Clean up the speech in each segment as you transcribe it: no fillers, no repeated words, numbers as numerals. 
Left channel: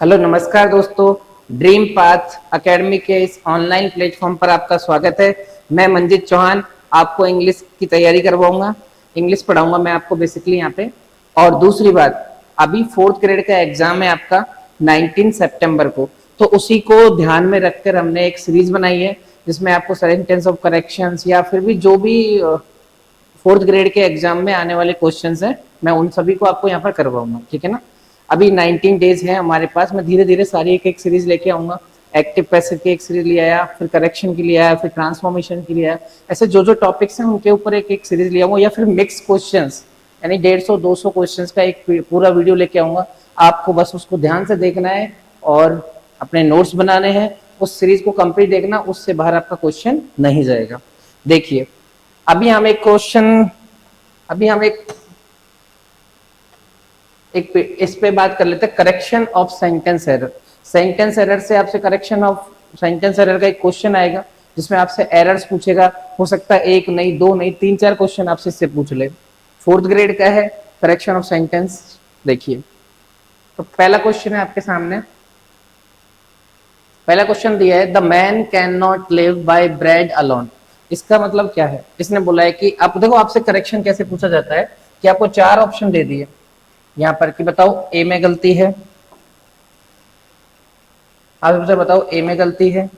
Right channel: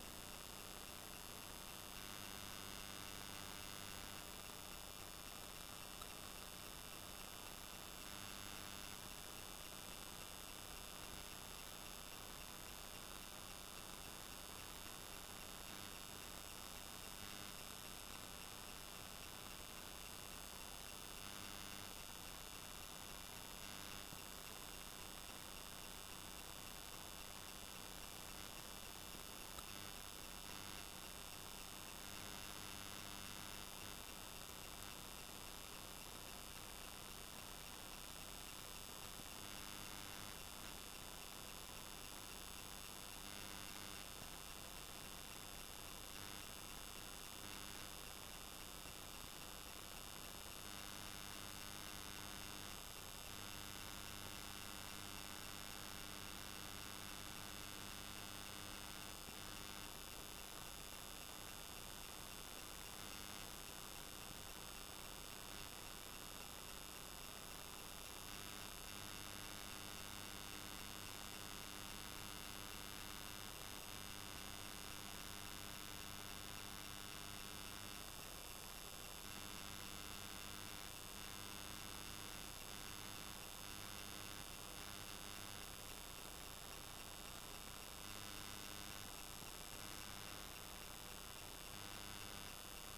Hello नमस्कार दोस्तों। Dream path academy के इस ऑनलाइन प्लेटफॉर्म पर आपका स्वागत है। मैं मंजित चौहान आपको इंग्लिश की तैयारी करवाऊंगा, इंग्लिश पढ़ाऊंगा मैं आपको बेसिकली यहाँ पे। और दूसरी बात, अभी फोर्थ ग्रेड का एग्जाम है आपका 19 सितंबर को, तो उसी को ध्यान में रखकर हमने एक सीरीज बनाई है जिसमें आपको सेंटेंस ऑफ करेक्शंस या फिर भी जो भी फोर्थ ग्रेड के एग्जाम में आने वाले क्वेश्चंस हैं मैं उन सभी को आपको यहाँ पर करवाऊंगा, ठीक है ना। अभी 19 डेज है हमारे पास, मैं धीरे धीरे सारी एक एक सीरीज लेके आऊंगा। एक्टिव पैसिव की एक सीरीज ले आया, फिर करेक्शन के लिए आया, फिर ट्रांसफॉर्मेशन के लिए आया। ऐसे जो जो टॉपिक्स हैं उनके ऊपर एक एक सीरीज ले आऊंगा, या फिर मिक्स क्वेश्चंस यानी 150-200 क्वेश्चंस का एक पूरा वीडियो लेके आऊंगा। आपको बस उसको ध्यान से देखना है और अपने नोट्स बनाने हैं। उस सीरीज को कंप्लीट देखना, उससे बाहर आपका क्वेश्चन नहीं जाएगा। देखिए, अभी हम एक क्वेश्चन अभी हम एक इस पे बात कर लेते हैं, correction of sentence error. Sentence error से आपसे करेक्शन ऑफ सेंटेंस एरर का एक क्वेश्चन आएगा जिसमें आपसे एरर्स पूछेगा। हो सकता है एक नहीं, दो नहीं, तीन चार क्वेश्चन आपसे इससे पूछ ले। फोर्थ ग्रेड का है करेक्शन ऑफ सेंटेंस। देखिए, तो पहला क्वेश्चन है आपके सामने। पहला क्वेश्चन दिया है, the man can not live by bread alone. इसका मतलब क्या है? इसने बोला है कि आप देखो, आपसे करेक्शन कैसे पूछा जाता है कि आपको चार ऑप्शन दे दिए यहाँ पर कि बताओ ए में गलती है। आप मुझे बताओ ए में गलती है,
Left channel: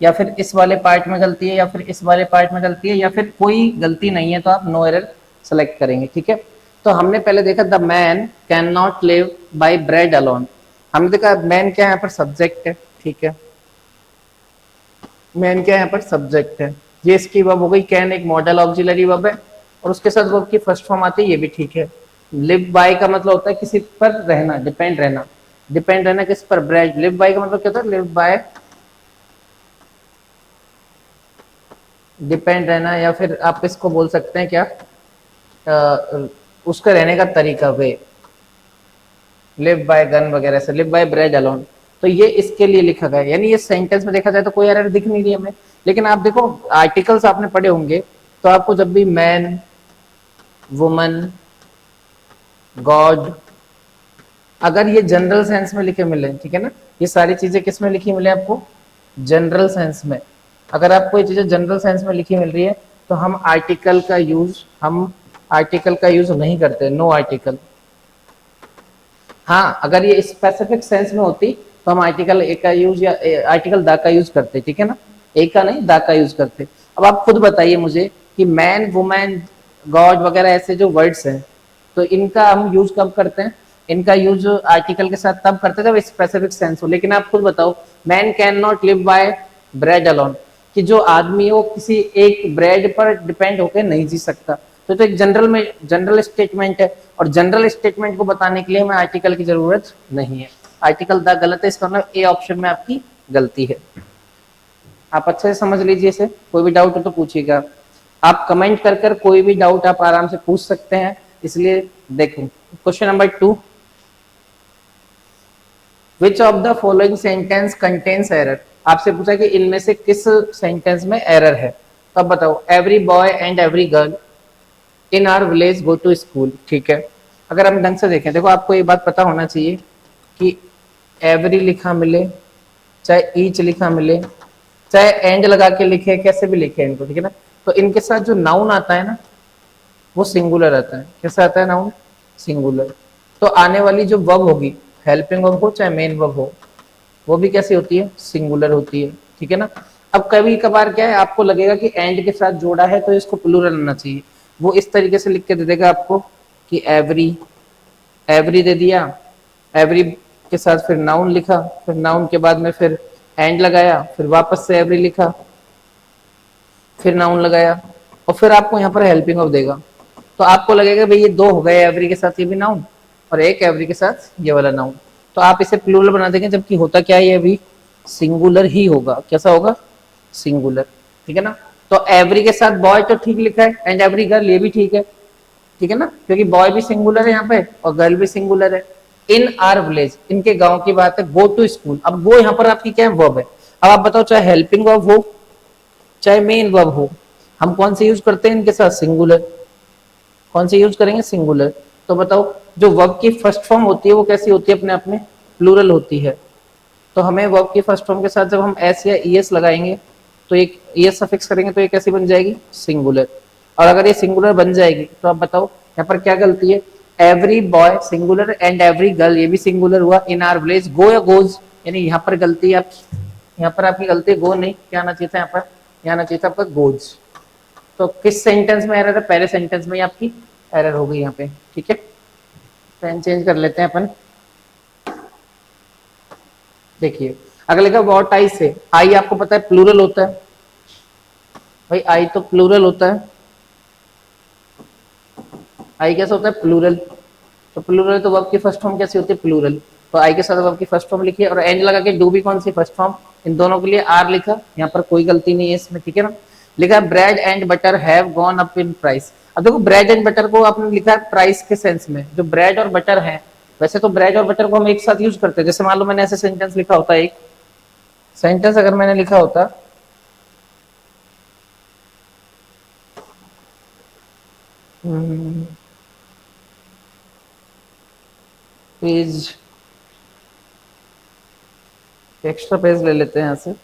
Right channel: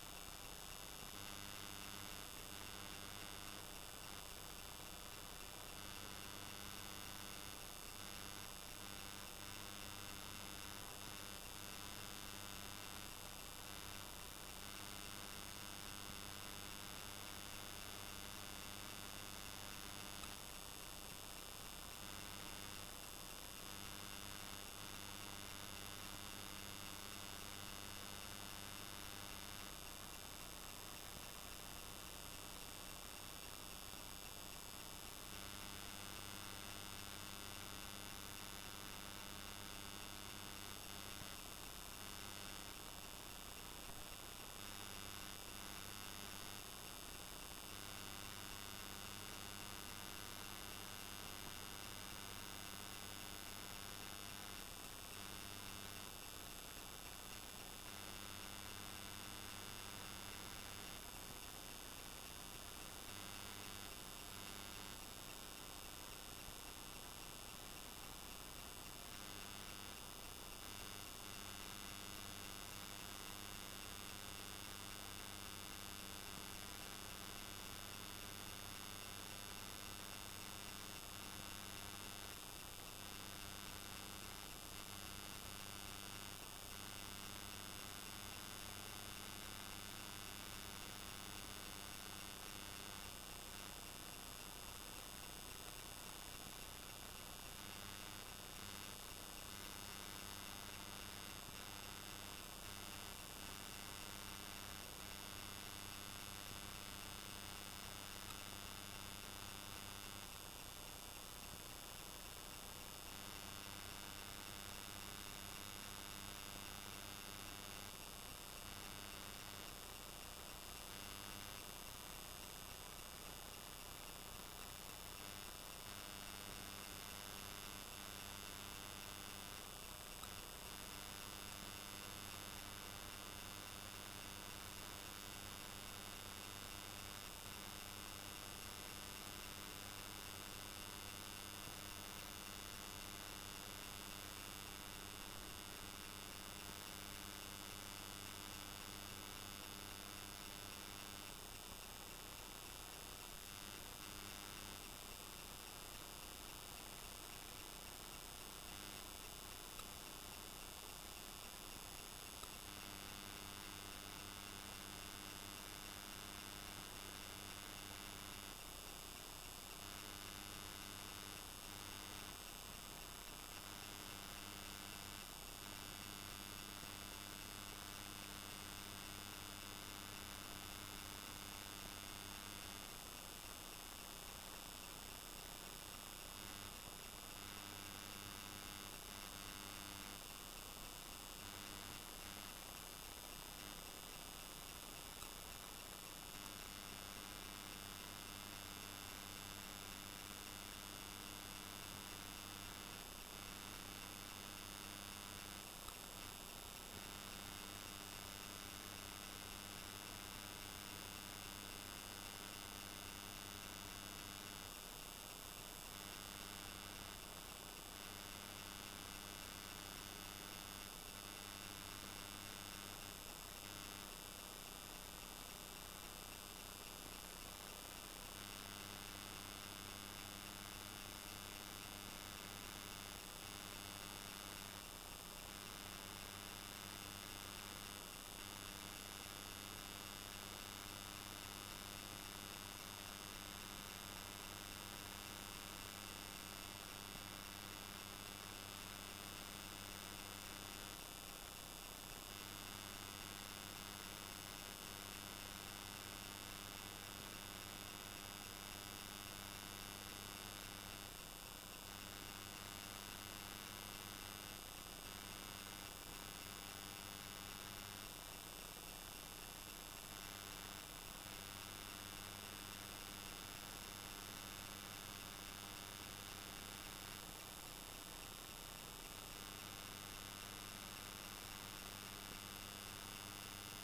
या फिर इस वाले पार्ट में गलती है, या फिर इस वाले पार्ट में गलती है, या फिर कोई गलती नहीं है, तो आप नो एरर सेलेक्ट करेंगे, ठीक है। तो हमने पहले देखा the man can not live by bread alone. हमने देखा मैन क्या है यहाँ पर? सब्जेक्ट है, ठीक है। मैन क्या है यहाँ पर? सब्जेक्ट है। ये इसकी वर्ब हो गई। कैन एक मॉडल ऑक्सिलरी वर्ब है और उसके साथ वर्ब की फर्स्ट फॉर्म आती है, ये भी ठीक है। लिव बाय का मतलब होता है किसी पर रहना, डिपेंड रहना। डिपेंड रहना किस पर? ब्रेड। लिव बाय का मतलब क्या होता है? लिव बाय डिपेंड रहना, या फिर आप इसको बोल सकते हैं क्या, उसका रहने का तरीका, वे। लिव बाय गन वगैरह से, लिव बाय ब्रेड अलोन। तो ये इसके लिए लिखा गया है। यानी ये सेंटेंस में देखा जाए तो कोई एरर दिख नहीं रही हमें। लेकिन आप देखो, आर्टिकल्स आपने पढ़े होंगे, तो आपको जब भी मैन, वुमन, गॉड, अगर ये जनरल सेंस में लिखे मिले, ठीक है ना, ये सारी चीजें किस में लिखी मिले आपको? जनरल सेंस में। अगर आपको ये चीजें जनरल सेंस में लिखी मिल रही है तो हम आर्टिकल का यूज नहीं करते, नो आर्टिकल। हाँ, अगर ये स्पेसिफिक सेंस में होती तो हम आर्टिकल ए का यूज या आर्टिकल दा का यूज करते, ठीक है ना। ए का नहीं, दा का यूज करते। अब आप खुद बताइए मुझे कि मैन, वुमेन, गॉड वगैरह ऐसे जो वर्ड्स हैं, तो इनका हम यूज कब करते हैं? इनका यूज आर्टिकल के साथ तब करते हैं जब स्पेसिफिक सेंस हो। लेकिन आप खुद बताओ, man can not live by bread alone, कि जो आदमी है वो किसी एक ब्रेड पर डिपेंड होकर नहीं जी सकता। तो एक जनरल स्टेटमेंट है, और जनरल स्टेटमेंट को बताने के लिए हमें आर्टिकल की जरूरत नहीं है। आर्टिकल द गलत है, इसका मतलब ए ऑप्शन में आपकी गलती है। आप अच्छे से समझ लीजिए इसे। कोई भी डाउट हो तो पूछिएगा। आप कमेंट कर कर कोई भी डाउट आप आराम से पूछ सकते हैं। इसलिए देखो, question number 2, which of the following sentence contains error. आपसे पूछा कि इनमें से किस सेंटेंस में एरर है। तब बताओ, every boy and every girl in our village go to school, ठीक है। अगर हम ढंग से देखें, देखो आपको ये बात पता होना चाहिए कि एवरी लिखा मिले, चाहे ईच लिखा मिले, चाहे एंड लगा के लिखे, कैसे भी लिखे इनको, ठीक है ना, तो इनके साथ जो नाउन आता है ना, वो सिंगुलर आता है। कैसे आता है नाउन? सिंगुलर। तो आने वाली जो वर्ब होगी, हेल्पिंग वर्ब हो चाहे मेन वर्ब हो, वो भी कैसी होती है? सिंगुलर होती है, ठीक है ना। अब कभी कभार क्या है, आपको लगेगा कि एंड के साथ जोड़ा है तो इसको प्लूरल आना चाहिए। वो इस तरीके से लिख के दे देगा आपको कि एवरी, एवरी दे दिया, एवरी के साथ फिर नाउन लिखा, फिर नाउन के बाद में फिर एंड लगाया, फिर वापस से एवरी लिखा, फिर नाउन लगाया, और फिर आपको यहाँ पर हेल्पिंग ऑफ देगा। तो आपको लगेगा भाई ये दो हो गए, एवरी के साथ ये भी नाउन और एक एवरी के साथ ये वाला नाउन। तो आप इसे प्लूरल बना देंगे, जबकि होता क्या है, ये अभी सिंगुलर ही होगा। कैसा होगा? सिंगुलर, ठीक है ना। तो एवरी के साथ बॉय तो ठीक लिखा है, एंड एवरी गर्ल ये भी ठीक है, ठीक है ना, क्योंकि बॉय भी सिंगुलर है यहाँ पे और गर्ल भी सिंगुलर है। इन आर विलेज, इनके गांव की बात है। गो टू स्कूल, अब वो यहाँ पर आपकी क्या है? वर्ब है। अब आप बताओ, चाहे हेल्पिंग वर्ब हो चाहे मेन वर्ब हो, हम कौन से यूज करते हैं इनके साथ? सिंगुलर। कौन से यूज करेंगे? सिंगुलर। तो बताओ, जो वर्ब की फर्स्ट फॉर्म होती है वो कैसी होती है अपने आप में? प्लूरल होती है, तो हमें वर्ब की फर्स्ट फॉर्म के साथ जब हम एस या ई एस लगाएंगे तो एक ई एस सफिक्स करेंगे तो ये कैसी बन जाएगी, सिंगुलर। और अगर ये सिंगुलर बन जाएगी तो आप बताओ यहाँ पर क्या गलती है, every boy singular and every girl, ये भी सिंगुलर हुआ, इन आर विलेज गो या गोज, यानी यहाँ पर गलती है, आप यहाँ पर आपकी गलती है, गो नहीं, क्या आना चाहिए था यहाँ पर, यहाँ आना चाहिए था आपका गोज। तो किस सेंटेंस में एरर है, पहले सेंटेंस में ही आपकी एरर हो गई यहाँ पे, ठीक है। पेन चेंज कर लेते हैं अपन। देखिए अगर लिखा वॉट आई से, आई आपको पता है प्लूरल होता है भाई, आई तो प्लूरल होता है, आई कैसा होता है, प्लूरल। तो प्लूरल तो वर्ब की फर्स्ट फॉर्म कैसी होती है, प्लूरल। तो आई के साथ वर्ब की फर्स्ट फॉर्म लिखिए और एंड लगा के डू भी कौन सी फर्स्ट फॉर्म, इन दोनों के लिए आर लिखा, यहाँ पर कोई गलती नहीं है इसमें, ठीक है ना। लिखा bread and butter have gone up in price. अब देखो ब्रेड एंड बटर को आपने लिखा है प्राइस के सेंस में, जो ब्रेड और बटर है, वैसे तो ब्रेड और बटर को हम एक साथ यूज करते हैं। जैसे मान लो मैंने ऐसे सेंटेंस लिखा होता है, एक सेंटेंस अगर मैंने लिखा होता पेज, एक्स्ट्रा पेज ले लेते हैं यहाँ से।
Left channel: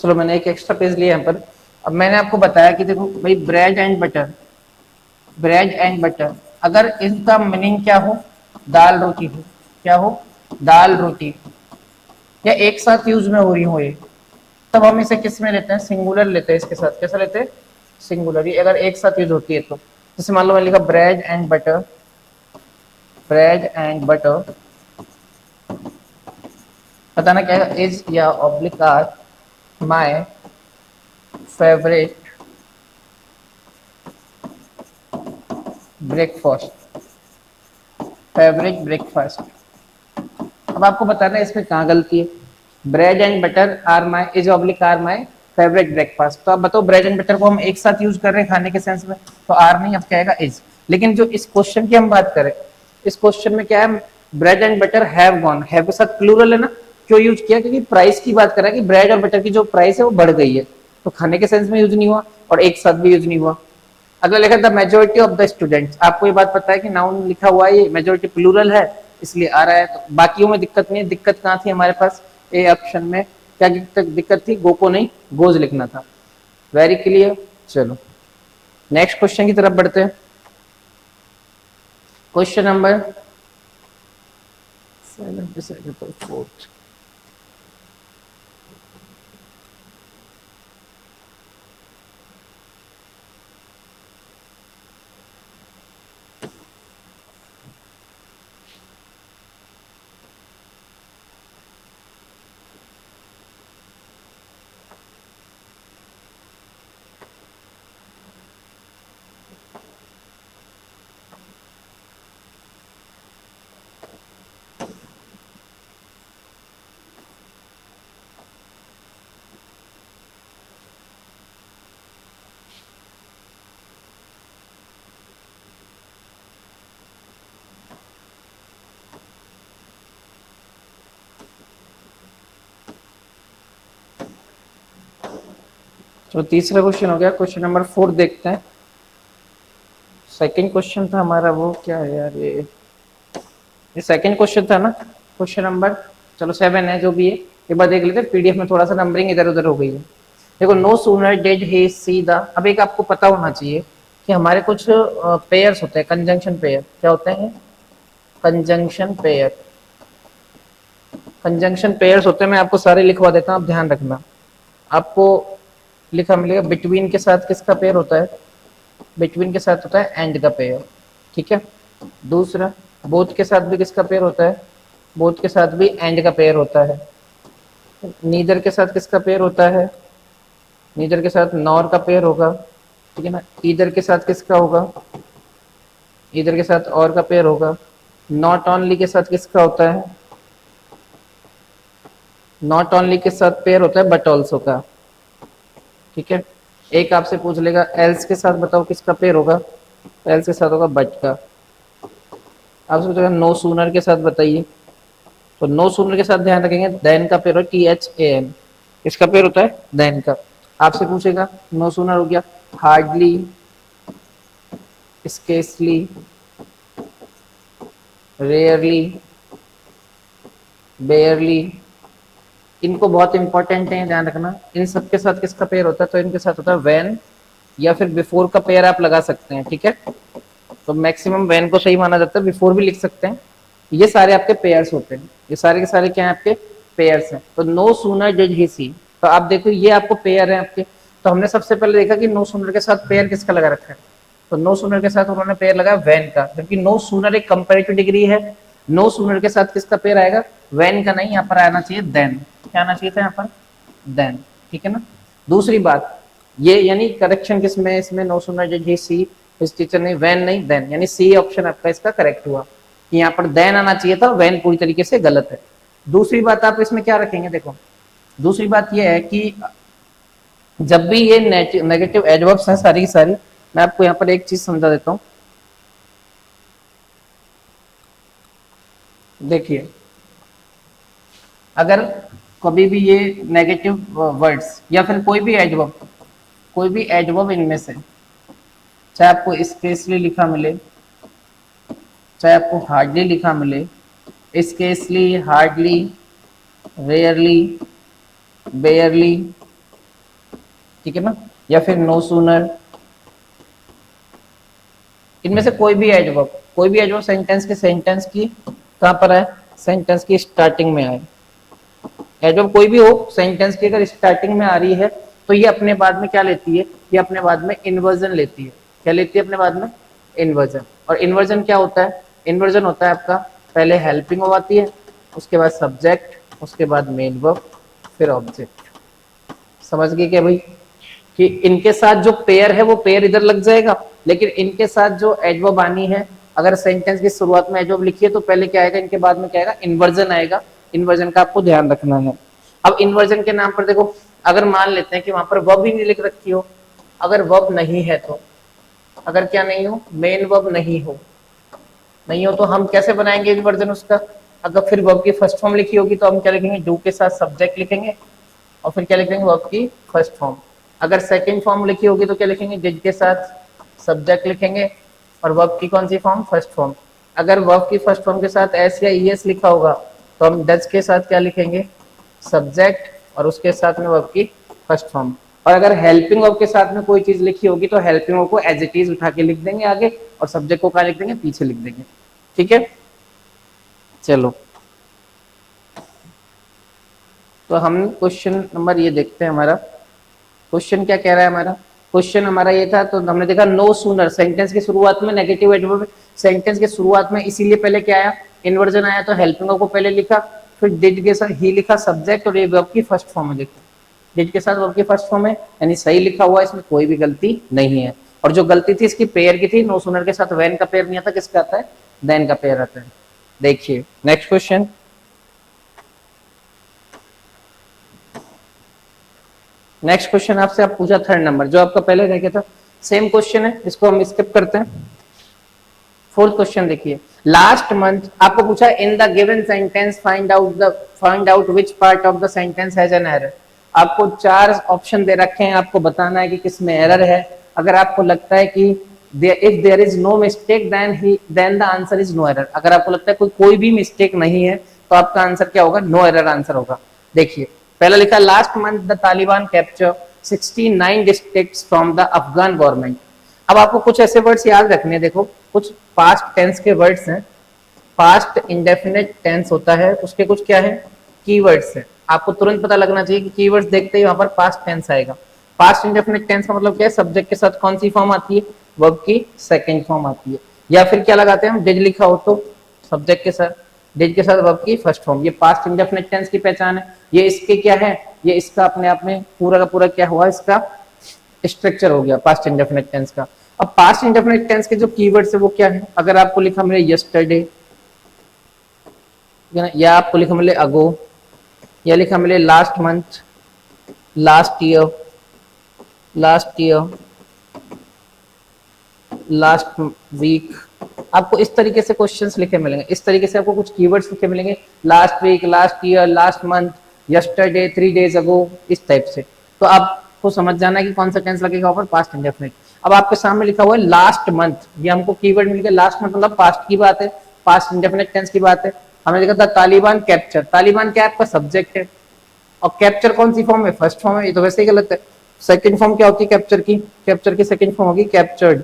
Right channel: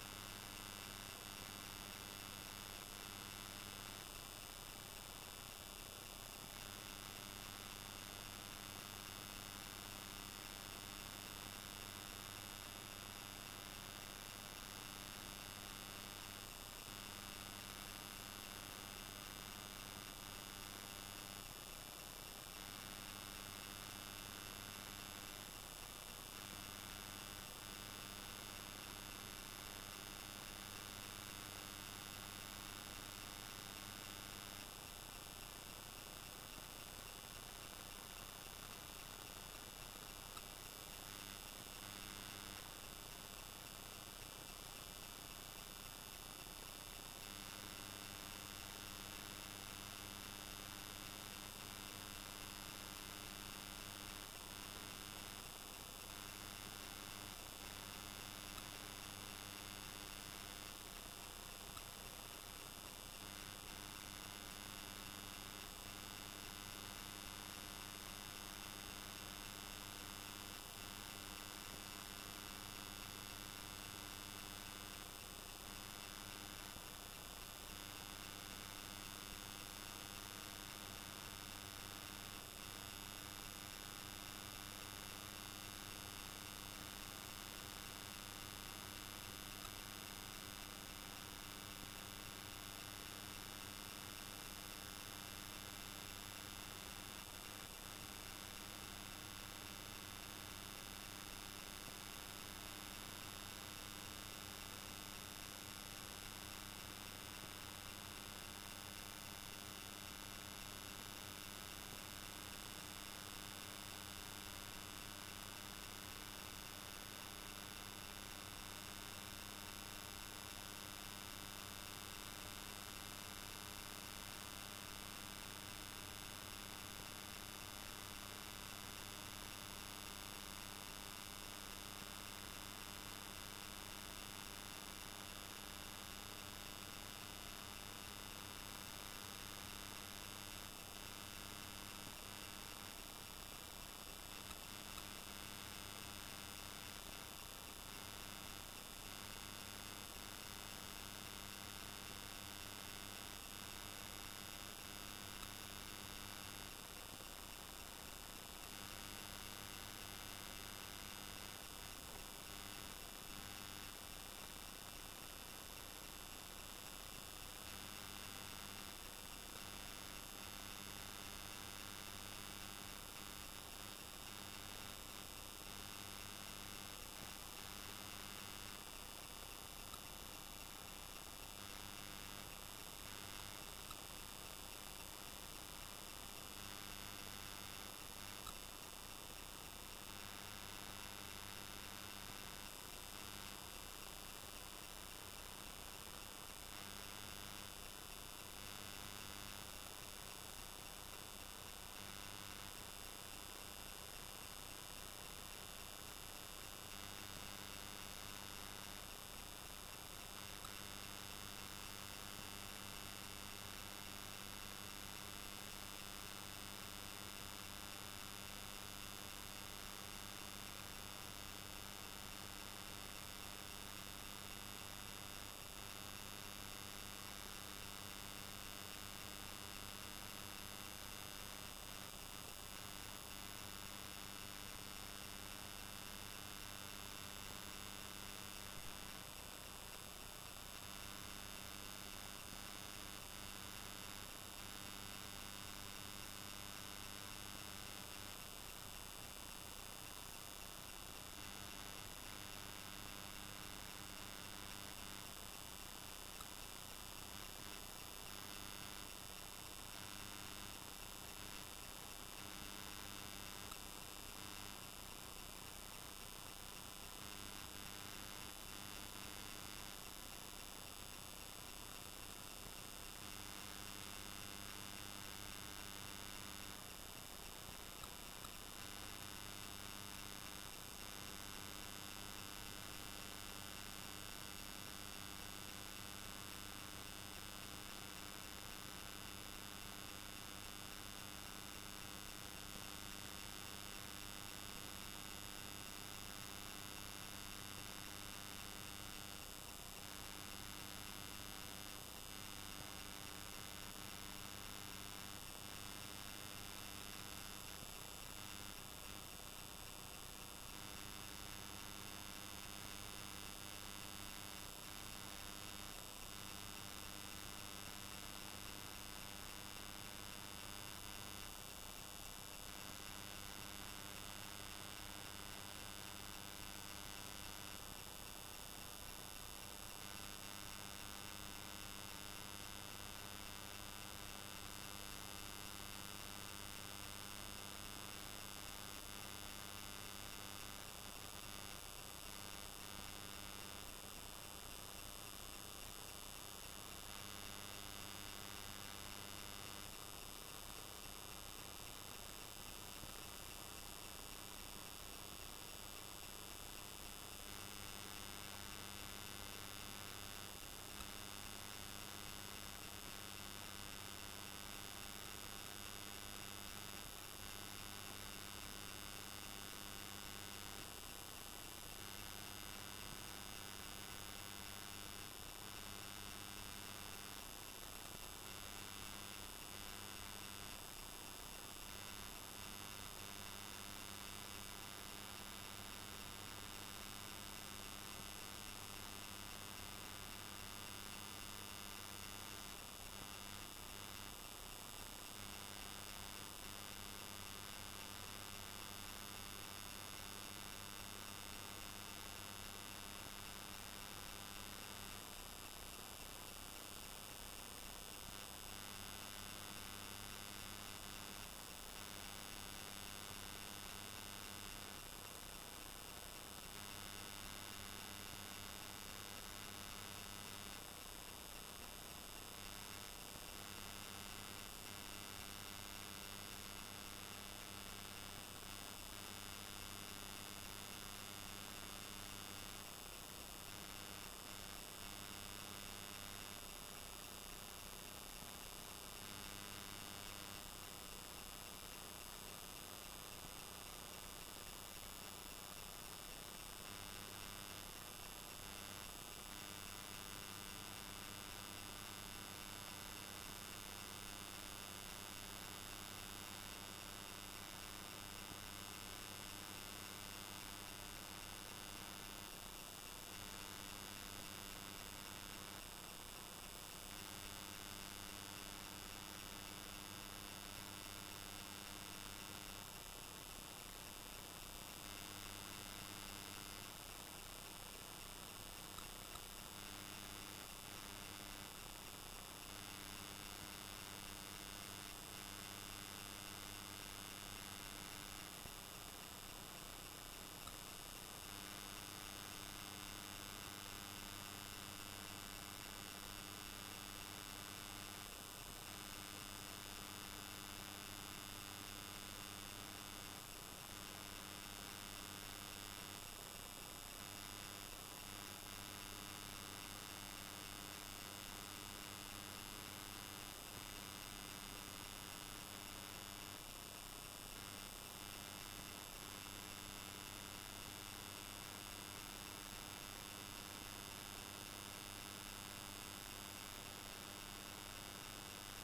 चलो मैंने एक एक्स्ट्रा पेज लिया यहाँ पर। अब मैंने आपको बताया कि देखो भाई bread and butter, bread and butter, अगर इसका मीनिंग क्या हो, दाल रोटी हो, क्या हो, दाल रोटी, या एक साथ यूज में हो रही हो ये, तब हम इसे किस में लेते हैं, सिंगुलर लेते हैं, इसके साथ कैसा लेते हैं, सिंगुलर। ये अगर एक साथ यूज होती है तो जैसे मान लो मैंने लिखा bread and butter, bread and butter, बताना क्या है, इज या oblique are my favourite breakfast, favourite breakfast. अब आपको बताना है इसमें कहाँ गलती है, bread and butter are my, is oblique are my favourite breakfast. तो आप बताओ ब्रेड एंड बटर को हम एक साथ यूज कर रहे हैं खाने के सेंस में, तो आर नहीं, अब क्या आएगा, इज। लेकिन जो इस क्वेश्चन की हम बात करें, इस क्वेश्चन में क्या है, bread and butter have gone, have के साथ प्लूरल है ना, क्यों यूज किया, क्योंकि प्राइस की बात कर रहा है कि ब्रेड और बटर की जो प्राइस है वो बढ़ गई है, तो खाने के सेंस में यूज नहीं हुआ और एक साथ भी यूज नहीं हुआ। अगला लिखा the majority of the students, आपको ये बात पता है कि नाउन लिखा हुआ है, ये मेजोरिटी प्लूरल है इसलिए आ रहा है, तो बाकियों में दिक्कत नहीं है। दिक्कत कहाँ थी हमारे पास, ए ऑप्शन में क्या दिक्कत थी, गो को नहीं गोज लिखना था। Very clear. चलो नेक्स्ट क्वेश्चन की तरफ बढ़ते हैं। Question number 77.4। तो तीसरा क्वेश्चन हो गया, क्वेश्चन नंबर 4 देखते हैं। सेकंड क्वेश्चन था हमारा, वो क्या है यार, ये सेकंड क्वेश्चन था ना, क्वेश्चन नंबर, चलो 7 है जो भी है, एक बार देख लेते हैं, पीडीएफ में थोड़ा सा नंबरिंग इधर उधर हो गई है। देखो no sooner did he see the, अब एक आपको पता होना चाहिए कि हमारे कुछ पेयर्स होते हैं, कंजंक्शन पेयर, क्या होते हैं, कंजंक्शन पेयर, कंजंक्शन पेयर्स होते हैं, मैं आपको सारे लिखवा देता हूँ, आप ध्यान रखना। आपको लिखा मिलेगा बिटवीन के साथ किसका पेयर होता है, बिटवीन के साथ होता है एंड का पेयर, ठीक है। दूसरा बोथ के साथ भी किसका पेयर होता है, बोथ के साथ भी एंड का पेयर होता है। नीदर के साथ किसका पेयर होता है, नीदर के साथ नॉर का पेयर होगा, ठीक है ना। ईदर के साथ किसका होगा, ईदर के साथ और का पेयर होगा, नॉट ओनली के साथ किसका होता है? नॉट ओनली के साथ पेयर होता है बट ऑल्सो का। ठीक है, एक आपसे पूछ लेगा एल्स के साथ बताओ किसका पेयर होगा, एल्स के साथ होगा बट का। आपसे पूछेगा नो सूनर के साथ बताइए, तो नो सूनर के साथ ध्यान रखेंगे देन का पेयर होता है THAN, इसका पेयर होता है देन का। आपसे पूछेगा नो सूनर हो गया हार्डली, स्केसली, रेयरली, बेयरली, इनको बहुत इंपॉर्टेंट है ध्यान रखना। इन सब के साथ किसका पेयर होता है? तो इनके साथ होता है व्हेन या फिर बिफोर का पेयर आप लगा सकते हैं। ठीक है, तो मैक्सिमम व्हेन को सही माना जाता है, बिफोर भी लिख सकते हैं। ये सारे आपके पेयर्स होते हैं, ये सारे के सारे क्या है आपके पेयर्स हैं। तो नो सूनर डिड ही सी, तो आप देखो ये आपको पेयर है आपके। तो हमने सबसे पहले देखा कि नो सूनर के साथ पेयर किसका लगा रखा है, तो नो सूनर के साथ उन्होंने पेयर लगाया वैन का, जबकि नो सूनर एक कंपेरेटिव डिग्री है। नो सूनर के साथ किसका पेयर आएगा? वैन का नहीं, यहाँ पर आना चाहिए देन। क्या आना चाहिए था यहाँ पर? देन। ठीक है ना। दूसरी बात, ये यानी करेक्शन किसमें है इसमें? नो सूनर डिड ही सी, इस टीचर ने वैन नहीं देन, यानी सी ऑप्शन आपका इसका करेक्ट हुआ कि यहाँ पर देन आना चाहिए था, वैन पूरी तरीके से गलत है। दूसरी बात आप इसमें क्या रखेंगे, देखो दूसरी बात यह है कि जब भी ये नेगेटिव एडवर्ब्स हैं सारी की सारी, मैं आपको यहाँ पर एक चीज समझा देता हूँ। देखिए अगर कभी भी ये नेगेटिव वर्ड्स या फिर कोई भी एडवर्ब इनमें से, चाहे आपको स्पेशली लिखा मिले, चाहे आपको हार्डली लिखा मिले, स्केसली, हार्डली, रेयरली, बेयरली, ठीक है ना, या फिर नो सूनर, इनमें से कोई भी एडवर्ब सेंटेंस की कहां पर है? सेंटेंस की स्टार्टिंग में आए। एडवर्ब कोई भी हो, सेंटेंस की अगर स्टार्टिंग में आ रही है तो ये अपने बाद में क्या लेती है? ये अपने बाद में इन्वर्जन लेती है। क्या लेती है अपने बाद में? इन्वर्जन। और इन्वर्जन क्या होता है? इन्वर्जन होता है आपका पहले हेल्पिंग वर्ब आती है, उसके बाद सब्जेक्ट, उसके बाद मेन वर्ब, फिर ऑब्जेक्ट। समझ गए क्या भाई? कि इनके साथ जो पेयर है वो पेयर इधर लग जाएगा, लेकिन इनके साथ जो एडवर्ब आनी है, अगर सेंटेंस की शुरुआत में एडवर्ब लिखी है तो पहले क्या आएगा? इनके बाद में क्या आएगा? इन्वर्जन आएगा। इन्वर्जन का आपको ध्यान रखना है। अब इन्वर्जन के नाम पर देखो, अगर मान लेते हैं कि वहां पर वर्ब ही नहीं लिख रखी हो, अगर वर्ब नहीं है तो, अगर क्या नहीं हो? मेन वर्ब नहीं हो तो हम कैसे बनाएंगे इन्वर्जन उसका? अगर फिर वर्ब की फर्स्ट फॉर्म लिखी होगी तो हम क्या लिखेंगे? डू के साथ सब्जेक्ट लिखेंगे और फिर क्या लिखेंगे? वर्ब की फर्स्ट फॉर्म। अगर सेकंड फॉर्म लिखी होगी तो क्या लिखेंगे? डिड के साथ सब्जेक्ट लिखेंगे और वर्ब की कौन सी फॉर्म? First form. अगर वर्ब की फर्स्ट फॉर्म के साथ एस या ईएस लिखा होगा तो हम डज के साथ क्या लिखेंगे? सब्जेक्ट और उसके साथ में वर्ब की फर्स्ट फॉर्म। और अगर हेल्पिंग वर्ब के साथ में कोई चीज लिखी होगी तो हेल्पिंग वर्ब को एज इट इज उठा के लिख देंगे आगे, और सब्जेक्ट को क्या लिख देंगे? पीछे लिख देंगे। ठीक है, चलो तो हम क्वेश्चन नंबर ये देखते हैं। हमारा क्वेश्चन क्या कह रहा है? हमारा क्वेश्चन हमारा ये था, तो हमने देखा नो सूनर, सेंटेंस की शुरुआत में नेगेटिव एडवर्ब, सेंटेंस के शुरुआत में इसीलिए पहले क्या आया? इन्वर्जन आया, तो हेल्पिंग को पहले लिखा, फिर डिड के साथ ही लिखा सब्जेक्ट, और ये वर्ब की फर्स्ट फॉर्म है। देखो डिड के साथ वर्ब की फर्स्ट फॉर्म है, यानी सही लिखा हुआ है, इसमें कोई भी गलती नहीं है। और जो गलती थी इसकी पेयर की थी, नो सूनर के साथ वैन का पेयर नहीं आता, किसका आता है? देन का पेयर आता है। देखिए नेक्स्ट क्वेश्चन, नेक्स्ट क्वेश्चन आपसे आप पूछा थर्ड नंबर, जो आपका पहले रह गया था सेम क्वेश्चन है, इसको हम स्किप करते हैं। फोर्थ क्वेश्चन देखिए, लास्ट मंथ आपको पूछा in the given sentence find out which part of the sentence has an error. आपको चार ऑप्शन दे रखे हैं, आपको बताना है कि किस में एरर है। अगर आपको लगता है कि if there is no mistake then the answer is no error. अगर आपको लगता है कोई भी मिस्टेक नहीं है तो आपका आंसर क्या होगा? नो एरर आंसर होगा। देखिए पहला लिखा last month the Taliban capture 69 districts from the Afghan government. अब आपको कुछ ऐसे वर्ड्स याद रखने हैं, देखो कुछ पास्ट टेंस के वर्ड्स हैं, पास्ट इंडेफिनिट टेंस होता है, उसके कुछ क्या है? कीवर्ड्स हैं। आपको तुरंत पता लगना चाहिए कि कीवर्ड्स देखते ही वहां पर पास्ट टेंस आएगा। पास्ट इंडेफिनिट टेंस का मतलब क्या है? सब्जेक्ट के साथ कौन सी फॉर्म आती है? वर्ब की सेकंड फॉर्म आती है। या फिर क्या लगाते हैं हम? डिड लिखा हो तो सब्जेक्ट के साथ, डिड के साथ वर्ब की फर्स्ट फॉर्म। ये पास्ट इंडेफिनिट टेंस की पहचान है। ये इसके क्या है? ये इसका अपने आप में पूरा का पूरा क्या हुआ? इसका स्ट्रक्चर हो गया पास्ट इंडेफिनिट टेंस का। अब पास्ट इंडेफिनिट टेंस के जो कीवर्ड्स है वो क्या है? अगर आपको लिखा मिले यस्टरडे, है ना, या आपको लिखा मिले अगो, या लिखा मिले last month, last year, last year, last week. आपको इस तरीके से क्वेश्चंस लिखे मिलेंगे, इस तरीके से आपको कुछ कीवर्ड्स लिखे मिलेंगे, last week, last year, last month, yesterday, 3 days ago, इस टाइप से। तो आपको समझ जाना है कि कौन सा टेंस लगेगा ऊपर, पास्ट इंडेफिनिट। अब आपके सामने लिखा हुआ है लास्ट मंथ, ये हमको कीवर्ड मिल गया। लास्ट मंथ मतलब पास्ट की बात है, पास्ट इंडेफिनिट टेंस की बात है। हमने देखा था तालिबान कैप्चर, तालिबान क्या आपका सब्जेक्ट है, और कैप्चर कौन सी फॉर्म है, फर्स्ट फॉर्म है, ये तो वैसे ही गलत है। सेकंड फॉर्म क्या होती है कैप्चर की, कैप्चर की सेकंड फॉर्म होगी कैप्चर्ड।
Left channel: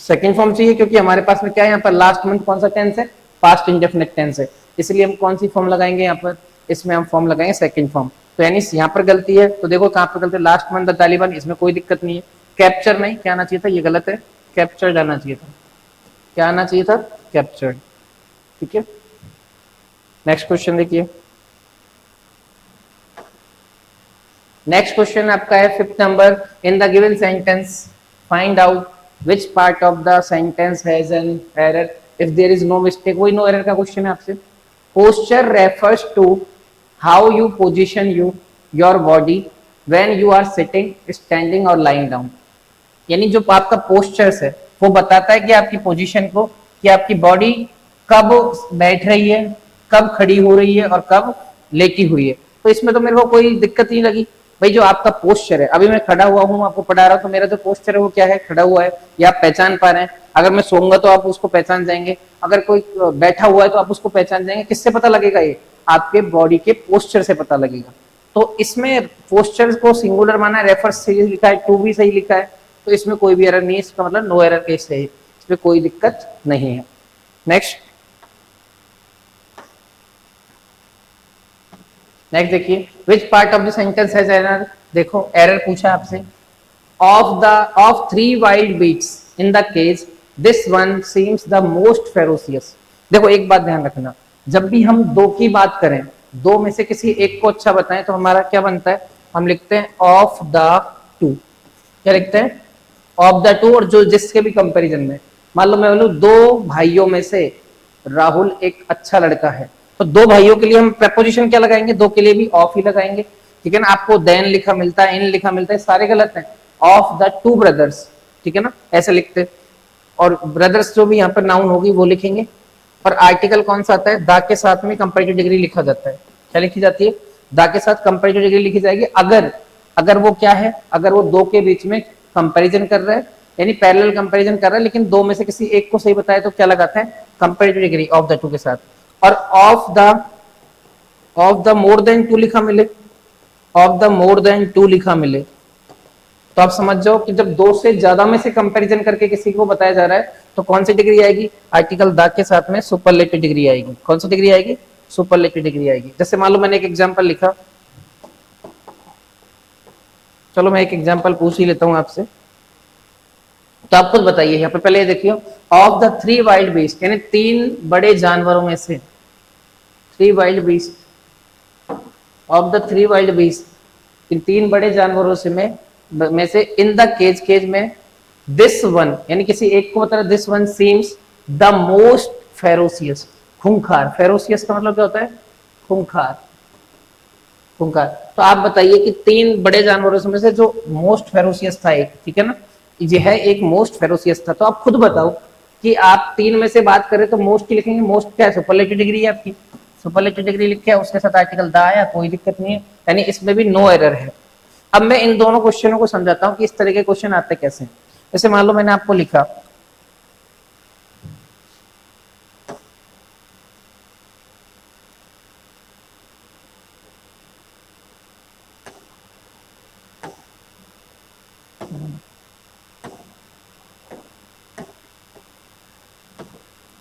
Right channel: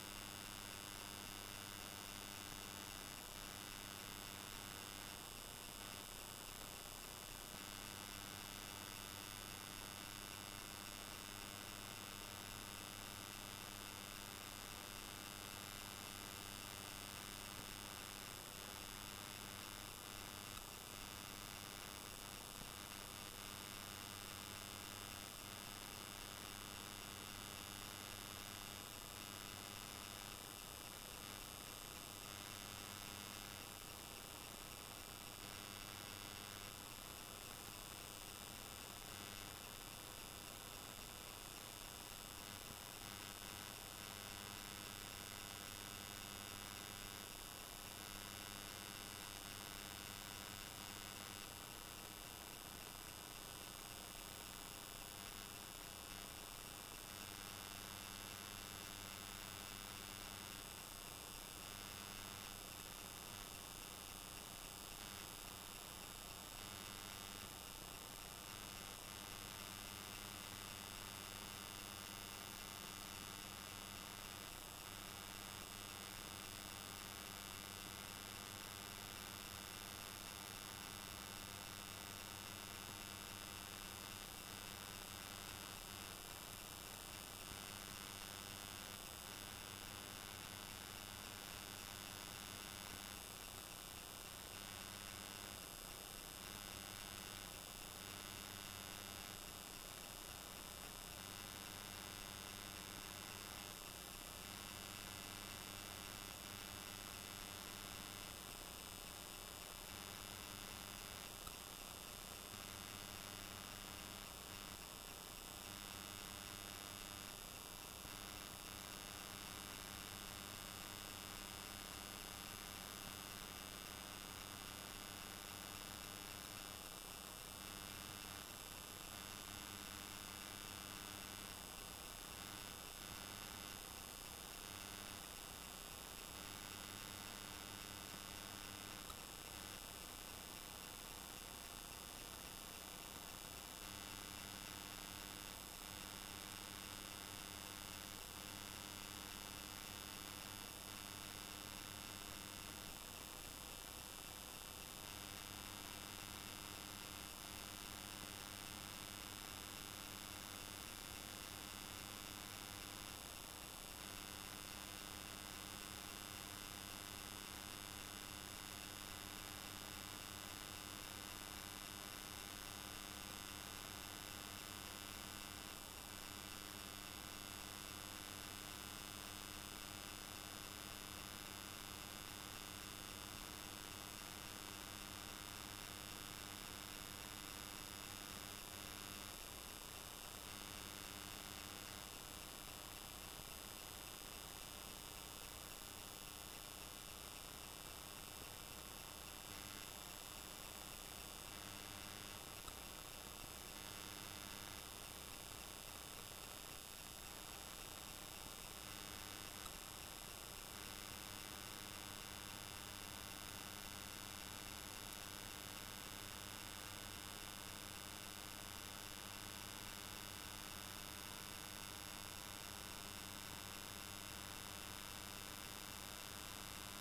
सेकंड फॉर्म चाहिए क्योंकि हमारे पास में क्या है यहाँ पर, लास्ट मंथ कौन सा टेंस है, पास्ट इंडेफिनिट टेंस है, इसलिए हम कौन सी फॉर्म लगाएंगे यहाँ पर, इसमें हम फॉर्म लगाएंगे सेकंड फॉर्म। तो यानी यहाँ पर गलती है, तो देखो कहाँ पर गलती है, लास्ट मंथ द तालिबान, इसमें कोई दिक्कत नहीं है। कैप्चर नहीं, क्या आना चाहिए था, ये गलत है, कैप्चर्ड आना चाहिए था, क्या आना चाहिए था, कैप्चर्ड। ठीक है, नेक्स्ट क्वेश्चन देखिए। नेक्स्ट क्वेश्चन आपका है 5th number, in the given sentence find out which part of the sentence has an error if there is no mistake। वही नो एरर का क्वेश्चन है आपसे। posture refers to how you position your body when you are sitting, standing or lying down। यानी जो आपका postures है वो बताता है कि आपकी पोजीशन को, कि आपकी बॉडी कब बैठ रही है, कब खड़ी हो रही है और कब लेटी हुई है। तो इसमें तो मेरे को कोई दिक्कत नहीं लगी भाई। जो आपका पोस्चर है, अभी मैं खड़ा हुआ हूँ आपको पढ़ा रहा हूँ, तो मेरा जो पोस्चर है वो क्या है, खड़ा हुआ है, या आप पहचान पा रहे हैं। अगर मैं सोऊंगा तो आप उसको पहचान जाएंगे, अगर कोई बैठा हुआ है तो आप उसको पहचान जाएंगे। किससे पता लगेगा, ये आपके बॉडी के पोस्चर से पता लगेगा। तो इसमें पोस्चर को सिंगुलर माना है, रेफर सही लिखा है, टू भी सही लिखा है, तो इसमें कोई भी एरर नहीं है, इसका मतलब नो एरर केस है, इसमें कोई दिक्कत नहीं है। नेक्स्ट नेक्स्ट देखिए, which part of the sentence has error. देखो एरर पूछा आपसे, of 3 wild beasts in the cage this one seems the most ferocious. देखो एक बात ध्यान रखना, जब भी हम दो की बात करें, दो में से किसी एक को अच्छा बताएं, तो हमारा क्या बनता है, हम लिखते हैं ऑफ द टू। क्या लिखते हैं, ऑफ द टू। और जो जिसके भी कंपैरिजन में, मान लो मैं बोलूं दो भाइयों में से राहुल एक अच्छा लड़का है, तो दो भाइयों के लिए हम प्रपोजिशन क्या लगाएंगे, दो के लिए भी ऑफ ही लगाएंगे। ठीक है ना, आपको देन लिखा मिलता है, इन लिखा मिलता है, सारे गलत हैं। ऑफ द टू ब्रदर्स, ठीक है ना, ऐसे लिखते। और ब्रदर्स जो भी यहाँ पर नाउन होगी वो लिखेंगे। और आर्टिकल कौन सा आता है, द के साथ में कंपैरेटिव डिग्री लिखा जाता है। क्या लिखी जाती है, द के साथ कंपैरेटिव डिग्री लिखी जाएगी। अगर वो क्या है, अगर वो दो के बीच में कंपैरिजन कर रहा है, यानी पैरेलल कंपैरिजन कर रहा है, लेकिन दो में से किसी एक को सही बताया, तो क्या लगाता है, comparative degree of the two के साथ। और of the more than two लिखा मिले, of the more than two लिखा मिले, तो आप समझ जाओ कि जब दो से ज्यादा में से कंपैरिजन करके किसी को बताया जा रहा है, तो कौन सी डिग्री आएगी, आर्टिकल द के साथ में सुपरलेटिव डिग्री आएगी। कौन सी डिग्री आएगी, सुपरलेटिव डिग्री आएगी। जैसे मान लो मैंने एक एग्जांपल लिखा, चलो मैं एक एग्जांपल पूछ ही लेता हूं आपसे, तो आप खुद बताइए। यहाँ पे पहले ये देखिए, ऑफ द 3 वाइल्ड बीस्ट, यानी 3 बड़े जानवरों में से, 3 wild beast, of the 3 wild beast, इन 3 बड़े जानवरों से में से, इन द केज, केज में, दिस वन, यानी किसी एक को बता रहा, this one seems the most ferocious, खूंखार। फेरोसियस का मतलब क्या होता है, खूंखार, खूंखार। तो आप बताइए कि 3 बड़े जानवरों में से जो मोस्ट फेरोसियस था एक, ठीक है ना, यह एक मोस्ट फेरोसियस था। तो आप खुद बताओ कि आप 3 में से बात करें तो मोस्ट की लिखेंगे, मोस्ट क्या है, सुपरलेटिव डिग्री है आपकी, सुपरलेटिव डिग्री लिख के उसके साथ आर्टिकल द आया, कोई दिक्कत नहीं है, यानी इसमें भी नो एरर है। अब मैं इन दोनों क्वेश्चनों को समझाता हूं कि इस तरह के क्वेश्चन आते कैसे। जैसे मान लो मैंने आपको लिखा,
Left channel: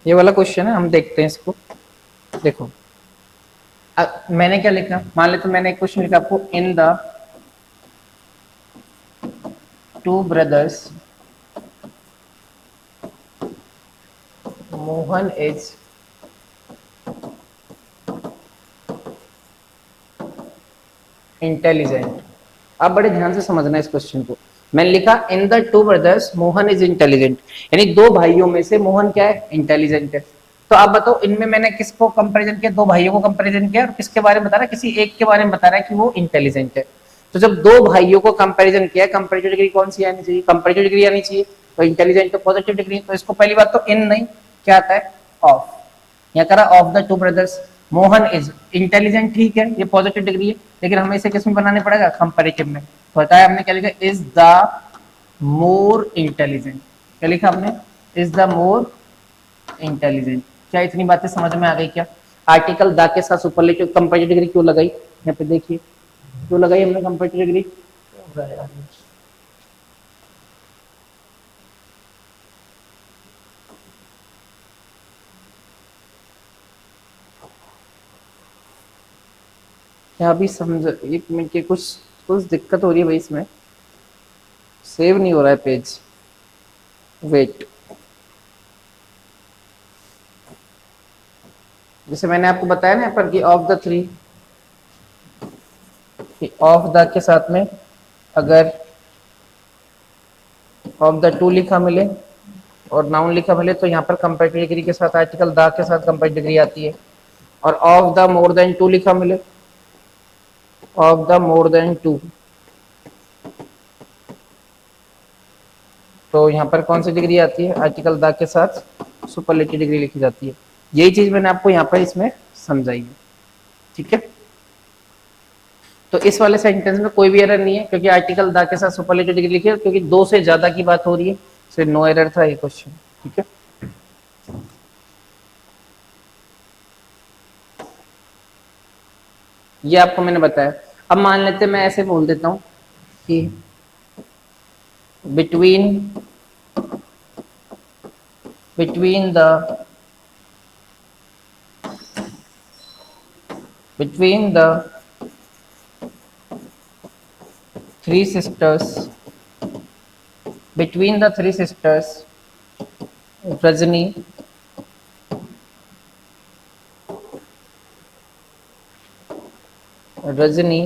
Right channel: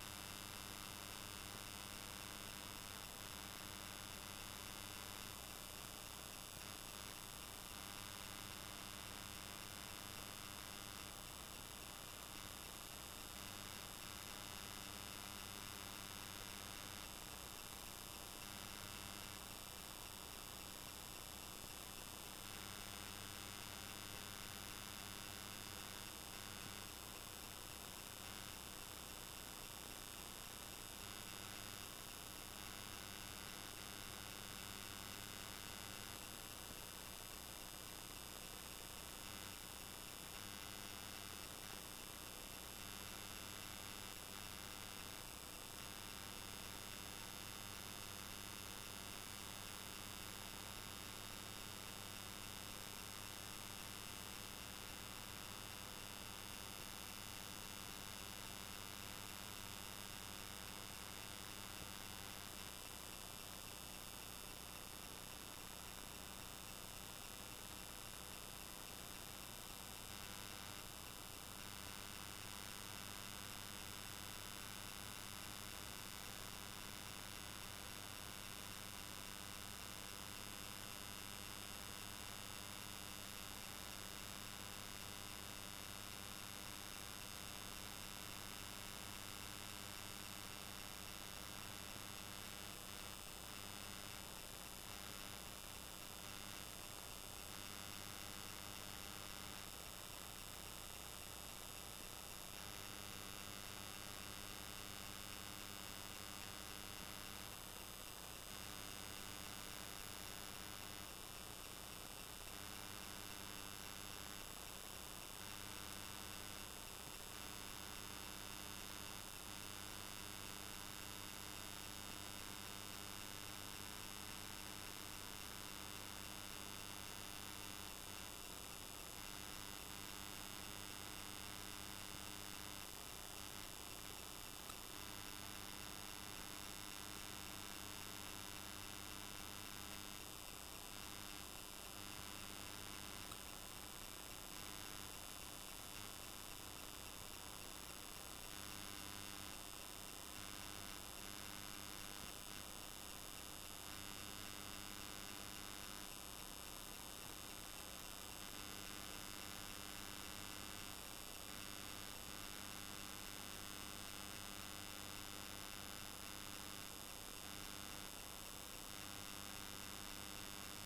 ये वाला क्वेश्चन है, हम देखते हैं इसको। देखो मैंने क्या लिखा, मान लेते मैंने एक क्वेश्चन लिखा आपको, in the 2 brothers Mohan is intelligent. आप बड़े ध्यान से समझना इस क्वेश्चन को। मैंने लिखा in the 2 brothers Mohan is intelligent, यानी 2 भाइयों में से मोहन क्या है, इंटेलिजेंट है। तो आप बताओ इनमें मैंने किसको कंपैरिजन किया, दो भाइयों को कंपैरिजन किया, और किसके बारे में बता रहा है, किसी एक के बारे में बता रहा है कि वो इंटेलिजेंट है। तो जब दो भाइयों को कंपैरिजन किया, कंपैरेटिव डिग्री कौन सी आनी चाहिए, कंपैरेटिव डिग्री आनी चाहिए। तो इंटेलिजेंट तो पॉजिटिव डिग्री, तो इसको पहली बात तो इन नहीं, क्या आता है ऑफ। यहाँ करा of the two brothers Mohan is intelligent, ठीक है ये पॉजिटिव डिग्री है, लेकिन हमें इसे किस में बनाने पड़ेगा, कंपैरेटिव में। तो बताया हमने क्या लिखा, इज द मोर इंटेलिजेंट, क्या लिखा हमने, इज द मोर इंटेलिजेंट। क्या इतनी बातें समझ में आ गई क्या। आर्टिकल द के साथ सुपरलेटिव कंपैरेटिव डिग्री क्यों लगाई, यहाँ पे देखिए क्यों लगाई हमने कंपैरेटिव डिग्री। यहाँ भी समझ, एक मिनट के कुछ कुछ दिक्कत हो रही है भाई, इसमें सेव नहीं हो रहा है पेज, वेट। जैसे मैंने आपको बताया ना यहाँ पर कि of the three, of the के साथ में अगर ऑफ द टू लिखा मिले और नाउन लिखा मिले तो यहाँ पर कंपैरेटिव डिग्री के साथ आर्टिकल द के साथ कंपैरेटिव डिग्री आती है। और of the more than two लिखा मिले, of the more than two, तो यहाँ पर कौन सी डिग्री आती है, आर्टिकल द के साथ सुपरलेटिव डिग्री लिखी जाती है। यही चीज मैंने आपको यहाँ पर इसमें समझाई है, ठीक है। तो इस वाले सेंटेंस में कोई भी एरर नहीं है क्योंकि आर्टिकल द के साथ सुपरलेटिव डिग्री लिखी है, क्योंकि दो से ज्यादा की बात हो रही है, इसलिए नो एरर था ये क्वेश्चन, ठीक है। ये आपको मैंने बताया। अब मान लेते मैं ऐसे बोल देता हूं कि between between the between the three sisters, between the three sisters, Rajni, Rajni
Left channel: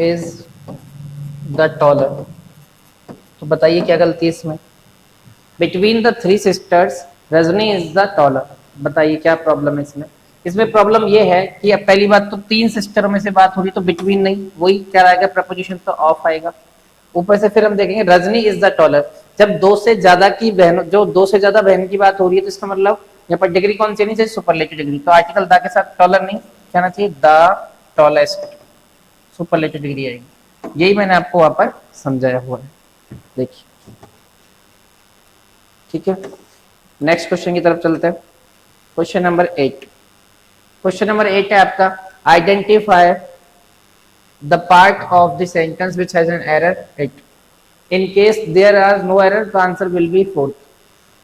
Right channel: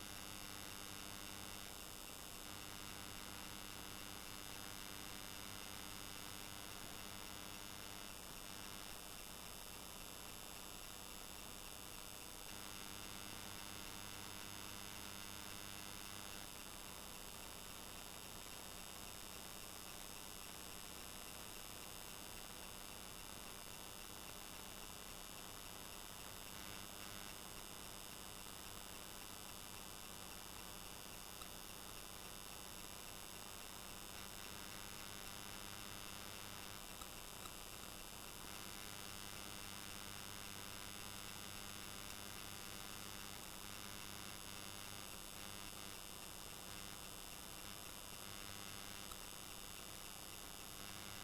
is the taller। तो बताइए क्या गलती है इसमें, between the three sisters Rajni is the taller, बताइए क्या प्रॉब्लम है इसमें। इसमें प्रॉब्लम ये है कि अब पहली बात तो तीन सिस्टरों में से बात हो रही, तो बिटवीन नहीं, वही क्या आएगा प्रपोजिशन तो ऑफ आएगा। ऊपर से फिर हम देखेंगे रजनी इज द टॉलर, जब दो से ज्यादा की बहनों, जो दो से ज्यादा बहन की बात हो रही है, तो इसका मतलब यहाँ पर डिग्री कौन सी नहीं चाहिए, सुपरलेटिव डिग्री। तो आर्टिकल द के साथ टॉलर नहीं, कहना चाहिए द टॉलेस्ट, सुपरलेटिव डिग्री आएगी। यही मैंने आपको वहां पर समझाया हुआ है, देखिए, ठीक है। नेक्स्ट क्वेश्चन की तरफ चलते हैं। क्वेश्चन नंबर 8, क्वेश्चन नंबर 8 है आपका, identify the part of the sentence which has an error it, in case there are no error the answer will be 4।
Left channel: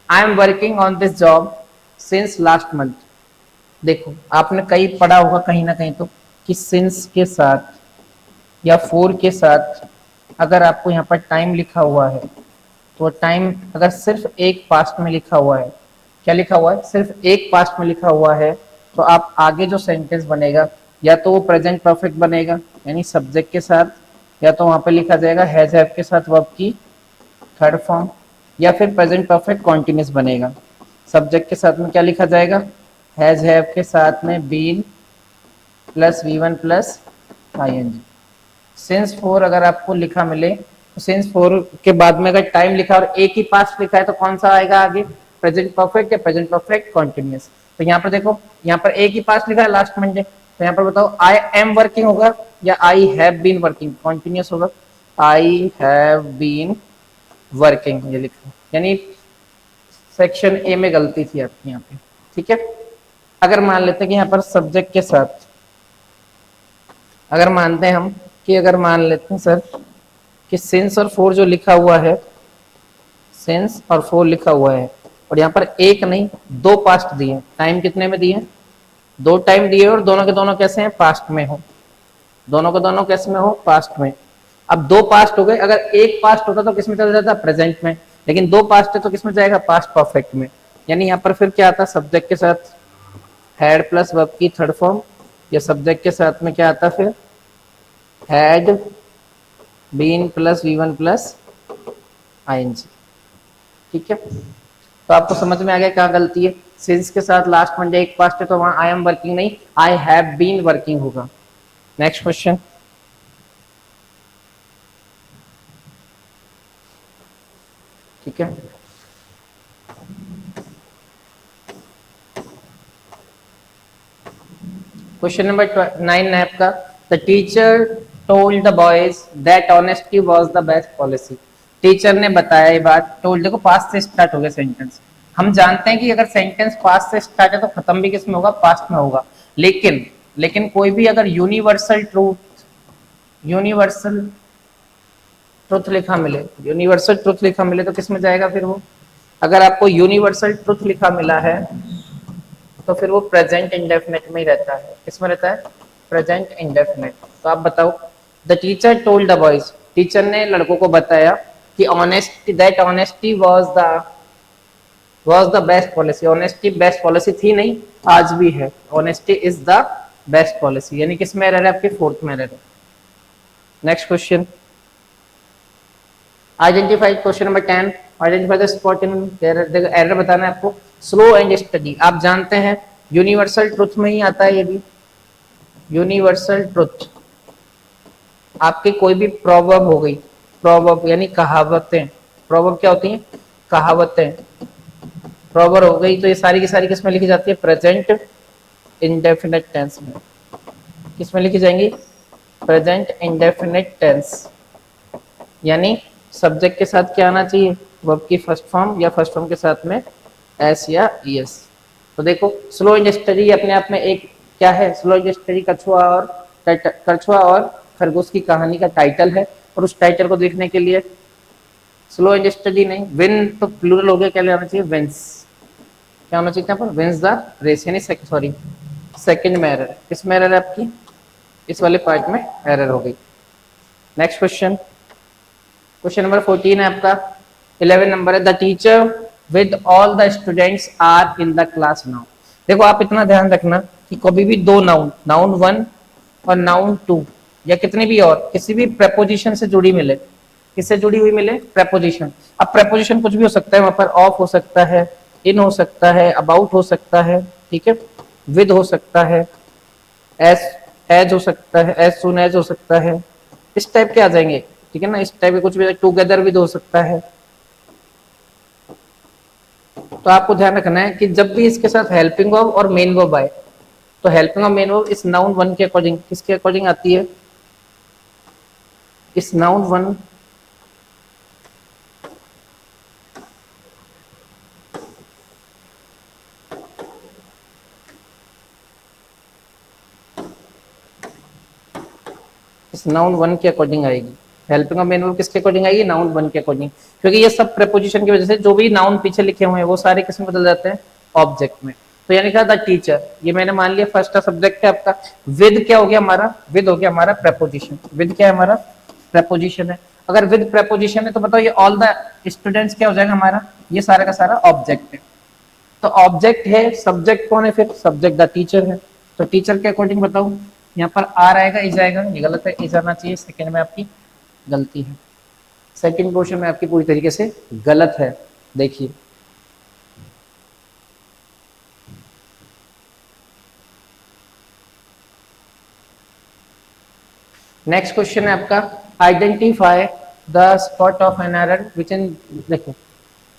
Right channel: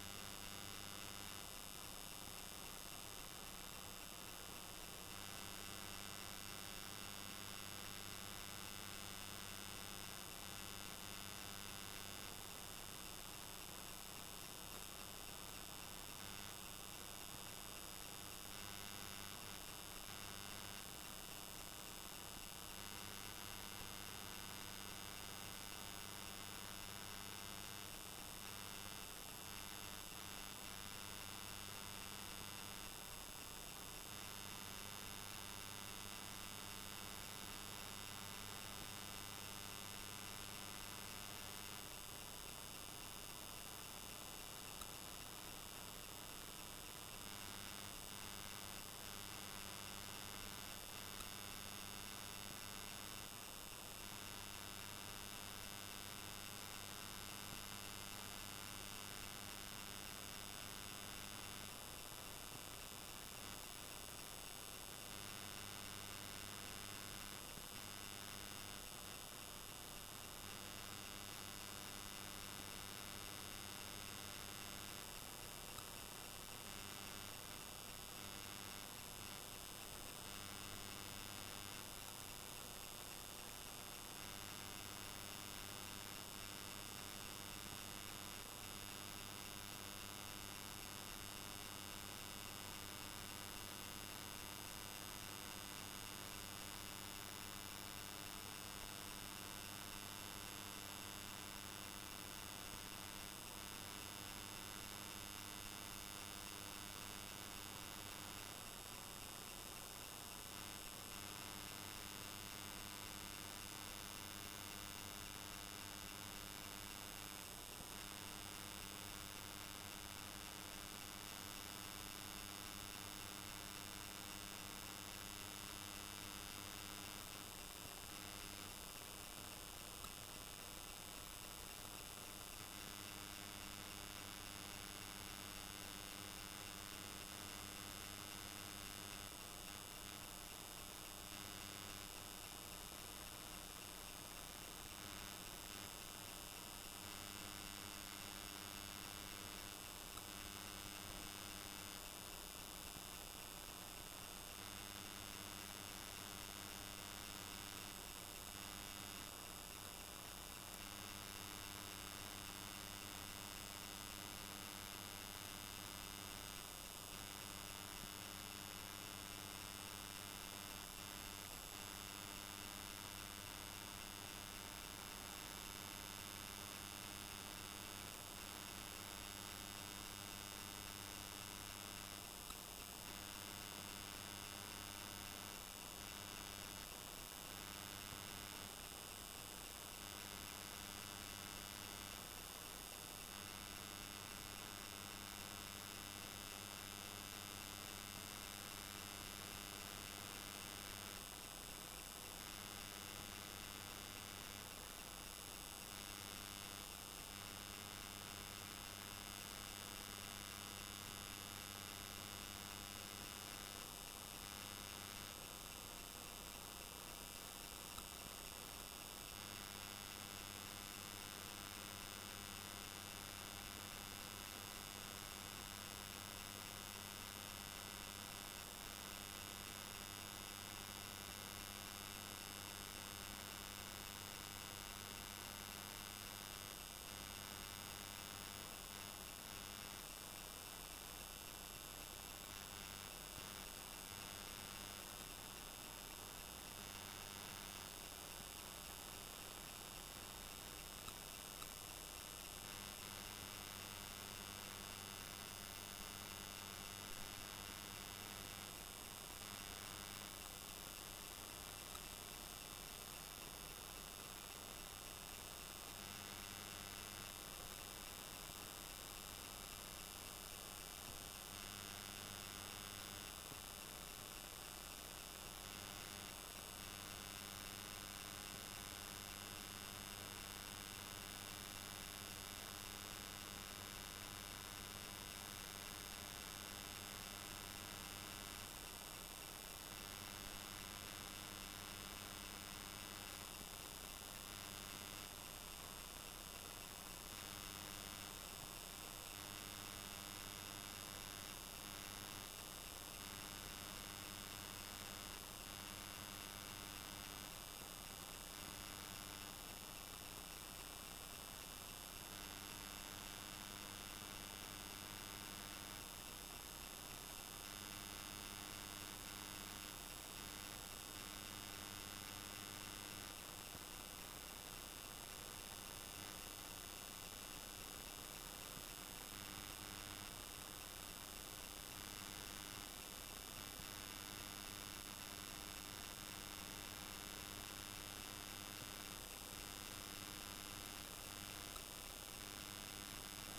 I am working on this job since last month. देखो आपने कहीं पढ़ा होगा कहीं ना कहीं तो कि सिंस के साथ या फोर के साथ अगर आपको यहाँ पर टाइम लिखा हुआ है, तो टाइम अगर सिर्फ एक पास्ट में लिखा हुआ है, क्या लिखा हुआ है, सिर्फ एक पास्ट में लिखा हुआ है, तो आप आगे जो सेंटेंस बनेगा या तो वो प्रेजेंट परफेक्ट बनेगा यानी सब्जेक्ट के साथ, या तो वहां पे लिखा जाएगा हैज हैव के साथ वर्ब की थर्ड फॉर्म, या फिर प्रेजेंट परफेक्ट कॉन्टिन्यूस बनेगा। सब्जेक्ट के साथ में क्या लिखा जाएगा, हैज हैव के साथ में been plus V1 plus ING। Since for अगर आपको लिखा मिले, तो सिंस फोर के बाद में अगर टाइम लिखा और एक ही पास्ट लिखा है तो कौन सा आएगा आगे, प्रेजेंट परफेक्ट या प्रेजेंट परफेक्ट कॉन्टिन्यूस। तो यहाँ पर देखो, यहाँ पर एक ही पास्ट लिखा है लास्ट मंडे, तो यहाँ पर बताओ आई एम वर्किंग होगा या I have been working, continuous होगा, आई हैव बीन वर्किंग ये लिखा, यानी सेक्शन ए में गलती थी आपकी यहाँ पे, ठीक है। अगर मान लेते हैं कि यहाँ पर सब्जेक्ट के साथ, अगर मानते हैं हम कि अगर मान लेते हैं सर कि सिंस और फोर जो लिखा हुआ है, सिंस और फोर लिखा हुआ है, और यहाँ पर एक नहीं दो पास्ट दिए, टाइम कितने में दिए, दो टाइम दिए, और दोनों के दोनों कैसे हैं, पास्ट में हो, दोनों के दोनों कैसे में हो, पास्ट में। अब दो पास्ट हो गए, अगर एक पास्ट होता तो किसमें चला जाता, प्रेजेंट में, लेकिन दो पास्ट है तो किसमें जाएगा, पास्ट परफेक्ट में। यानी यहाँ पर फिर क्या आता, सब्जेक्ट के साथ हैड प्लस वर्ब की थर्ड फॉर्म, या सब्जेक्ट के साथ में क्या आता फिर had been plus V1 plus ING, ठीक है। तो आपको समझ में आ गया क्या गलती है। सिंस के साथ लास्ट में एक पास्ट है तो वहां आई एम वर्किंग नहीं, आई हैव बीन वर्किंग होगा। Next question. ठीक है, क्वेश्चन नंबर 9 है आपका। The teacher told the boys that honesty was the best policy. Teacher ने बताया ये बात, टोल्ड देखो पास्ट से स्टार्ट हो गया सेंटेंस। हम जानते हैं कि अगर सेंटेंस पास्ट से स्टार्ट है तो खत्म भी किस में होगा, पास्ट में होगा। लेकिन लेकिन कोई भी अगर यूनिवर्सल ट्रुथ लिखा मिले, यूनिवर्सल ट्रुथ लिखा मिले तो किस में जाएगा फिर वो। अगर आपको यूनिवर्सल ट्रुथ लिखा मिला है तो फिर वो प्रेजेंट इंडेफिनिट में ही रहता है। किसमें रहता है, प्रेजेंट इंडेफिनिट। तो आप बताओ, the teacher told the boys, teacher ने लड़कों को बताया कि honesty that honesty was the best policy. Honesty best policy थी नहीं, आज भी है। Honesty is the best policy, यानी किस में एरर है आपके, फोर्थ में एरर है। Next question, identify question number 10, identify the spot in error. देखो एरर बताना है आपको। स्लो एंड स्टडी, आप जानते हैं यूनिवर्सल ट्रुथ में ही आता है ये भी। यूनिवर्सल ट्रुथ आपके कोई भी प्रोवर्ब हो गई, प्रोवर्ब यानी कहावतें। प्रोवर्ब क्या होती हैं, कहावतें। प्रोवर्ब हो गई तो ये सारी की सारी किस में लिखी जाती है, प्रेजेंट इंडेफिनिट टेंस में। किस में लिखी जाएंगी, प्रेजेंट इंडेफिनिट टेंस। यानी सब्जेक्ट के साथ क्या आना चाहिए, वर्ब की फर्स्ट फॉर्म या फर्स्ट फॉर्म के साथ में एस या ईएस। तो देखो स्लो एंड स्टडी अपने आप में एक क्या है, स्लो एंड स्टडी कछुआ और खरगोश की कहानी का टाइटल है। और उस टाइटल को देखने के लिए स्लो एंड स्टडी नहीं, विन तो प्लूरल हो गया, क्या लेना चाहिए, विंस। क्या होना चाहिए यहाँ पर, विंस द रेस, यानी सॉरी सेकंड में एरर। किस में एरर है आपकी, इस वाले पार्ट में एरर हो गई। नेक्स्ट क्वेश्चन, क्वेश्चन नंबर 14 है आपका, 11 नंबर है। The teacher with all the students are in the class now. देखो आप इतना ध्यान रखना कि कभी भी दो नाउन, नाउन 1 और नाउन 2 या कितनी भी और किसी भी प्रेपोजिशन से जुड़ी मिले, किससे जुड़ी हुई मिले, प्रेपोजिशन। अब प्रेपोजिशन कुछ भी हो सकता है, वहां पर ऑफ हो सकता है, इन हो सकता है, अबाउट हो सकता है, ठीक है, विद हो सकता है, एज हो सकता है, एज सुन एज हो सकता है, इस टाइप के आ जाएंगे, ठीक है ना। इस टाइप के कुछ भी, टुगेदर विद हो सकता है। तो आपको ध्यान रखना है कि जब भी इसके साथ हेल्पिंग वर्ब और मेन वर्ब आए तो हेल्पिंग और मेन वर्ब इस नाउन 1 के अकॉर्डिंग, किसके अकॉर्डिंग आती है, इस नाउन 1 इस नाउन 1 के अकॉर्डिंग आएगी। हेल्पिंग और मेन वर्ब किसके अकॉर्डिंग आएगी, नाउन 1 के अकॉर्डिंग। क्योंकि ये सब प्रेपोजिशन की वजह से जो भी नाउन पीछे लिखे हुए हैं वो सारे किसमें बदल जाते हैं, ऑब्जेक्ट में। तो यानी क्या था, टीचर, ये मैंने मान लिया फर्स्ट का सब्जेक्ट है आपका। विद क्या हो गया हमारा, विद हो गया हमारा प्रेपोजिशन। विद क्या है हमारा, प्रेपोजिशन है। अगर विद प्रेपोजिशन है तो बताओ ये ऑल द स्टूडेंट्स क्या हो जाएगा हमारा, ये सारा का सारा ऑब्जेक्ट है। तो ऑब्जेक्ट है, सब्जेक्ट कौन है फिर, सब्जेक्ट द टीचर है। तो टीचर के अकॉर्डिंग बताओ, यहाँ पर आर आएगा, इज आएगा, ये गलत है, इज आना चाहिए। सेकंड में आपकी गलती है, सेकंड पोर्शन में आपकी पूरी तरीके से गलत है। देखिए नेक्स्ट क्वेश्चन है आपका, identify the spot of an error which in, देखो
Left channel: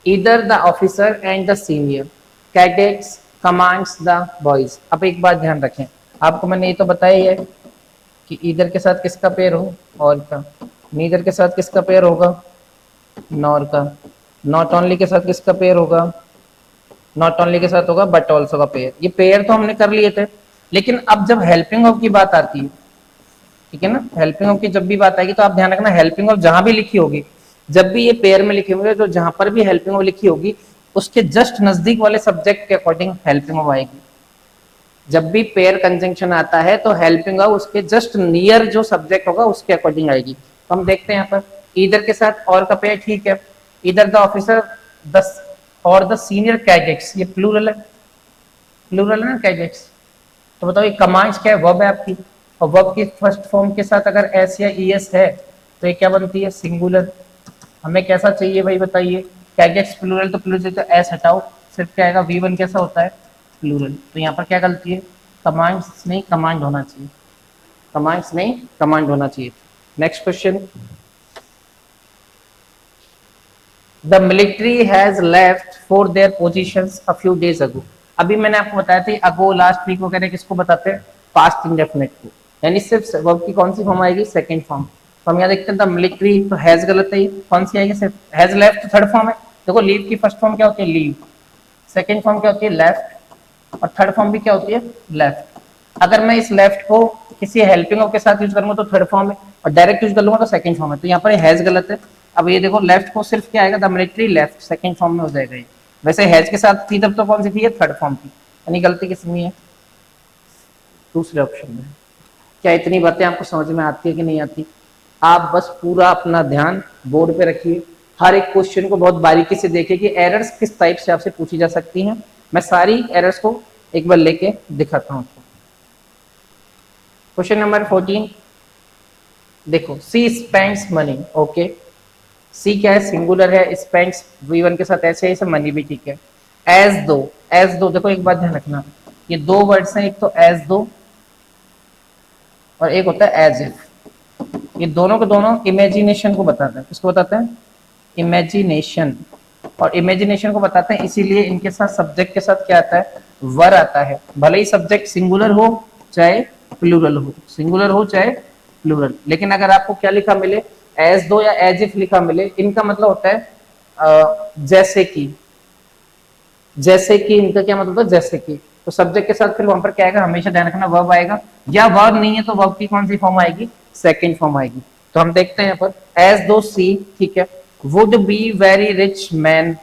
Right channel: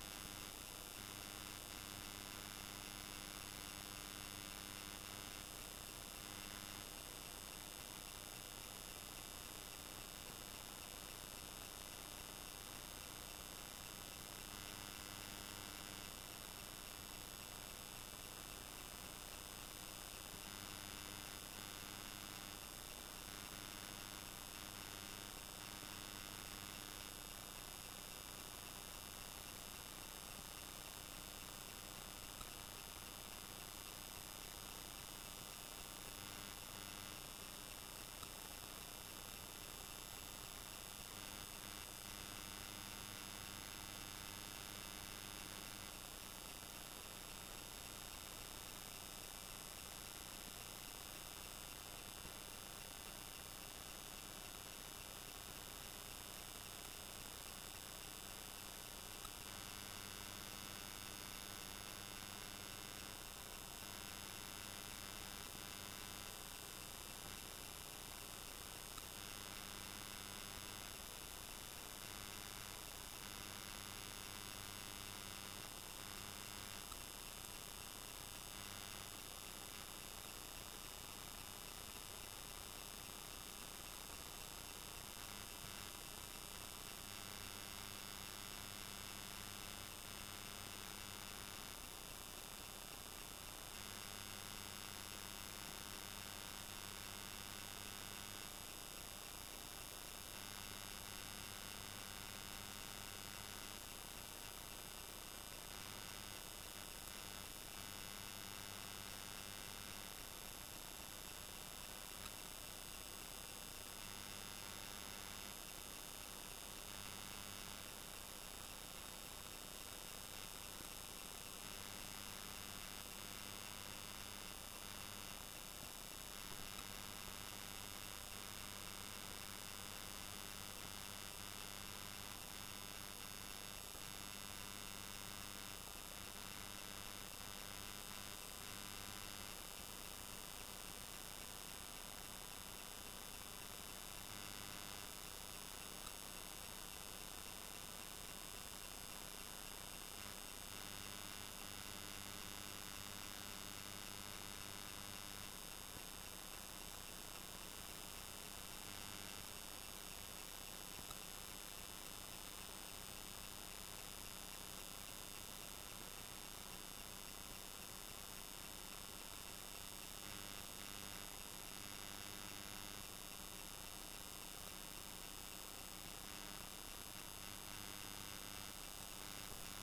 either the officer and the senior cadets commands the boys. अब एक बात ध्यान रखें, आपको मैंने ये तो बताया ही है कि ईदर के साथ किसका पेयर हो, और का, नीदर के साथ किसका पेयर होगा, नॉर का, नॉट ओनली के साथ किसका पेयर होगा, नॉट ओनली के साथ होगा बट ऑल्सो का पेयर। ये पेयर तो हमने कर लिए थे, लेकिन अब जब हेल्पिंग ऑफ की बात आती है, ठीक है ना, हेल्पिंग ऑफ की जब भी बात आएगी तो आप ध्यान रखना, हेल्पिंग ऑफ जहां भी लिखी होगी, जब भी ये पेयर में लिखे होंगे तो जहां पर भी हेल्पिंग ऑफ लिखी होगी उसके जस्ट नजदीक वाले सब्जेक्ट के अकॉर्डिंग हेल्पिंग ऑफ आएगी। जब भी पेयर कंजंक्शन आता है तो हेल्पिंग ऑफ उसके जस्ट नियर जो सब्जेक्ट होगा उसके अकॉर्डिंग आएगी। तो हम देखते हैं यहाँ पर इधर के साथ और का पेयर, ठीक है, इधर द ऑफिसर द और द सीनियर कैडेट्स, ये प्लूरल है, प्लूरल है ना कैडेट्स। तो बताओ ये कमांड्स क्या है, वर्ब है आपकी, और वर्ब की फर्स्ट फॉर्म के साथ अगर एस या ईएस है तो ये क्या बनती है, सिंगुलर। हमें कैसा चाहिए भाई बताइए, क्या गेट्स प्लूरल, तो प्लूरल तो एस हटाओ, सिर्फ क्या आएगा V1 कैसा होता है प्लूरल। तो यहाँ पर क्या गलती है, कमांड्स नहीं कमांड होना चाहिए, कमांड्स नहीं कमांड होना चाहिए। Next question, the military has left for their positions a few days ago. अभी मैंने आपको बताया था अगो लास्ट वीक वगैरह किसको बताते हैं, पास्ट इंडेफिनिट को, यानी सिर्फ वर्ब की कौन सी फॉर्म आएगी, सेकंड फॉर्म। तो हम यहाँ देखते हैं द मिलिट्री, तो हैज गलत है, कौन सी आएगी, सिर्फ हैज लेफ्ट थर्ड फॉर्म है। देखो लीव की फर्स्ट फॉर्म क्या होती है लीव, सेकंड फॉर्म क्या होती है लेफ्ट, और थर्ड फॉर्म भी क्या होती है लेफ्ट। अगर मैं इस लेफ्ट को किसी हेल्पिंग ऑफ के साथ यूज करूंगा तो थर्ड फॉर्म है, और डायरेक्ट यूज कर लूंगा तो सेकंड फॉर्म है। तो यहाँ पर हैज गलत है। अब ये देखो लेफ्ट को सिर्फ क्या आएगा, the military left, second form में हो जाएगा ये। वैसे हैज के साथ थी तब तो कौन सी थी, थर्ड फॉर्म थी, यानी गलती किसमें है, दूसरे ऑप्शन में। क्या इतनी बातें आपको समझ में आती है कि नहीं आती? आप बस पूरा अपना ध्यान बोर्ड पे रखिए, हर एक क्वेश्चन को बहुत बारीकी से देखिए कि एरर्स किस टाइप से आपसे पूछी जा सकती हैं। मैं सारी एरर्स को एक बार लेके दिखाता हूँ। क्वेश्चन नंबर 14, देखो सी स्पेंड्स मनी, ओके, सी क्या है सिंगुलर है, स्पेंड्स V1 के साथ ऐसे ऐसे मनी भी ठीक है। एज दो देखो एक बात ध्यान रखना, ये दो वर्ड्स हैं, एक तो एज दो और एक होता है एज इफ। ये दोनों के दोनों इमेजिनेशन को बताते हैं, किसको बताते हैं, इमेजिनेशन। और इमेजिनेशन को बताते हैं इसीलिए इनके साथ सब्जेक्ट के साथ क्या आता है, वर आता है। भले ही सब्जेक्ट सिंगुलर हो चाहे प्लूरल हो, सिंगुलर हो चाहे प्लूरल, लेकिन अगर आपको क्या लिखा मिले, एज दो या एज इफ लिखा मिले, इनका मतलब होता है जैसे कि, जैसे कि इनका क्या मतलब है, जैसे कि। तो सब्जेक्ट के साथ फिर वहां पर क्या आएगा, हमेशा ध्यान रखना वर्ब आएगा, या वर्ब नहीं है तो वर्ब की कौन सी फॉर्म आएगी, सेकंड फॉर्म आएगी। तो हम देखते हैं यहाँ पर एज दो सी, ठीक है, would be very rich man,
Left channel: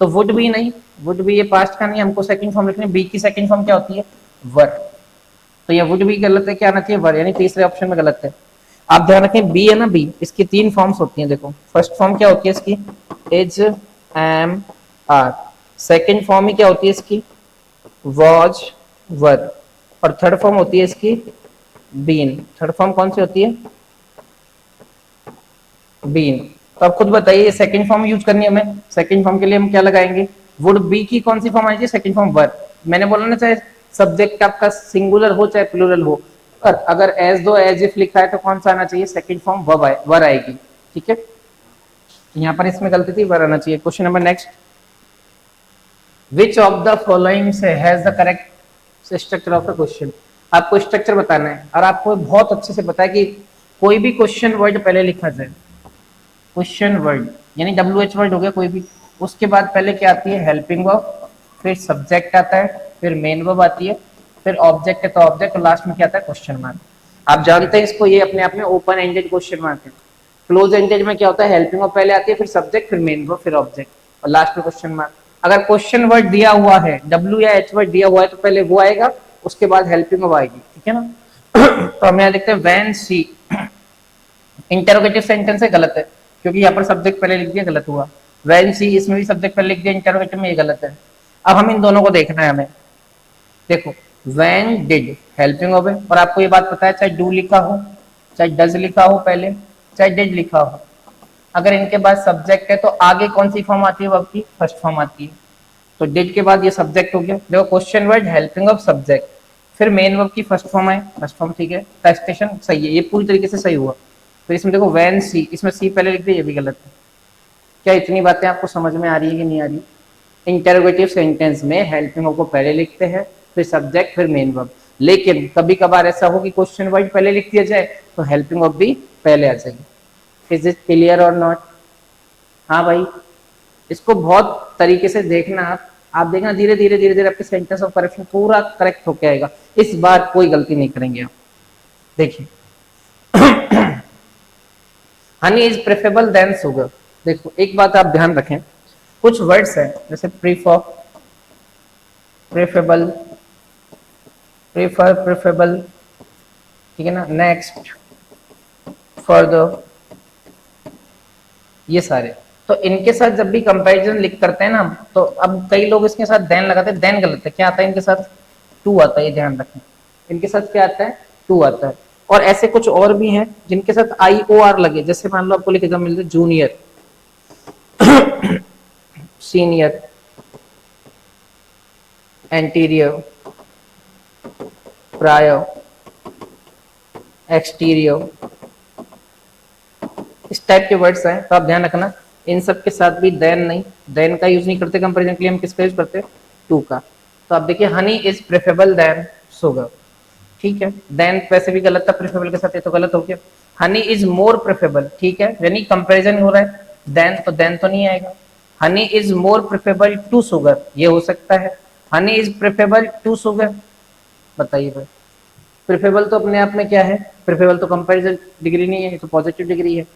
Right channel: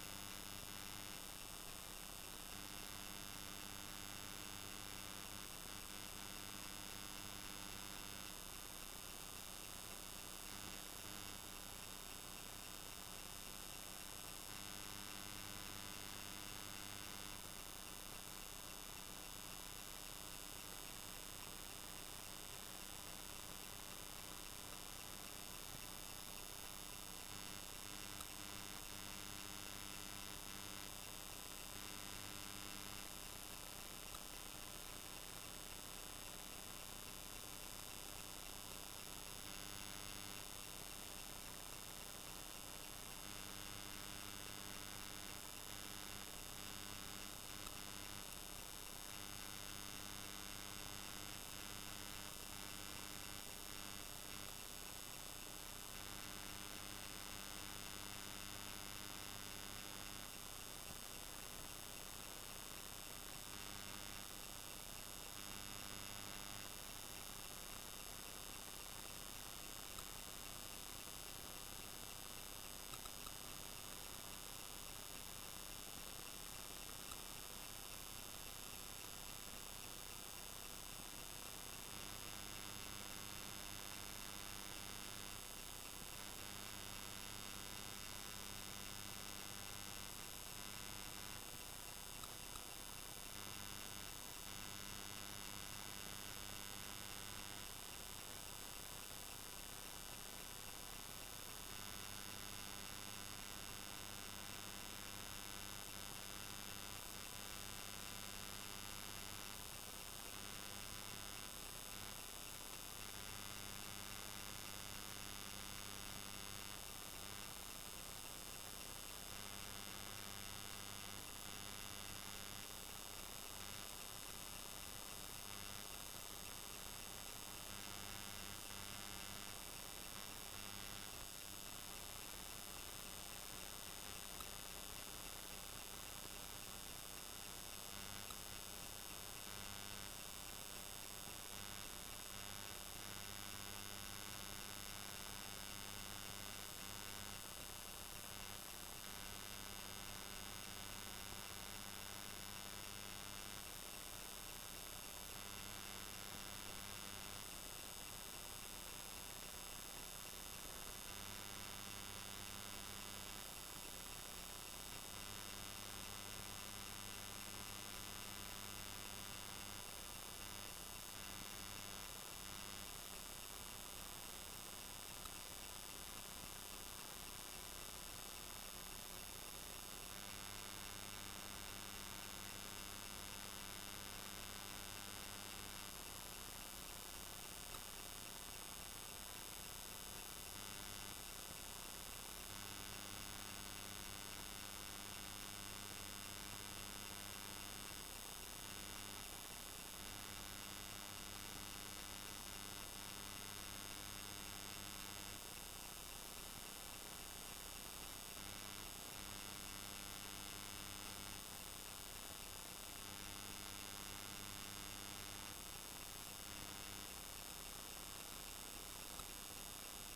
तो वुड बी नहीं, वुड बी ये पास्ट का नहीं, हमको सेकंड फॉर्म लिखनी है, बी की सेकंड फॉर्म क्या होती है, वर। तो ये वुड बी गलत है, क्या आना चाहिए वर, यानी तीसरे ऑप्शन में गलत है। आप ध्यान रखें बी है ना, बी इसकी तीन फॉर्म्स होती हैं, देखो फर्स्ट फॉर्म क्या होती है इसकी, is M R, second form ही क्या होती है इसकी, वॉज वर, और थर्ड फॉर्म होती है इसकी बीन। थर्ड फॉर्म कौन सी होती है, बीन। तो आप खुद बताइए सेकंड फॉर्म यूज करनी है हमें, सेकंड फॉर्म के लिए हम क्या लगाएंगे, वुड बी की कौन सी फॉर्म आएगी, सेकंड फॉर्म वर। मैंने बोला ना चाहे सब्जेक्ट आपका सिंगुलर हो चाहे प्लूरल हो, पर अगर एज दो एज इफ लिखा है तो कौन सा आना चाहिए, सेकंड फॉर्म वर आएगी, ठीक है। यहाँ पर इसमें गलती थी, वर आना चाहिए। Question number next, which of the following से has the correct structure of the question. आपको स्ट्रक्चर बताना है और आपको बहुत अच्छे से पता है कि कोई भी क्वेश्चन वर्ड पहले लिखा जाए, क्वेश्चन वर्ड यानी WH वर्ड हो गया कोई भी, उसके बाद पहले क्या आती है, हेल्पिंग वर्ब, फिर सब्जेक्ट आता है, फिर मेन वर्ब आती है, फिर ऑब्जेक्ट है तो ऑब्जेक्ट, और लास्ट में क्या आता है, क्वेश्चन मार्क। आप जानते हैं इसको, ये अपने आप में ओपन एंडेड क्वेश्चन मार्क है। क्लोज एंडेड में क्या होता है, हेल्पिंग वर्ब पहले आती है, फिर सब्जेक्ट, फिर मेन वर्ब, फिर ऑब्जेक्ट, और लास्ट में क्वेश्चन मार्क। अगर क्वेश्चन वर्ड दिया हुआ है, W या H वर्ड दिया हुआ है, तो पहले वो आएगा, उसके बाद हेल्पिंग वर्ब आएगी, ठीक है ना। तो हम यहाँ देखते हैं व्हेन सी, इंटरोगेटिव सेंटेंस है, गलत है, क्योंकि यहाँ पर सब्जेक्ट पहले लिख दिया, गलत हुआ। व्हेन सी, इसमें भी सब्जेक्ट पहले लिख दिया, इंटरोगेटिव में ये गलत है। अब हम इन दोनों को देखना है हमें, देखो व्हेन डिड हेल्पिंग वर्ब है, और आपको ये बात पता है चाहे डू लिखा हो, चाहे डज लिखा हो पहले, चाहे डिड लिखा हो, अगर इनके बाद सब्जेक्ट है तो आगे कौन सी फॉर्म आती है वर्ब की, फर्स्ट फॉर्म आती है। तो डिड के बाद ये सब्जेक्ट हो गया, देखो question word helping verb subject, फिर मेन वर्ब की फर्स्ट फॉर्म है, फर्स्ट फॉर्म ठीक है, टेक्सटेशन सही है, ये पूरी तरीके से सही हुआ। तो इसमें देखो व्हेन सी, इसमें सी पहले लिख दिया, ये भी गलत है। क्या इतनी बातें आपको समझ में आ रही है कि नहीं आ रही? इंटरोगेटिव सेंटेंस में हेल्पिंग वर्ब को पहले लिखते हैं, फिर सब्जेक्ट, फिर मेन वर्ब। लेकिन कभी कभार ऐसा हो कि क्वेश्चन वर्ड पहले लिख दिया जाए तो हेल्पिंग वर्ब भी पहले आ जाएगी। इज इट क्लियर और नॉट? हाँ भाई, इसको बहुत तरीके से देखना आप देखना धीरे धीरे धीरे धीरे आपके सेंटेंस ऑफ करेक्शन पूरा करेक्ट होके आएगा। इस बार कोई गलती नहीं करेंगे आप। देखिए honey is preferable than sugar. देखो एक बात आप ध्यान रखें, कुछ वर्ड्स हैं जैसे प्रीफर, प्रेफरेबल, प्रेफर, प्रेफरेबल, ठीक है ना, नेक्स्ट, फर्दर, ये सारे। तो इनके साथ जब भी कंपैरिजन लिख करते हैं ना, तो अब कई लोग इसके साथ देन लगाते हैं, देन गलत है। क्या आता है इनके साथ, टू आता है, ये ध्यान रखें। इनके साथ क्या आता है, टू आता है। और ऐसे कुछ और भी हैं जिनके साथ IOR लगे, जैसे मान लो आपको लिखे मिलते junior senior, anterior, prior, exterior, इस टाइप के वर्ड्स हैं, तो आप ध्यान रखना इन सब के साथ भी देन नहीं, देन का यूज नहीं करते कंपेरिजन के लिए, हम किसका यूज करते हैं, टू का। तो आप देखिए honey is preferable than sugar, ठीक है, देन वैसे भी गलत था, प्रेफरेबल के साथ ये तो गलत हो गया। हनी इज मोर प्रेफरेबल, ठीक है, यानी कंपेरिजन हो रहा है, देन तो नहीं आएगा। Honey is more preferable to sugar, ये हो सकता है। Honey is preferable to sugar, बताइए भाई, प्रेफरेबल तो अपने आप में क्या है, प्रेफरेबल तो कंपेरिजन डिग्री नहीं है, ये तो पॉजिटिव डिग्री है।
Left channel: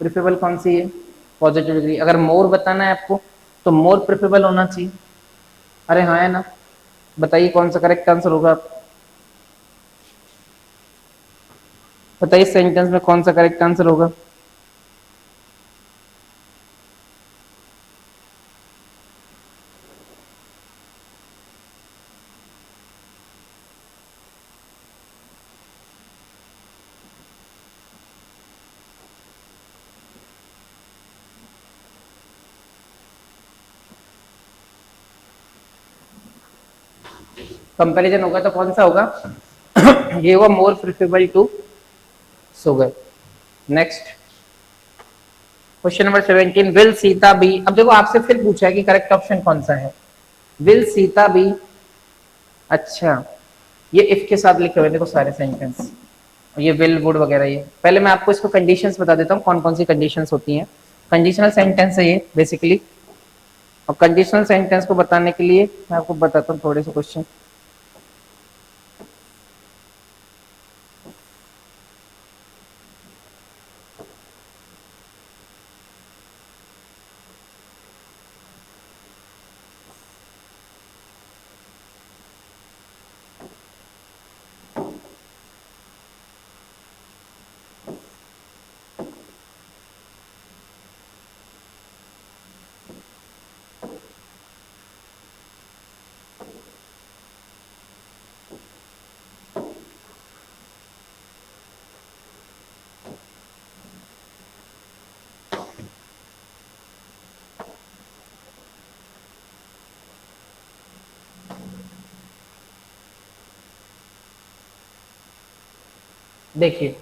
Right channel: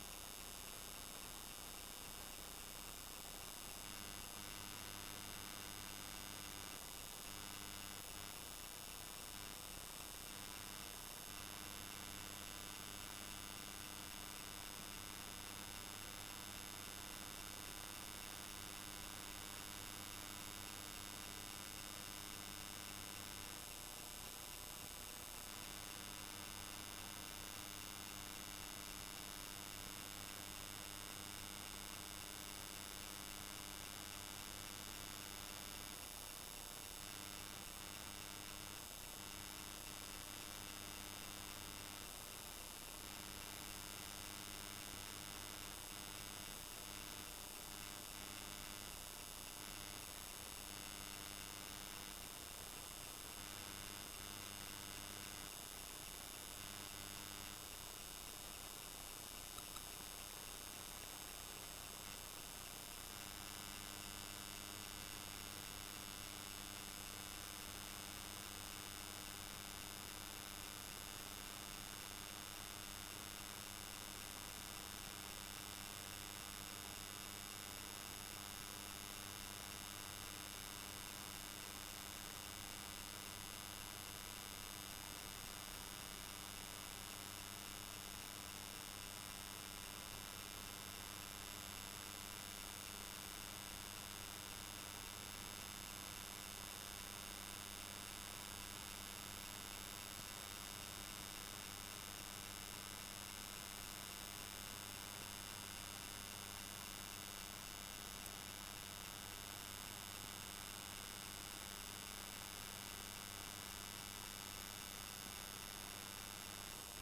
प्रेफरेबल कौन सी है, पॉजिटिव डिग्री। अगर मोर बताना है आपको तो मोर प्रेफरेबल होना चाहिए। अरे हाँ है ना, बताइए कौन सा करेक्ट आंसर होगा, आप बताइए सेंटेंस में कौन सा करेक्ट आंसर होगा। कंपैरिजन होगा तो कौन सा होगा ये होगा more preferable to sugar. Next question number 17, will Sita be, अब देखो आपसे फिर पूछा है कि करेक्ट ऑप्शन कौन सा है, विल सीता बी। अच्छा, ये इफ के साथ लिखे हुए देखो सारे सेंटेंस, ये विल वुड वगैरह, ये पहले मैं आपको इसको कंडीशंस बता देता हूँ कौन कौन सी कंडीशंस होती हैं। कंडीशनल सेंटेंस है ये बेसिकली, और कंडीशनल सेंटेंस को बताने के लिए मैं आपको बताता हूँ थोड़े से क्वेश्चन। देखिए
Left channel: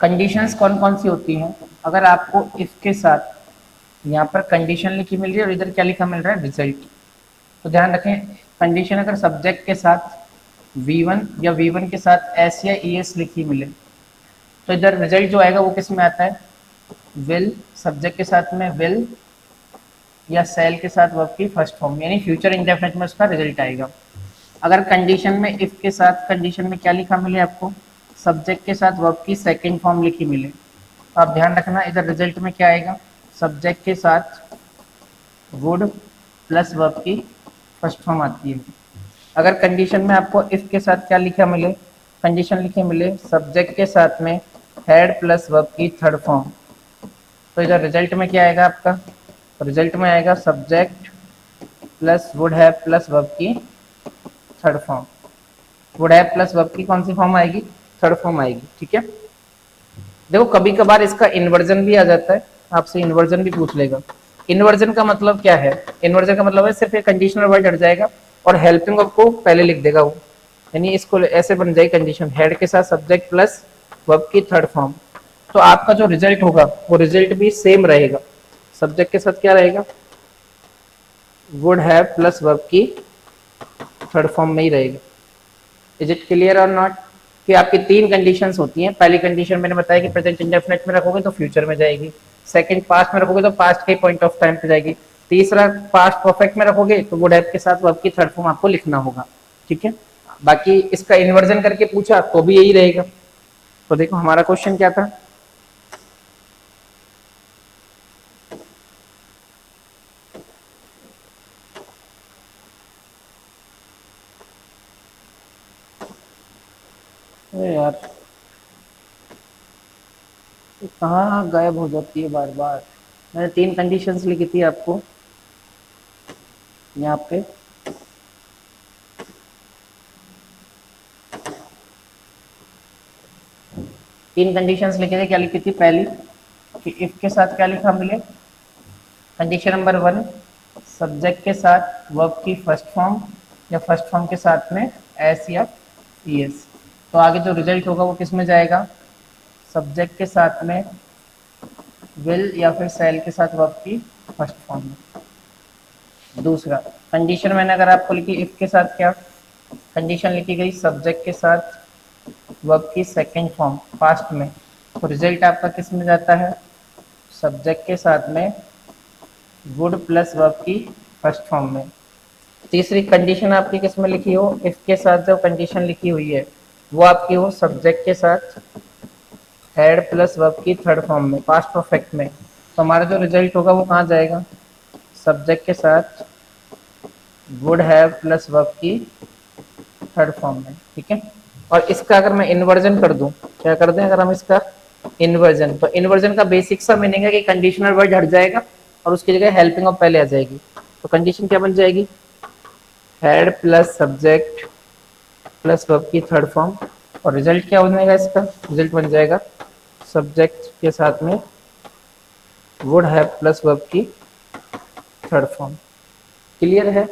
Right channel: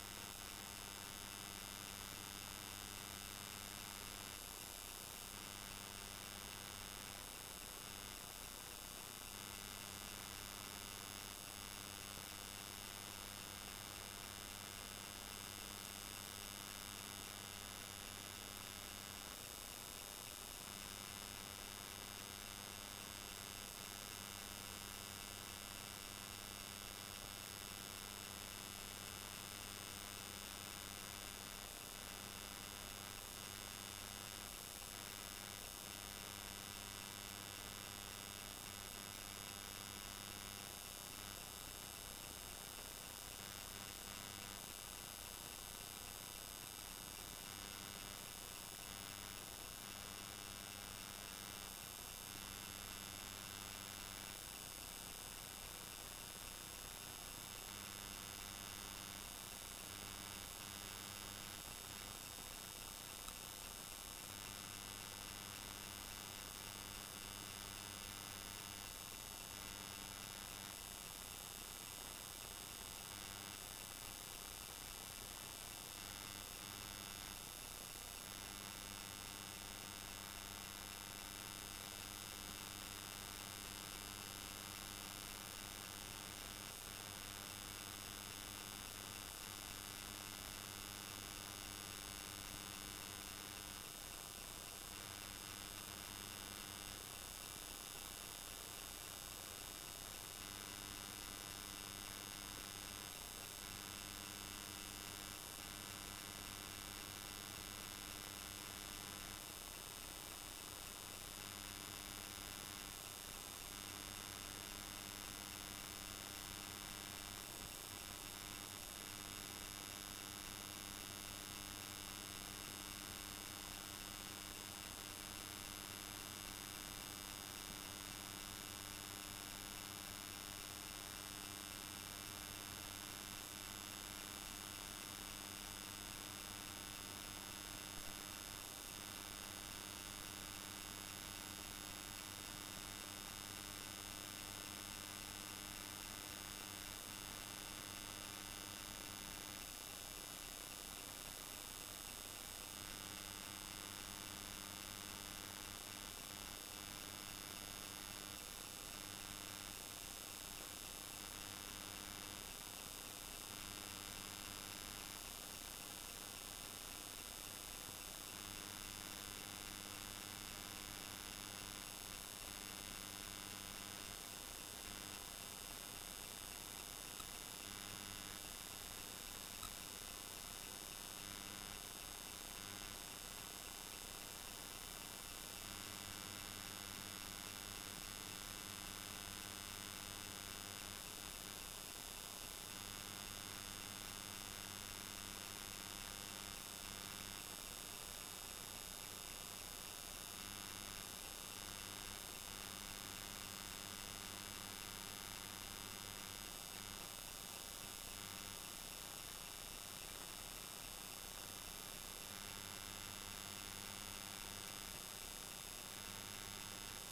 कंडीशंस कौन कौन सी होती हैं, अगर आपको इसके साथ यहाँ पर कंडीशन लिखी मिल रही है और इधर क्या लिखा मिल रहा है, रिजल्ट, तो ध्यान रखें कंडीशन अगर सब्जेक्ट के साथ V1 या V1 के साथ S या ES लिखी मिले तो इधर रिजल्ट जो आएगा वो किस में आता है, विल, सब्जेक्ट के साथ में विल या सेल के साथ वर्ब की फर्स्ट फॉर्म, यानी फ्यूचर इंडेफिनिट में उसका रिजल्ट आएगा। अगर कंडीशन में इफ के साथ कंडीशन में क्या लिखा मिले आपको, सब्जेक्ट के साथ वर्ब की सेकंड फॉर्म लिखी मिले, तो आप ध्यान रखना इधर रिजल्ट में क्या आएगा, सब्जेक्ट के साथ वुड प्लस वर्ब की फर्स्ट फॉर्म आती है। अगर कंडीशन में आपको इफ के साथ क्या लिखा मिले, कंडीशन लिखे मिले सब्जेक्ट के साथ में हैड प्लस वर्ब की थर्ड फॉर्म, तो इधर रिजल्ट में क्या आएगा आपका, रिजल्ट में आएगा subject plus would have plus verb की third form. Would have plus verb की कौन सी फॉर्म आएगी, थर्ड फॉर्म आएगी, ठीक है। देखो कभी कभार इसका इन्वर्जन भी आ जाता है, आपसे इन्वर्जन भी पूछ लेगा। इन्वर्जन का मतलब क्या है, इन्वर्जन का मतलब है सिर्फ एक कंडीशनल वर्ड हट जाएगा और हेल्पिंग वर्ब को पहले लिख देगा वो, यानी इसको ऐसे बन जाएगी कंडीशन, हेड के साथ सब्जेक्ट प्लस वर्ब की थर्ड फॉर्म, तो आपका जो रिजल्ट होगा वो रिजल्ट भी सेम रहेगा, सब्जेक्ट के साथ क्या रहेगा, वुड हैव प्लस वर्ब की थर्ड फॉर्म में ही रहेगा। इज इट क्लियर और नॉट, कि आपकी तीन कंडीशंस होती हैं, पहली कंडीशन मैंने बताया कि प्रेजेंट इंडेफिनिट में रखोगे तो फ्यूचर में जाएगी, सेकंड पास्ट में रखोगे तो पास्ट के पॉइंट ऑफ टाइम पे जाएगी, तीसरा पास्ट परफेक्ट में रखोगे तो वुड हैव के साथ वर्ब की थर्ड फॉर्म आपको लिखना होगा, ठीक है। बाकी इसका इन्वर्जन करके पूछा तो भी यही रहेगा। तो देखो हमारा क्वेश्चन क्या था, अरे यार कहाँ गायब हो जाती है बार बार, मैंने तीन कंडीशंस लिखी थी आपको यहाँ पे, तीन कंडीशंस लिखे थे, क्या लिखी थी, पहली कि इफ के साथ क्या लिखा मिले, कंडीशन नंबर 1, सब्जेक्ट के साथ वर्ब की फर्स्ट फॉर्म या फर्स्ट फॉर्म के साथ में एस या ईएस। तो आगे जो रिजल्ट होगा वो किस में जाएगा, सब्जेक्ट के साथ में विल या फिर सेल के साथ वर्ब की फर्स्ट फॉर्म में। दूसरा कंडीशन मैंने अगर आपको लिखी इफ के साथ, क्या कंडीशन लिखी गई, सब्जेक्ट के साथ वर्ब की सेकंड फॉर्म पास्ट में, तो रिजल्ट आपका किस में जाता है, सब्जेक्ट के साथ में वुड प्लस वर्ब की फर्स्ट फॉर्म में। तीसरी कंडीशन आपकी किस में लिखी हो, इफ के साथ जो कंडीशन लिखी हुई है वो आपकी हो सब्जेक्ट के साथ हैड प्लस वर्ब की थर्ड फॉर्म में पास्ट परफेक्ट में। तो हमारा जो रिजल्ट होगा वो कहाँ जाएगा, सब्जेक्ट के साथ वुड हैव प्लस वर्ब की थर्ड फॉर्म में। ठीक है, और इसका अगर मैं इन्वर्जन कर दूं, क्या कर दें अगर हम इसका इन्वर्जन, तो इन्वर्जन का बेसिक सा मीनिंग है कि कंडीशनल वर्ड हट जाएगा और उसकी जगह हेल्पिंग ऑफ पहले आ जाएगी। तो कंडीशन क्या बन जाएगी, had plus subject plus verb की थर्ड फॉर्म, और रिजल्ट क्या बनेगा, इसका रिजल्ट बन जाएगा सब्जेक्ट के साथ में वुड हैव प्लस वर्ब की थर्ड फॉर्म। क्लियर है,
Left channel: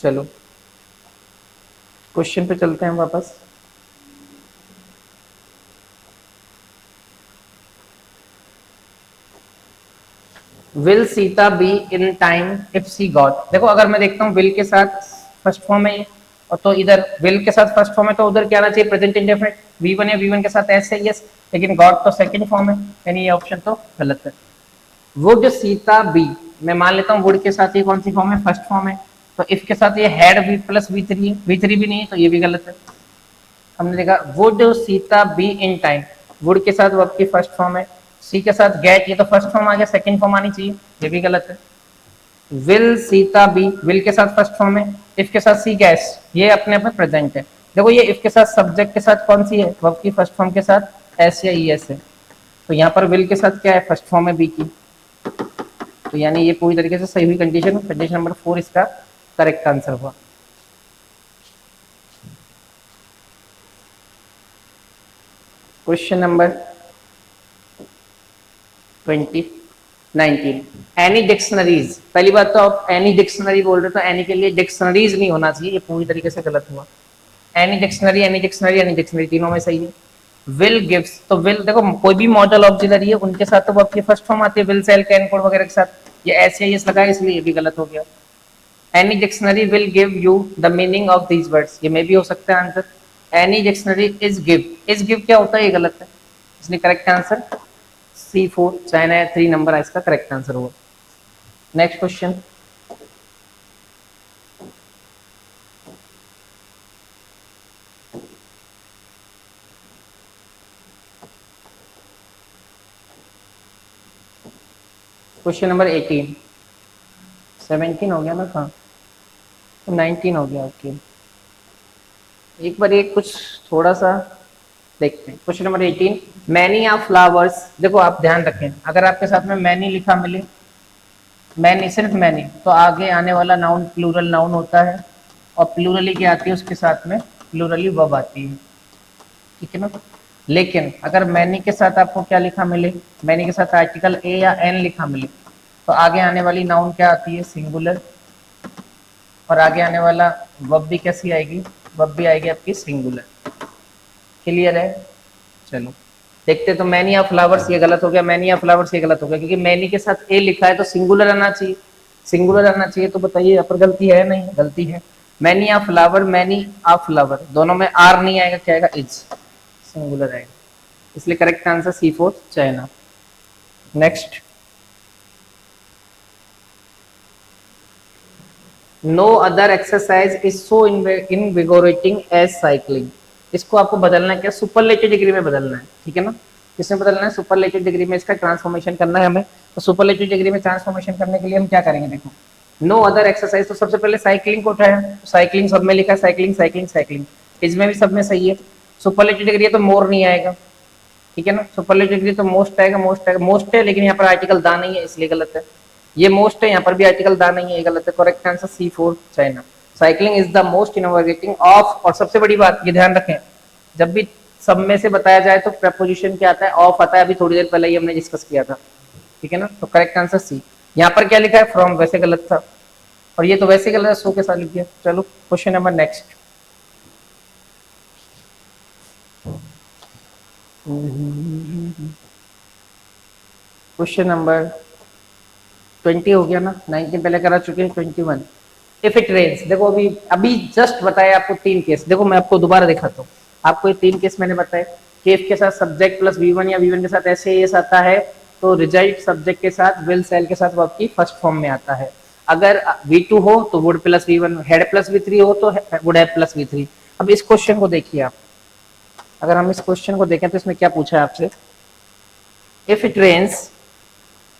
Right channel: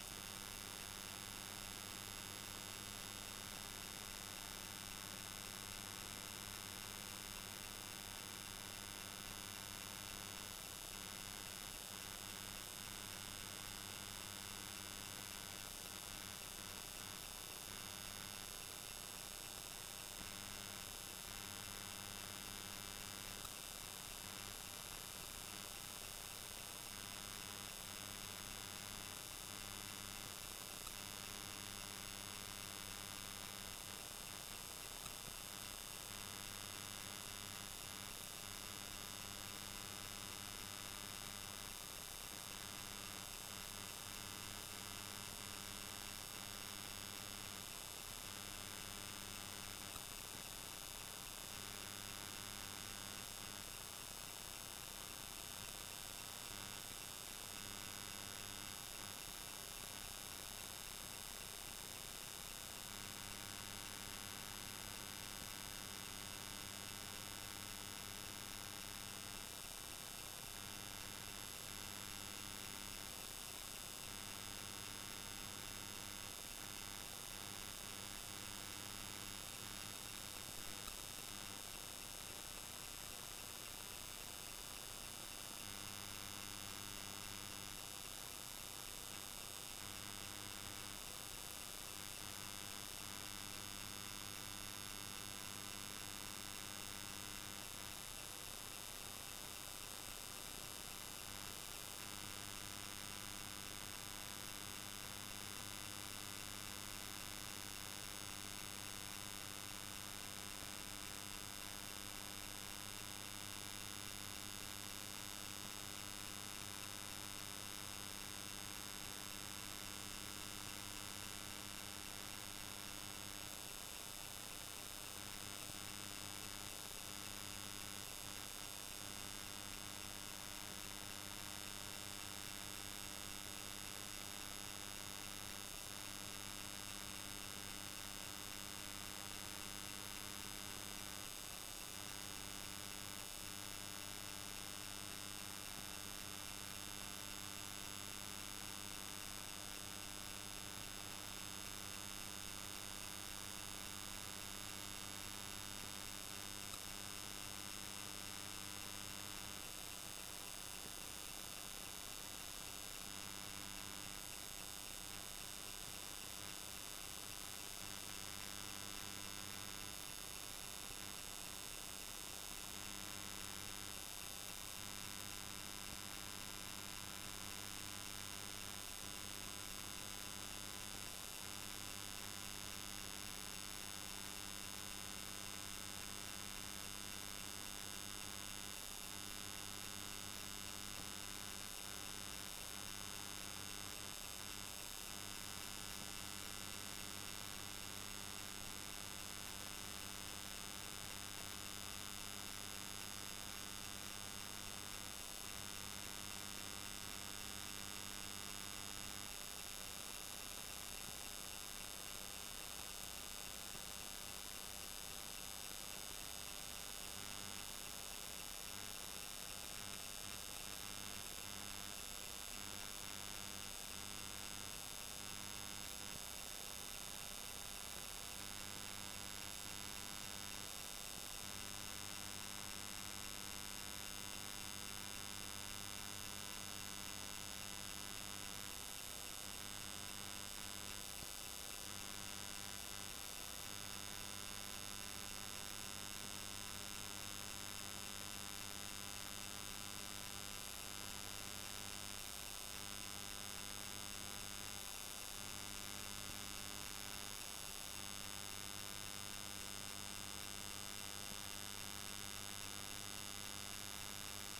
चलो क्वेश्चन पे चलते हैं वापस। Will Sita be in time if she got. देखो अगर मैं देखता हूँ विल के साथ फर्स्ट फॉर्म है ये, और तो इधर विल के साथ फर्स्ट फॉर्म है तो उधर क्या आना चाहिए, प्रेजेंट इंडेफिनिट V1 या V1 के साथ एस है यस, लेकिन गॉट तो सेकंड फॉर्म है, यानी ये ऑप्शन तो गलत है। वुड सीता बी, मैं मान लेता हूँ वुड के साथ ये कौन सी फॉर्म है, फर्स्ट फॉर्म है, तो इफ के साथ ये हैड वी प्लस V3 है, V3 भी नहीं है तो ये भी गलत है। हमने देखा would Sita be in time, would के साथ वर्ब की फर्स्ट फॉर्म है, सी के साथ गेट, ये तो फर्स्ट फॉर्म आ गया, सेकंड फॉर्म आनी चाहिए, ये भी गलत है। विल सीता बी, विल के साथ फर्स्ट फॉर्म है, इफ के साथ सी गैस, ये अपने आप में प्रेजेंट है। देखो ये इफ के साथ सब्जेक्ट के साथ कौन सी है, वर्ब की फर्स्ट फॉर्म के साथ एस या ई एस है, तो यहाँ पर विल के साथ क्या है, फर्स्ट फॉर्म है बी की, तो यानी ये पूरी तरीके से सही हुई कंडीशन। कंडीशन नंबर 4 इसका करेक्ट आंसर हुआ। Question number 19, any dictionaries. पहली बात तो आप एनी डिक्शनरी बोल रहे, तो एनी के लिए डिक्शनरीज नहीं होना चाहिए, ये पूरी तरीके से गलत हुआ। Any dictionary, any dictionary, any dictionary, तीनों में सही है। विल गिव्स, तो विल देखो कोई भी मॉडल ऑक्सिलरी है उनके साथ तो आपकी फर्स्ट फॉर्म आती है, विल सेल कैन कोड वगैरह के साथ, ये ऐसे ही लगा है इसलिए ये भी गलत हो गया। Any dictionary will give you the meaning of these words, ये में भी हो सकता है answer. Any dictionary is give, is give क्या होता है, ये गलत है, इसलिए correct answer C4 China 3 number है इसका करेक्ट आंसर होगा। नेक्स्ट क्वेश्चन, क्वेश्चन नंबर 18, 17 हो गया ना, कहाँ 19 हो गया, ओके एक बार एक कुछ थोड़ा सा देखते हैं। Question number 18, many of flowers. देखो आप ध्यान रखें, अगर आपके साथ में मैनी लिखा मिले, मैनी सिर्फ मैनी, तो आगे आने वाला नाउन प्लूरल नाउन होता है, और प्लूरली क्या आती है उसके साथ में, प्लूरली वर्ब आती है, ठीक है ना। लेकिन अगर मैनी के साथ आपको क्या लिखा मिले, मैनी के साथ आर्टिकल ए या एन लिखा मिले, तो आगे आने वाली नाउन क्या आती है, सिंगुलर, और आगे आने वाला वर्ब भी कैसी आएगी, वर्ब भी आएगी आपकी सिंगुलर। क्लियर है, चलो देखते। तो मैनी ऑफ फ्लावर्स ये गलत हो गया, मैनी ऑफ फ्लावर्स ये गलत हो गया, क्योंकि मैनी के साथ ए लिखा है तो सिंगुलर आना चाहिए, सिंगुलर आना चाहिए, तो बताइए यहाँ पर गलती है नहीं, गलती है। Many of flower, many of flower, दोनों में आर नहीं आएगा, क्या आएगा, इज, सिंगुलर आएगा, इसलिए correct answer C4 China. Next, no other exercise is so invigorating as cycling. इसको आपको बदलना है, क्या सुपरलेटिव डिग्री में बदलना है, ठीक है ना। किसमें बदलना है, सुपरलेटिव डिग्री में इसका ट्रांसफॉर्मेशन करना है हमें। तो सुपरलेटिव डिग्री में ट्रांसफॉर्मेशन करने के लिए हम क्या करेंगे, देखो नो अदर एक्सरसाइज, तो सबसे पहले साइकिलिंग को उठाया, साइकिलिंग सब में लिखा है, साइकिलिंग साइकिलिंग साइकिलिंग, इसमें भी सब में सही है। सुपरलेटिव डिग्री है तो मोर नहीं आएगा, ठीक है ना। सुपरलेटिव डिग्री तो मोस्ट आएगा, मोस्ट आएगा, मोस्ट है, लेकिन यहाँ पर आर्टिकल दा नहीं है इसलिए गलत है। ये मोस्ट है, यहाँ पर भी आर्टिकल दा नहीं है, ये गलत है। Correct answer C4 China. Cycling is the most innovating of, और सबसे बड़ी बात ये ध्यान रखें, जब भी सब में से बताया जाए तो प्रपोजिशन क्या आता है, ऑफ आता है, अभी थोड़ी देर पहले ही हमने डिस्कस किया था, ठीक है ना। तो करेक्ट आंसर सी। यहाँ पर क्या लिखा है फ्रॉम, वैसे गलत था, और ये तो वैसे गलत है, सो के साथ लिख दिया। चलो question number next. Question number 20 हो गया ना, 19 पहले करा चुके हैं, 21। इफ इट रेन्स, देखो अभी अभी जस्ट बताया आपको 3 केस, देखो मैं आपको दोबारा दिखाता हूँ। आपको ये 3 केस मैंने बताया कि इफ के साथ सब्जेक्ट प्लस V1 या V1 के साथ ऐसे एस आता है तो रिजल्ट सब्जेक्ट के साथ विल सेल के साथ वो आपकी फर्स्ट फॉर्म में आता है। अगर V2 हो तो would plus V1, head plus V3 हो तो वुड हैव प्लस V3। अब इस क्वेश्चन को देखिए आप, अगर हम इस क्वेश्चन को देखें तो इसमें क्या पूछा है आपसे, if it rains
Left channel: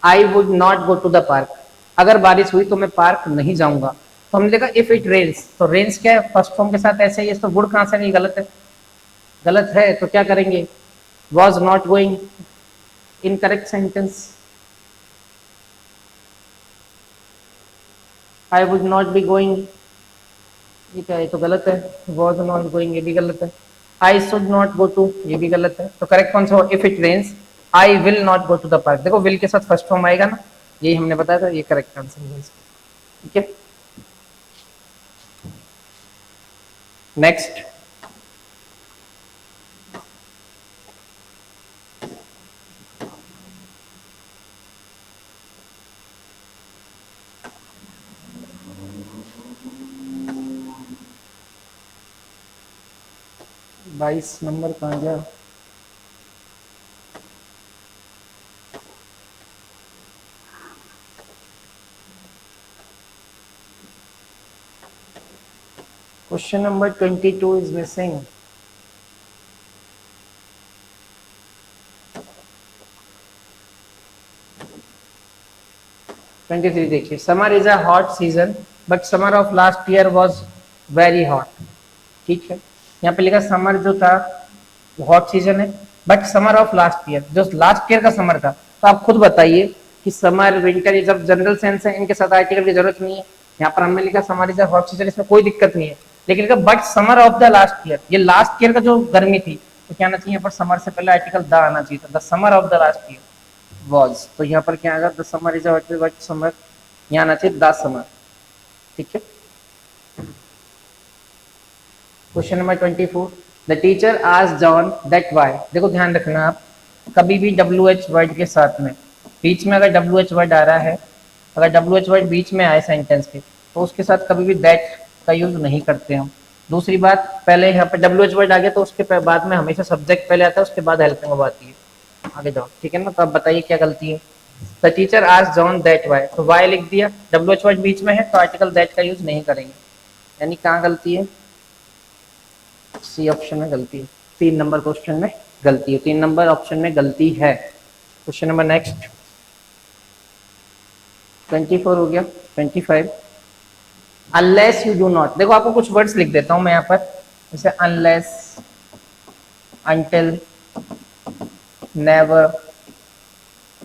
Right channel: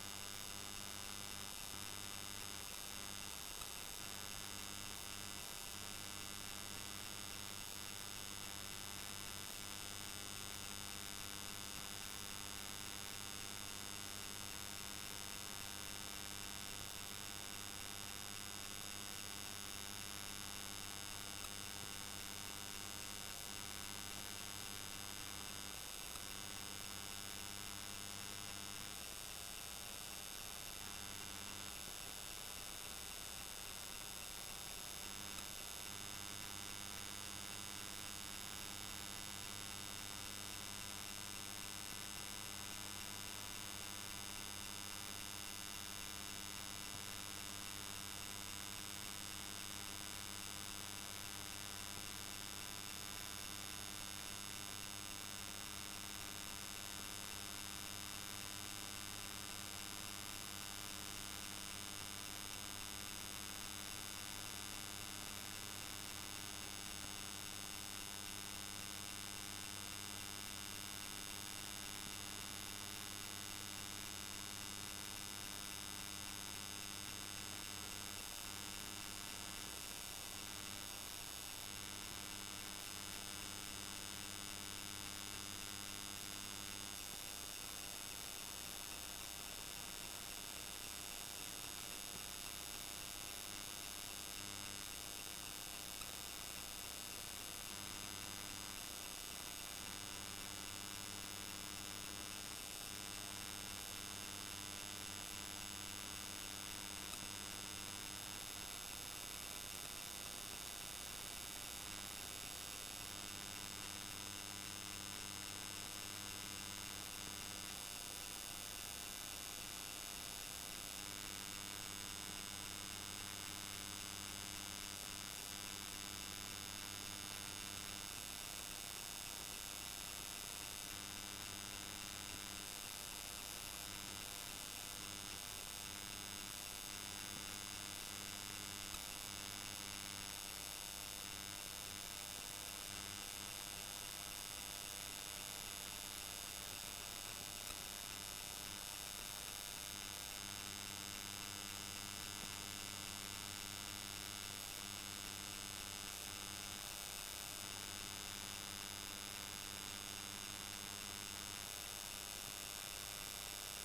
I would not go to the park, अगर बारिश हुई तो मैं पार्क नहीं जाऊंगा। तो हमने देखा इफ इट रेन्स, तो रेन्स क्या है, फर्स्ट फॉर्म के साथ ऐसे ही, तो वुड कहां से नहीं, गलत है, गलत है तो क्या करेंगे, was not going, incorrect sentence. I would not be going, ये क्या है, तो गलत है, वॉज नॉट गोइंग ये भी गलत है, I should not go to ये भी गलत है, तो करेक्ट कौन सा हो, if it rains I will not go to the park, देखो विल के साथ फर्स्ट फॉर्म आएगा ना, यही हमने बताया था, ये करेक्ट आंसर है। ठीक है, नेक्स्ट। बाईस नंबर कहाँ गया, question number 22 is missing. Twenty three देखिए, summer is a hot season but summer of last year was very hot. ठीक है, यहाँ पे लिखा समर जो था हॉट सीजन है, but summer of last year, जो लास्ट ईयर का समर था, तो आप खुद बताइए कि समर विंटर ये जब जनरल सेंस है, इनके साथ आर्टिकल की जरूरत नहीं है। यहाँ पर हमने लिखा summer is a hot season, इसमें कोई दिक्कत नहीं है, लेकिन लिखा but summer of the last year, ये लास्ट ईयर का जो गर्मी थी, तो क्या आना चाहिए यहाँ पर, समर से पहले आर्टिकल द आना चाहिए था, the summer of the last year was, तो यहाँ पर क्या आएगा, the summer is a hot summer, यहाँ आना चाहिए द समर। ठीक है, क्वेश्चन नंबर 24, द टीचर आज जॉन दैट वाई, देखो ध्यान रखना आप, कभी भी डब्ल्यू एच वर्ड के साथ में, बीच में अगर डब्ल्यू एच वर्ड आ रहा है, अगर डब्ल्यू एच वर्ड बीच में आए सेंटेंस के, तो उसके साथ कभी भी दैट का यूज नहीं करते हम। दूसरी बात, पहले यहाँ पे डब्ल्यू एच वर्ड आ गया तो उसके बाद में हमेशा सब्जेक्ट पहले आता है, उसके बाद हेल्पिंग वर्ब आती है। आगे जाओ, ठीक है ना, तो आप बताइए क्या गलती है। द टीचर आज जॉन दैट वाई, तो वाई लिख दिया, डब्ल्यू एच वर्ड बीच में है तो आर्टिकल दैट का यूज नहीं करेंगे, यानी कहाँ गलती है, सी ऑप्शन में गलती है, 3 नंबर क्वेश्चन में गलती है, 3 नंबर ऑप्शन में गलती है। क्वेश्चन नंबर नेक्स्ट, 24 हो गया, 25, अनलेस यू डू नॉट, देखो आपको कुछ वर्ड्स लिख देता हूं मैं यहाँ पर, जैसे unless, until, never,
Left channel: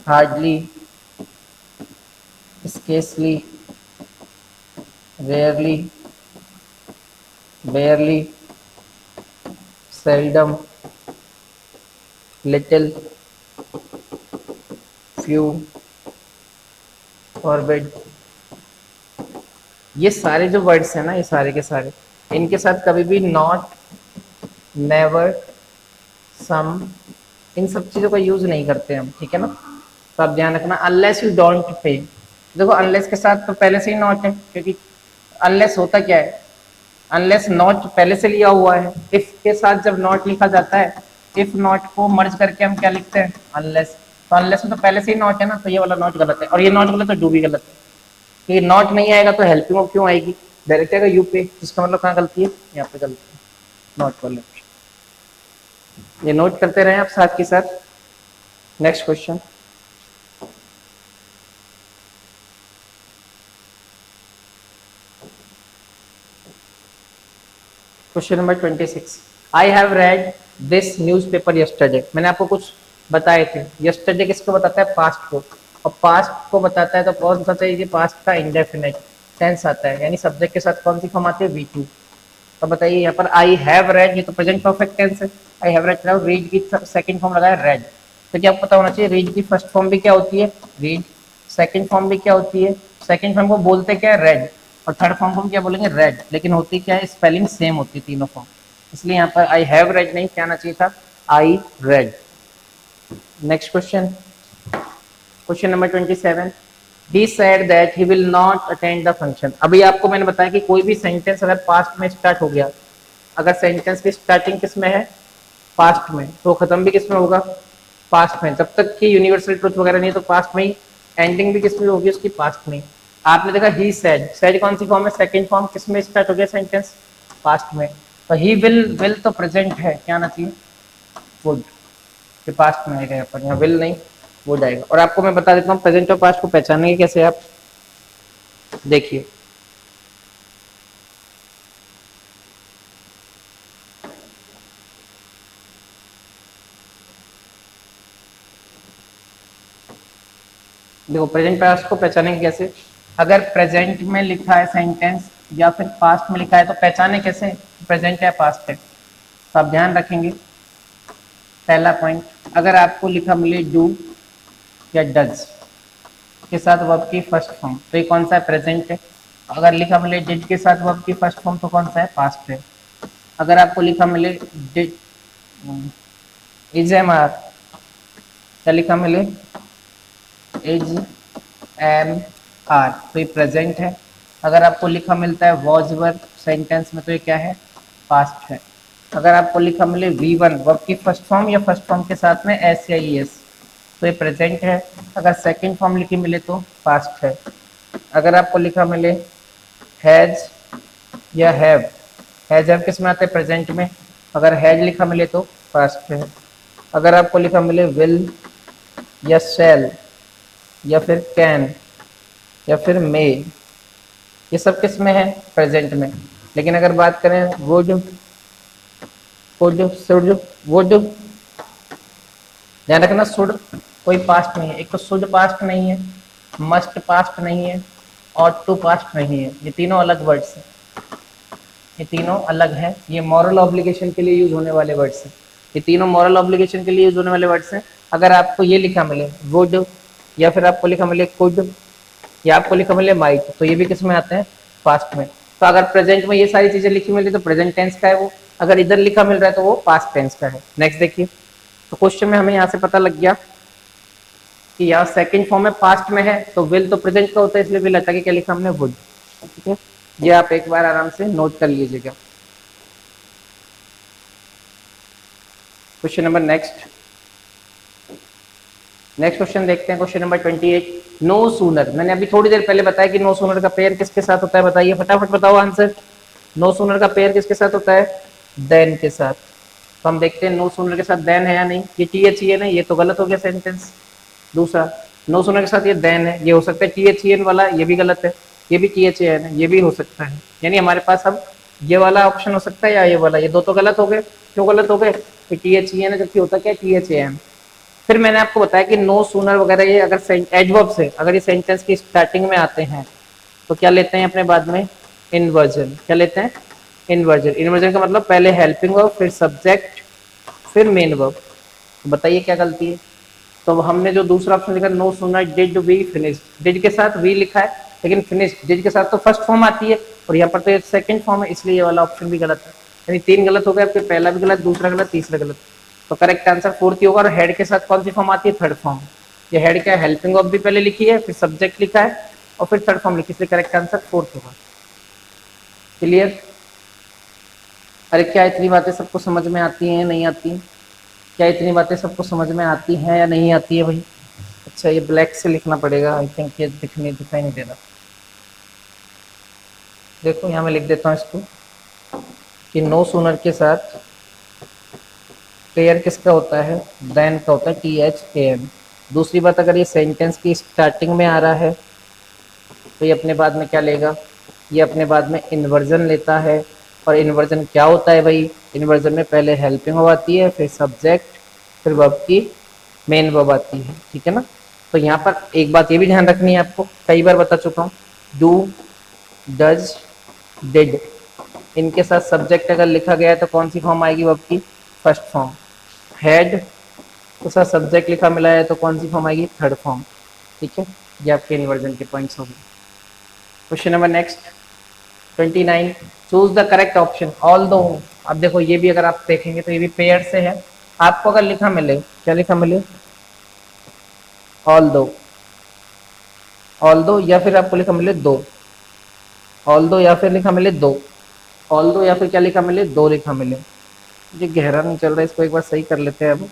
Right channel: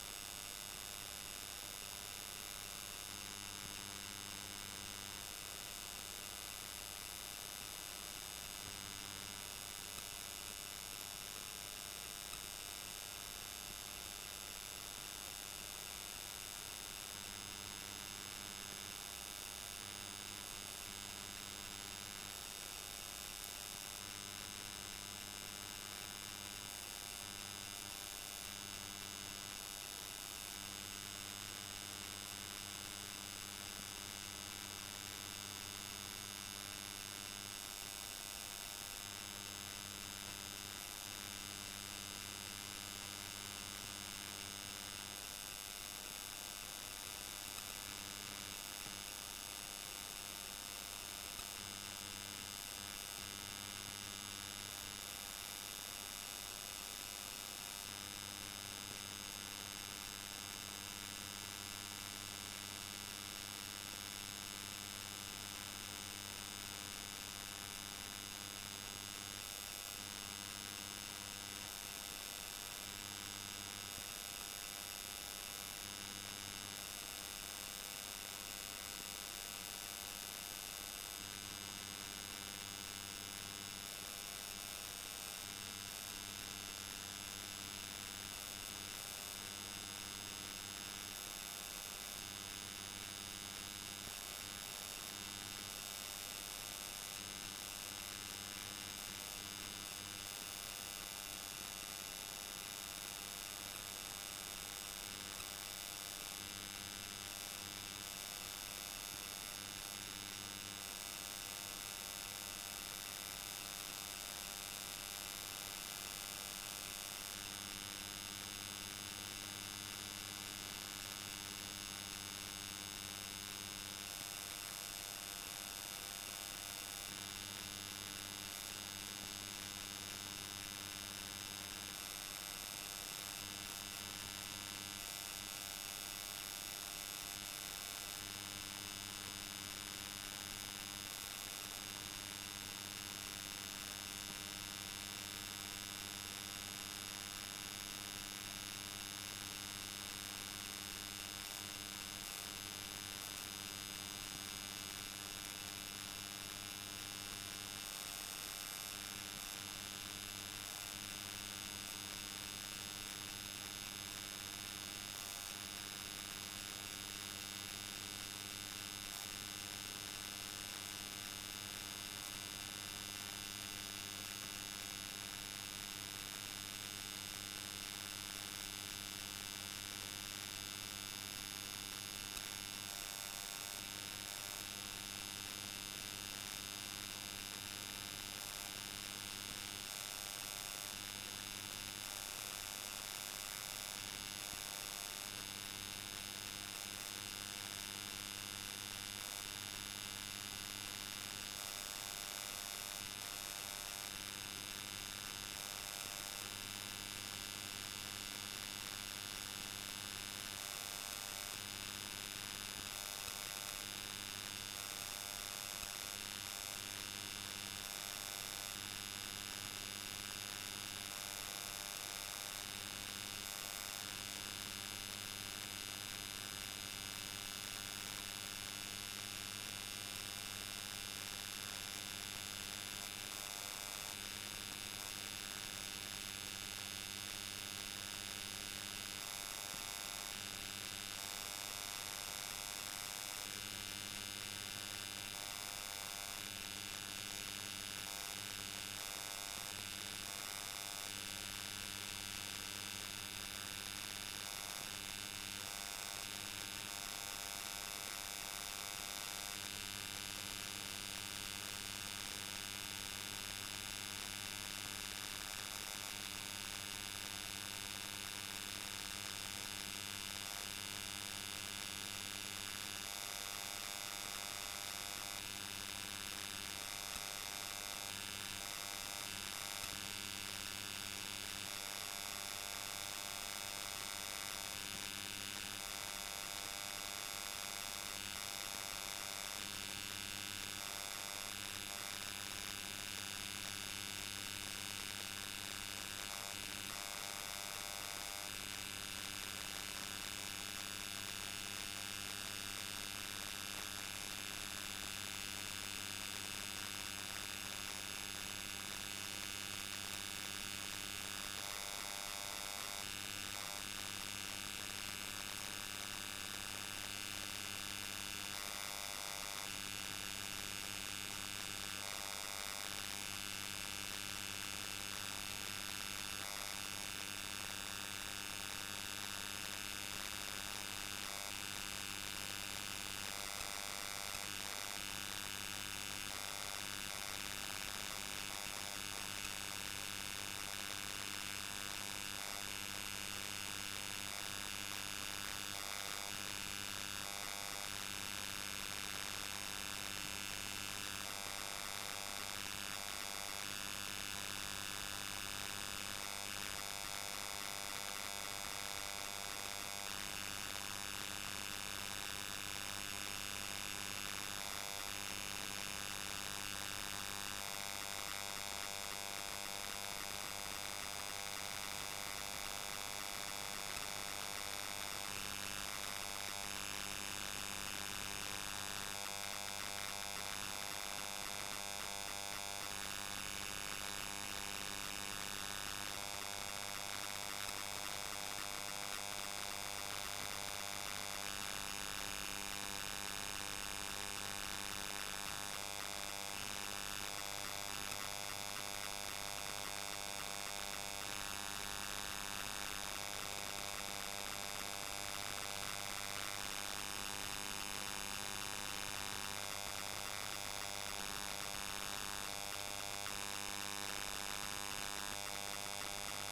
hardly, scarcely, rarely, barely, seldom, little, few, forbid, ये सारे जो वर्ड्स हैं ना, ये सारे के सारे, इनके साथ कभी भी नॉट, नेवर, सम, इन सब चीज़ों का यूज नहीं करते हम। ठीक है ना, तो आप ध्यान रखना, अनलेस यू डोंट पे, देखो अनलेस के साथ तो पहले से ही नॉट है, क्योंकि अनलेस होता क्या है, अनलेस नॉट पहले से लिया हुआ है, इफ के साथ जब नॉट लिखा जाता है, इफ नॉट को मर्ज करके हम क्या लिखते हैं, अनलेस, तो अनलेस में तो पहले से ही नॉट है ना, तो ये वाला नॉट गलत है, और ये नॉट गलत है, डू भी गलत है, तो ये नॉट नहीं आएगा तो हेल्पिंग वर्ब क्यों आएगी, डायरेक्ट आएगा यू पे, जिसका मतलब कहाँ गलती है, यहाँ पे गलती है, नॉट वाले, ये नोट करते रहे आप साथ के साथ। Next question, question number 26, I have read this newspaper yesterday, मैंने आपको कुछ बताए थे, यस्टरडे किसको बताता है, पास्ट को, और पास्ट को बताता है तो कौन सा चाहिए, पास्ट का इंडेफिनेट टेंस आता है, यानी सब्जेक्ट के साथ कौन सी फॉर्म आती है, V2। तो बताइए यहाँ पर आई हैव रेड, ये तो प्रेजेंट परफेक्ट टेंस है, आई हैव रेड, रीड की सेकंड फॉर्म लगाया रेड, तो क्या आपको पता होना चाहिए रीड की फर्स्ट फॉर्म भी क्या होती है, रीड, सेकंड फॉर्म भी क्या होती है, सेकंड फॉर्म को बोलते क्या है, रेड, और थर्ड फॉर्म को हम क्या बोलेंगे, रेड, लेकिन होती क्या है, स्पेलिंग सेम होती है तीनों फॉर्म, इसलिए यहाँ पर आई हैव रेड नहीं, क्या आना चाहिए था, I read. Next question, question number 27, he said that he will not attend the function। अभी आपको मैंने बताया कि कोई भी सेंटेंस अगर पास्ट में स्टार्ट हो गया, अगर सेंटेंस की स्टार्टिंग किस में है, पास्ट में, तो खत्म भी किस में होगा, पास्ट में, तब तक की यूनिवर्सल ट्रुथ वगैरह नहीं, तो पास्ट में ही, एंडिंग भी किस में होगी उसकी, पास्ट में। आपने देखा ही सेड, सेड कौन सी फॉर्म है, सेकंड फॉर्म, किस में स्टार्ट हो गया सेंटेंस, पास्ट में, तो ही विल तो प्रेजेंट है, क्या आना चाहिए, वुड, ये पास्ट में आएगा यहाँ पर, यहाँ विल नहीं, वुड आएगा। और आपको मैं बता देता हूँ प्रेजेंट और पास्ट को पहचानेंगे कैसे आप, देखिए, देखो प्रेजेंट पास्ट को पहचानेंगे कैसे, अगर प्रेजेंट में लिखा है सेंटेंस या फिर पास्ट में लिखा है तो पहचाने कैसे, प्रेजेंट या पास्ट है, तो आप ध्यान रखेंगे, पहला पॉइंट, अगर आपको लिखा मिले डू या डज के साथ वर्ब की फर्स्ट फॉर्म, तो ये कौन सा है, प्रेजेंट है। अगर लिखा मिले डिड के साथ वर्ब की फर्स्ट फॉर्म, तो कौन सा है, पास्ट है। अगर आपको लिखा मिले डिड, इज एम आर, क्या लिखा मिले, इज एम आर, तो ये प्रेजेंट है। अगर आपको लिखा मिलता है वॉज वर्ब सेंटेंस में, तो ये क्या है, पास्ट है। अगर आपको लिखा मिले वी वन वर्ब की फर्स्ट फॉर्म या फर्स्ट फॉर्म के साथ में एस या ई एस, तो ये प्रेजेंट है। अगर सेकंड फॉर्म लिखी मिले तो पास्ट है। अगर आपको लिखा मिले हैज या हैव, हैज हैव किस में आते हैं, प्रेजेंट में, अगर हैज लिखा मिले तो पास्ट है। अगर आपको लिखा मिले विल या शैल या फिर कैन या फिर मे, ये सब किस में है, प्रेजेंट में। लेकिन अगर बात करें वुड, शुड, वुड, ध्यान रखना शुड कोई पास्ट नहीं है, एक तो शुड पास्ट नहीं है, मस्ट पास्ट नहीं है, और टू पास्ट नहीं है, ये तीनों अलग वर्ड्स हैं, ये तीनों अलग हैं, ये मॉरल ऑब्लिगेशन के लिए यूज होने वाले वर्ड्स हैं, ये तीनों मॉरल ऑब्लिगेशन के लिए यूज होने वाले वर्ड्स हैं। अगर आपको ये लिखा मिले वुड, या फिर आपको लिखा मिले कुड, या आपको लिखा मिले माइट, तो ये भी किस में आते हैं, पास्ट में। तो अगर प्रेजेंट में ये सारी चीजें लिखी मिली तो प्रेजेंट टेंस का है वो, अगर इधर लिखा मिल रहा है तो वो पास्ट टेंस का है। नेक्स्ट देखिए, तो क्वेश्चन में हमें यहाँ से पता लग गया कि यहाँ सेकंड फॉर्म में पास्ट में है, तो विल तो प्रेजेंट का होता है, इसलिए विल हटा के क्या लिखा हमने, वुड, ठीक है। ये आप एक बार आराम से नोट कर लीजिएगा। क्वेश्चन नंबर नेक्स्ट क्वेश्चन देखते हैं, क्वेश्चन नंबर 28, नो सूनर, मैंने अभी थोड़ी देर पहले बताया कि नो सूनर का पेयर किसके साथ होता है, बताइए फटाफट बताओ आंसर, नो सूनर का पेयर किसके साथ होता है, देन के साथ। तो हम देखते हैं नो सूनर के साथ देन है या नहीं, ये टी एच ई एन है, ये तो गलत हो गया सेंटेंस। दूसरा, नो सूनर के साथ ये देन है, ये हो सकता है टी एच ई एन वाला, ये भी गलत है, ये भी टी एच ए एन है, ये भी हो सकता है, यानी हमारे पास अब ये वाला ऑप्शन हो सकता है या ये वाला, ये दो तो गलत हो गए। क्यों गलत हो गए, टी एच ई एन है जबकि होता क्या, टी एच ए एन। फिर मैंने आपको बताया कि नो सूनर वगैरह ये अगर एडवर्ब से अगर ये सेंटेंस की स्टार्टिंग में आते हैं तो क्या लेते हैं अपने बाद में, इन्वर्जन, क्या लेते हैं, इन्वर्जन। इन्वर्जन का मतलब पहले हेल्पिंग वर्ब, फिर सब्जेक्ट, फिर मेन वर्ब। तो बताइए क्या गलती है। तो हमने जो दूसरा ऑप्शन लिखा, no sooner did we finish, did के साथ वी लिखा है, लेकिन फिनिश डिड के साथ तो फर्स्ट फॉर्म आती है, और यहाँ पर तो सेकंड फॉर्म है, इसलिए ये वाला ऑप्शन भी गलत है। यानी तीन गलत हो गए आपके, पहला भी गलत, दूसरा गलत, तीसरा गलत। तो करेक्ट आंसर फोर्थ ही होगा। और हेड के साथ कौन सी फॉर्म आती है, थर्ड फॉर्म। ये हेड क्या है, हेल्पिंग वर्ब भी पहले लिखी है, फिर सब्जेक्ट लिखा है, और फिर थर्ड फॉर्म लिखी, इसलिए करेक्ट आंसर फोर्थ होगा। क्लियर। अरे क्या इतनी बातें सबको समझ में आती हैं, नहीं आती, क्या इतनी बातें सबको समझ में आती हैं या नहीं आती है भाई। अच्छा ये ब्लैक से लिखना पड़ेगा, आई थिंक ये दिखाई नहीं दे रहा। देखो यहाँ मैं लिख देता हूँ इसको कि नो सूनर के साथ पेयर किसका होता है, देन का होता है, टी एच ए एन। दूसरी बात, अगर ये सेंटेंस की स्टार्टिंग में आ रहा है तो ये अपने बाद में क्या लेगा, ये अपने बाद में इन्वर्जन लेता है। और इन्वर्जन क्या होता है भाई, इन्वर्जन में पहले हेल्पिंग वर्ब आती है, फिर सब्जेक्ट, फिर वर्ब की मेन वर्ब आती है, ठीक है ना। तो यहाँ पर एक बात ये भी ध्यान रखनी है आपको, कई बार बता चुका हूँ, डू, डज, डिड, इनके साथ सब्जेक्ट अगर लिखा गया है तो कौन सी फॉर्म आएगी वर्ब की, फर्स्ट फॉर्म। हेड के साथ सब्जेक्ट लिखा मिला है तो कौन सी फॉर्म आएगी, थर्ड फॉर्म, ठीक है। ये आपके इन्वर्जन के पॉइंट्स होंगे। Question number next 29, choose the correct option all दो। अब देखो ये भी अगर आप देखेंगे तो ये भी पेयर से है। आपको अगर लिखा मिले, क्या लिखा मिले, ऑल दो या फिर आपको लिखा मिले दो, ऑल दो या फिर लिखा मिले दो, ऑल दो या फिर क्या लिखा मिले, दो लिखा मिले। ये गहरा नहीं चल रहा है, इसको एक बार सही कर लेते हैं। अब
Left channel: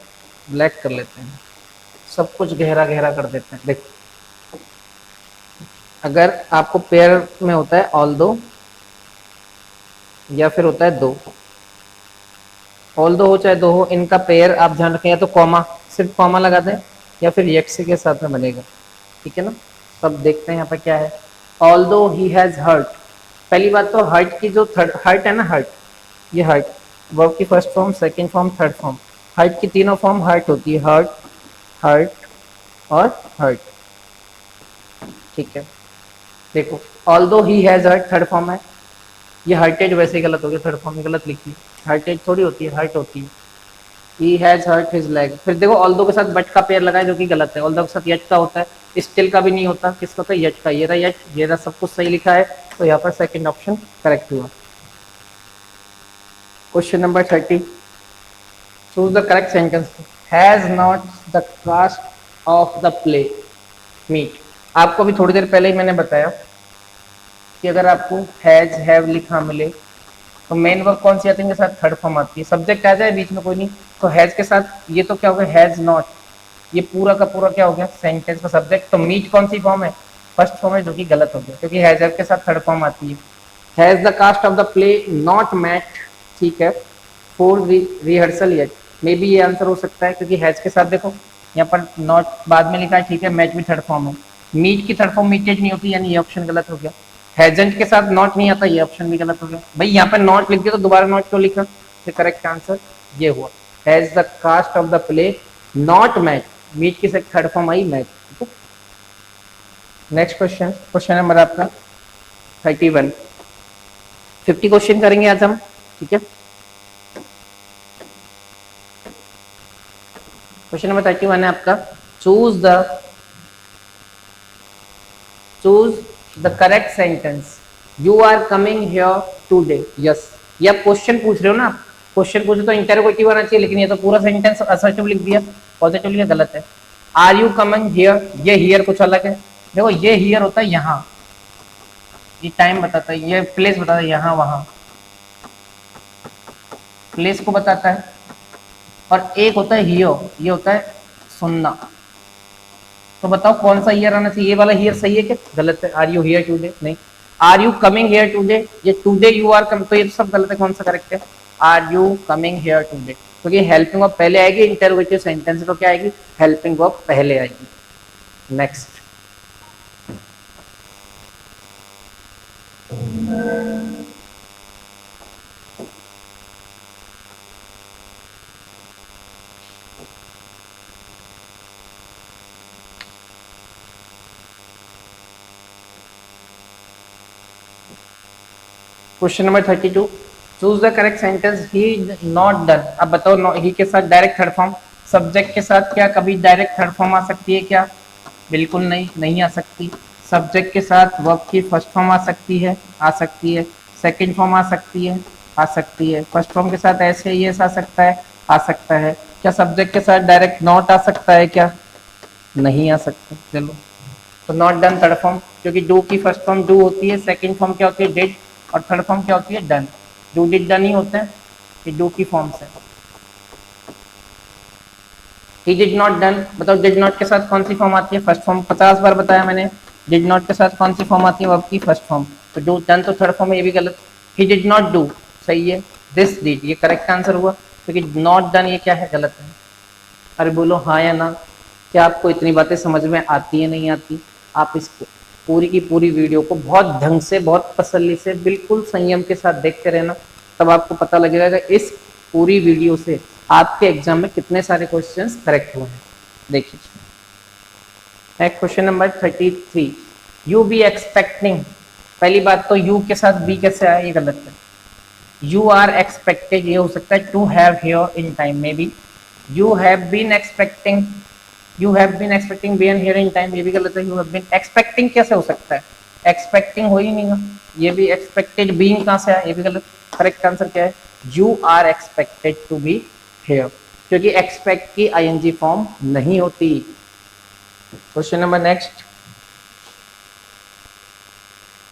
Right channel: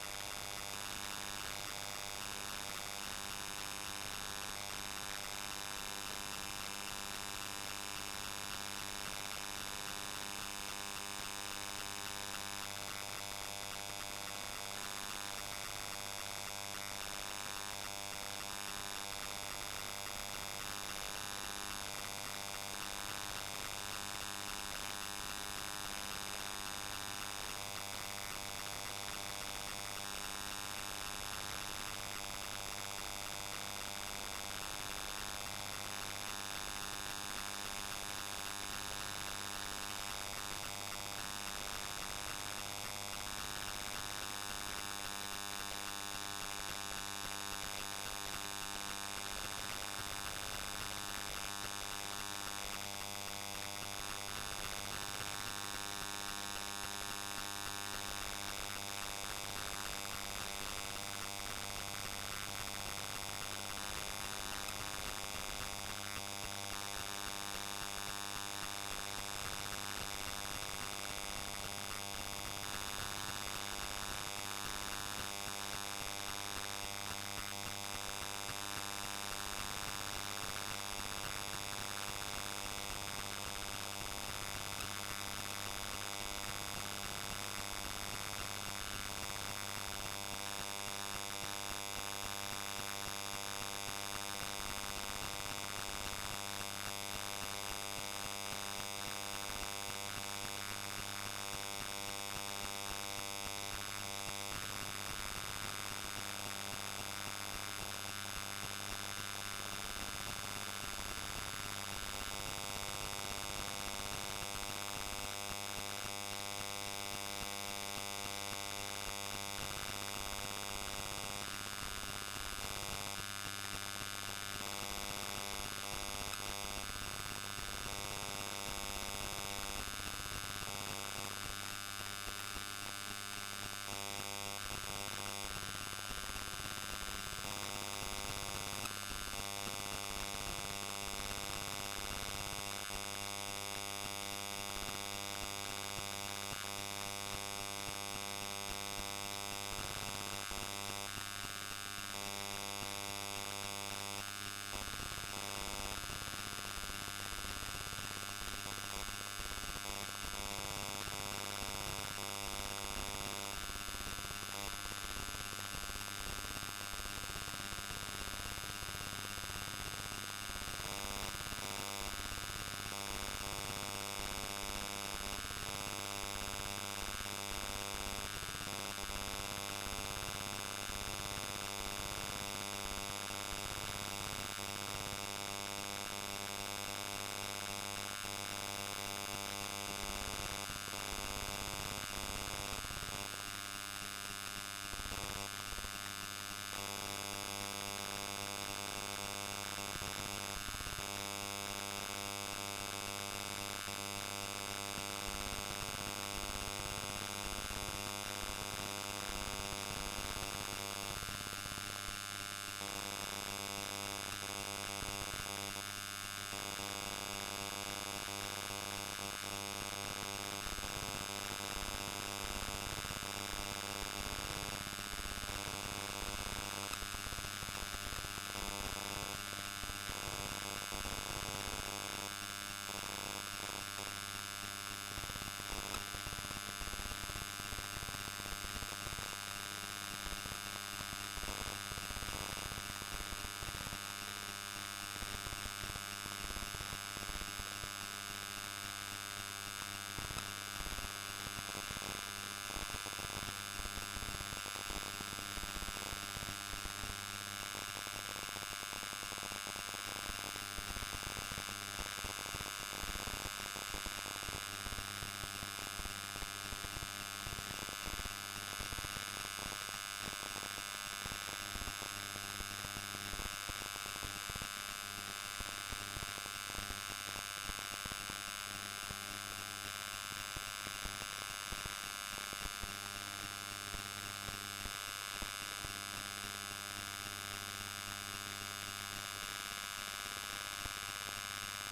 ब्लैक कर लेते हैं, सब कुछ गहरा गहरा कर देते हैं। देखिए अगर आपको पेयर में होता है ऑल दो या फिर होता है दो, ऑल दो हो चाहे दो हो, इनका पेयर आप ध्यान रखें, या तो कॉमा, सिर्फ कॉमा लगा दें, या फिर यक्स के साथ में बनेगा। ठीक है ना। तब देखते हैं यहाँ पर क्या है। ऑल दो ही हैज हर्ट, पहली बात तो हर्ट की जो थर्ड हर्ट है ना, हर्ट, ये हर्ट वर्ब की first form, second form, third form, hurt की तीनों फॉर्म हर्ट होती है, हर्ट, हर्ट और हर्ट। ठीक है, देखो although he has hurt third form है, ये हर्टेड वैसे ही गलत हो गया, थर्ड फॉर्म में गलत लिखी, हर्टेड थोड़ी होती है, हर्ट होती है। He has hurt his leg, फिर देखो ऑल्दो के साथ बट का पेयर लगाए जो कि गलत है, ऑल्दो के साथ यट का होता है, स्टिल का भी नहीं होता, किसका होता है, यट का। ये रहा यट, ये रहा, सब कुछ सही लिखा है, तो यहाँ पर सेकंड ऑप्शन करेक्ट हुआ। Question number 30, choose the correct sentence. Has not the cast of the play meet. आपको भी थोड़ी देर पहले ही मैंने बताया कि अगर आपको हैज हैव लिखा मिले तो मेन वर्ब कौन सी आती है, इनके साथ थर्ड फॉर्म आती है, सब्जेक्ट आ जाए बीच में कोई नहीं, तो हैज के साथ ये तो क्या हो गया, हैज नॉट, ये पूरा का पूरा क्या हो गया, सेंटेंस का सब्जेक्ट। तो मीट कौन सी फॉर्म है, फर्स्ट फॉर्म है, जो कि गलत हो गया, क्योंकि हैज के साथ थर्ड फॉर्म आती है। Has the cast of the play not met, ठीक है, for rehearsal yet, maybe ये आंसर हो सकता है, क्योंकि हैज के साथ देखो यहाँ पर नॉट बाद में लिखा है, ठीक है, मैच भी थर्ड फॉर्म है, मीट की थर्ड फॉर्म मीटेज नहीं होती, यानी ये ऑप्शन गलत हो गया। हैजेंट के साथ नॉट नहीं आता, ये ऑप्शन भी गलत हो गया। भाई यहाँ पे नॉट लिख दिया तो दोबारा नॉट क्यों लिखा, तो करेक्ट आंसर ये हुआ, has the cast of the play not match, meet की थर्ड फॉर्म आई match. Next question, question number आपका 31, 50 क्वेश्चन करेंगे आज हम, ठीक है। क्वेश्चन नंबर 31 है आपका, choose the correct sentence, you are coming here today. Yes, ये आप क्वेश्चन पूछ रहे हो ना, क्वेश्चन पूछे तो इंटरोगेटिव आना चाहिए, लेकिन ये तो पूरा सेंटेंस असर्टिव लिख दिया, पॉजिटिव लिखा, गलत है। आर यू कमिंग हियर, ये हियर कुछ अलग है, देखो ये हियर होता है यहाँ, ये टाइम बताता है, ये प्लेस बताता है, यहाँ वहाँ प्लेस को बताता है, और एक होता है हियर, ये होता है सुनना। तो बताओ कौन सा ईयर आना चाहिए, ये वाला ईयर सही है क्या, गलत है। आर यू हियर टुडे, नहीं, are you coming here today, ये टुडे यू आर कमिंग, तो ये सब गलत है, कौन सा करेक्ट है, are you coming here today, क्योंकि हेल्पिंग वर्ब पहले आएगी, इंटरोगेटिव सेंटेंस तो क्या आएगी, हेल्पिंग वर्ब पहले आएगी। Next, question number 32, choose the correct sentence, he not done. अब बताओ, ही के साथ डायरेक्ट थर्ड फॉर्म, सब्जेक्ट के साथ क्या कभी डायरेक्ट थर्ड फॉर्म आ सकती है क्या, बिल्कुल नहीं, नहीं आ सकती। सब्जेक्ट के साथ वर्ब की फर्स्ट फॉर्म आ सकती है, आ सकती है, सेकंड फॉर्म आ सकती है, आ सकती है, फर्स्ट फॉर्म के साथ ऐसे ही आ सकता है, आ सकता है। क्या सब्जेक्ट के साथ डायरेक्ट नॉट आ सकता है क्या, नहीं आ सकता। चलो, तो नॉट डन थर्ड फॉर्म, क्योंकि डू की फर्स्ट फॉर्म डू होती है, सेकंड फॉर्म क्या होती है, डिड, और थर्ड फॉर्म क्या होती है, डन। डू डिड डन ही होते हैं, ये डू की फॉर्म से। ही डिड नॉट डन, बताओ डिड नॉट के साथ कौन सी फॉर्म आती है, फर्स्ट फॉर्म, 50 बार बताया मैंने, डिड नॉट के साथ कौन सी फॉर्म आती है, वर्ब की फर्स्ट फॉर्म। तो डू डन तो थर्ड फॉर्म है, ये भी गलत। ही डिड नॉट डू सही है, दिस डिड ये करेक्ट आंसर हुआ, क्योंकि नॉट डन ये क्या है, गलत है। अरे बोलो हाँ या ना, क्या आपको इतनी बातें समझ में आती है, नहीं आती। आप इस पूरी की पूरी वीडियो को बहुत ढंग से, बहुत तसल्ली से, बिल्कुल संयम के साथ देखते रहना, तब आपको पता लगेगा कि इस पूरी वीडियो से आपके एग्जाम में कितने सारे क्वेश्चंस करेक्ट हुए हैं। देखिए next question number 33, you be expecting. पहली बात तो यू के साथ बी कैसे आया, ये गलत है। यू आर एक्सपेक्टेड, ये हो सकता है to have here in time, maybe you have been expecting, you have been expecting been here in time, ये भी गलत है। यू हैव बीन एक्सपेक्टिंग कैसे हो सकता है, एक्सपेक्टिंग हो ही नहीं है, ये भी एक्सपेक्टेड बीइंग कहाँ से आया, ये भी गलत। करेक्ट आंसर क्या है, you are expected to be here, क्योंकि एक्सपेक्ट की आईएनजी फॉर्म नहीं होती। Question number next,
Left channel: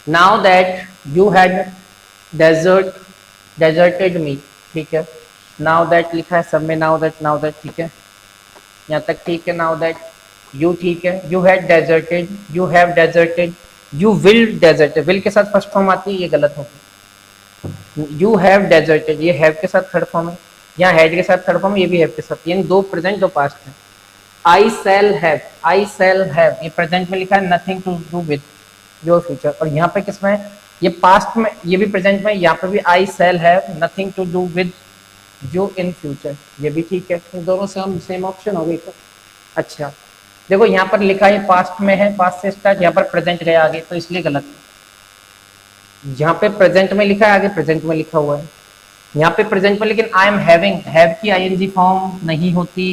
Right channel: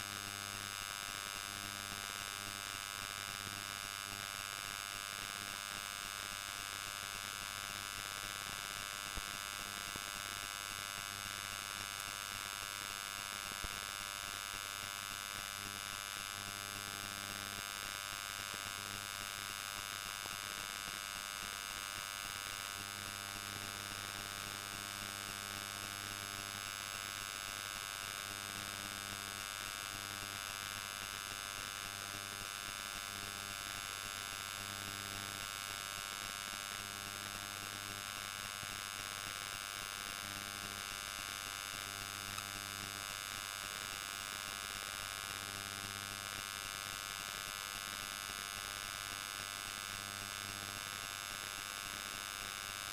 now that you had deserted me, ठीक है, नाउ दैट लिखा है सब में, नाउ दैट ठीक है, यहाँ तक ठीक है। नाउ दैट यू ठीक है, you had deserted, you have deserted, you will deserted, will के साथ फर्स्ट फॉर्म आती है, ये गलत होगी। यू हैव डेजर्टेड, ये हैव के साथ थर्ड फॉर्म है, यहाँ हैड के साथ थर्ड फॉर्म है, ये भी हैव के साथ, यानी दो प्रेजेंट दो पास्ट है। आई सेल हैव, ये प्रेजेंट में लिखा है, nothing to do with your future, और यहाँ पे किसमें है, ये पास्ट में, ये भी प्रेजेंट में, यहाँ पे भी I shall have nothing to do with you in future, ये भी ठीक है। तो दोनों सेम ऑप्शन हो गई। तो अच्छा देखो यहाँ पर लिखा है पास्ट में है, पास्ट से स्टार्ट, यहाँ पर प्रेजेंट गया आगे, तो इसलिए गलत है। यहाँ पे प्रेजेंट में लिखा है, आगे प्रेजेंट में लिखा हुआ है, यहाँ पे प्रेजेंट में, लेकिन आई एम हैविंग, हैव की आईएनजी फॉर्म नहीं होती,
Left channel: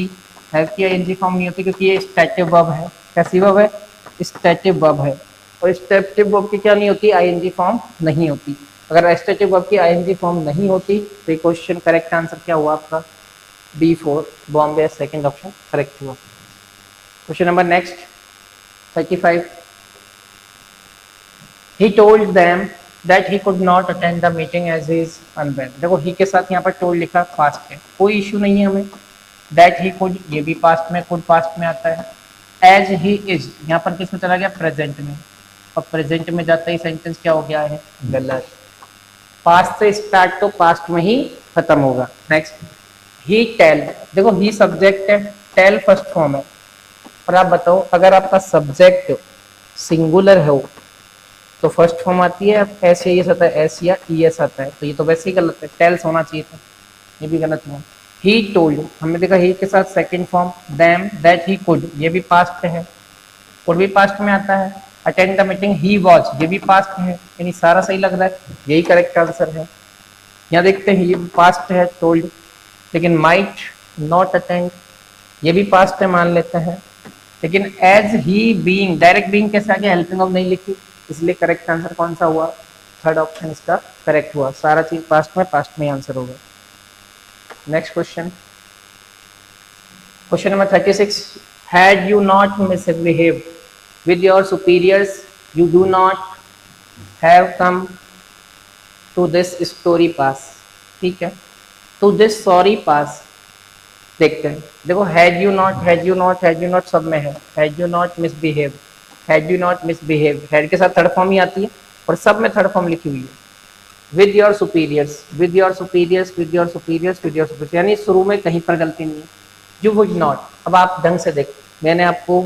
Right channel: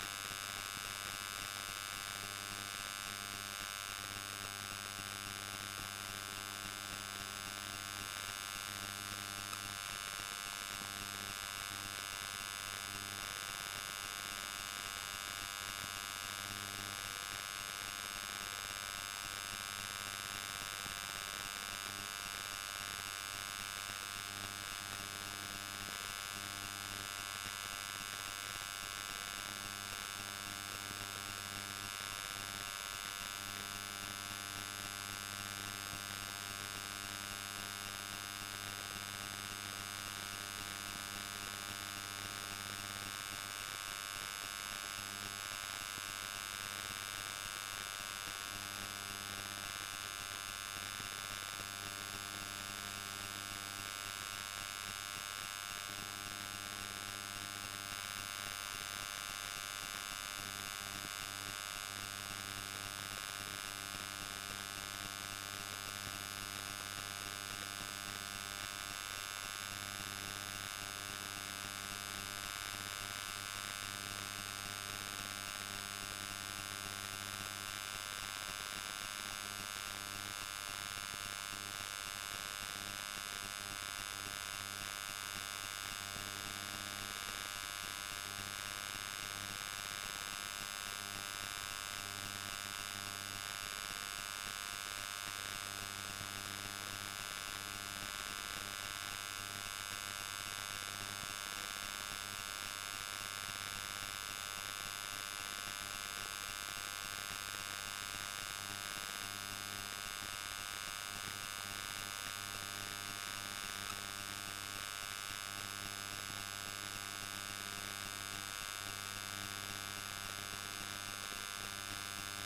हैव की आईएनजी फॉर्म नहीं होती, क्योंकि ये स्टैटिव वर्ब है। कैसी वर्ब है, स्टैटिव वर्ब है, और स्टैटिव वर्ब की क्या नहीं होती, आईएनजी फॉर्म नहीं होती। अगर स्टैटिव वर्ब की आईएनजी फॉर्म नहीं होती तो ये क्वेश्चन करेक्ट आंसर क्या हुआ आपका, B4 Bombay, second option correct हुआ। Question number next 35, he told them that he could not attend the meeting as he is unwell। देखो ही के साथ यहाँ पर टोल्ड लिखा पास्ट है, कोई इशू नहीं है हमें। दैट ही कुड, ये भी पास्ट में, कुड पास्ट में आता है। एज ही इज, यहाँ पर किसमें चला गया, प्रेजेंट में, और प्रेजेंट में जाता ही सेंटेंस क्या हो गया है, गलत। पास्ट से स्टार्ट तो पास्ट में ही खत्म होगा। नेक्स्ट, ही टेल, देखो ही सब्जेक्ट है, टेल फर्स्ट फॉर्म है, और आप बताओ अगर आपका सब्जेक्ट सिंगुलर है तो फर्स्ट फॉर्म आती है एस या एस आता है, एस या ई एस आता है, तो ये तो वैसे ही गलत है, टेल्स होना चाहिए था, ये भी गलत है। ही टोल्ड, हमने देखा ही के साथ second form, them that he could, ये भी पास्ट है, कुड भी पास्ट में आता है। Attend the meeting, he was, ये भी पास्ट है, यानी सारा सही लग रहा है, यही करेक्ट आंसर है। यहाँ देखते हैं, ये पास्ट है टोल्ड, लेकिन माइट नॉट अटेंड, ये भी पास्ट है मान लेते हैं, लेकिन as he being, direct being कैसे आगे, हेल्पिंग ऑफ नहीं लिखी, इसलिए करेक्ट आंसर कौन सा हुआ, थर्ड ऑप्शन इसका करेक्ट हुआ। सारा चीज पास्ट में आंसर होगा। Next question, question number 36, had you not misbehaved with your superiors you do not have come to this story pass, ठीक है, टू दिस सॉरी पास। देखते हैं, देखो had you not, had you not, had you not सब में है, had you not misbehave, had you not misbehave, had के साथ थर्ड फॉर्म ही आती है, और सब में थर्ड फॉर्म लिखी हुई है। With your superiors, with your superiors, with your superiors, with your superiors, यानी शुरू में कहीं पर गलती नहीं है। यू वुड नॉट, अब आप ढंग से देखो, मैंने आपको,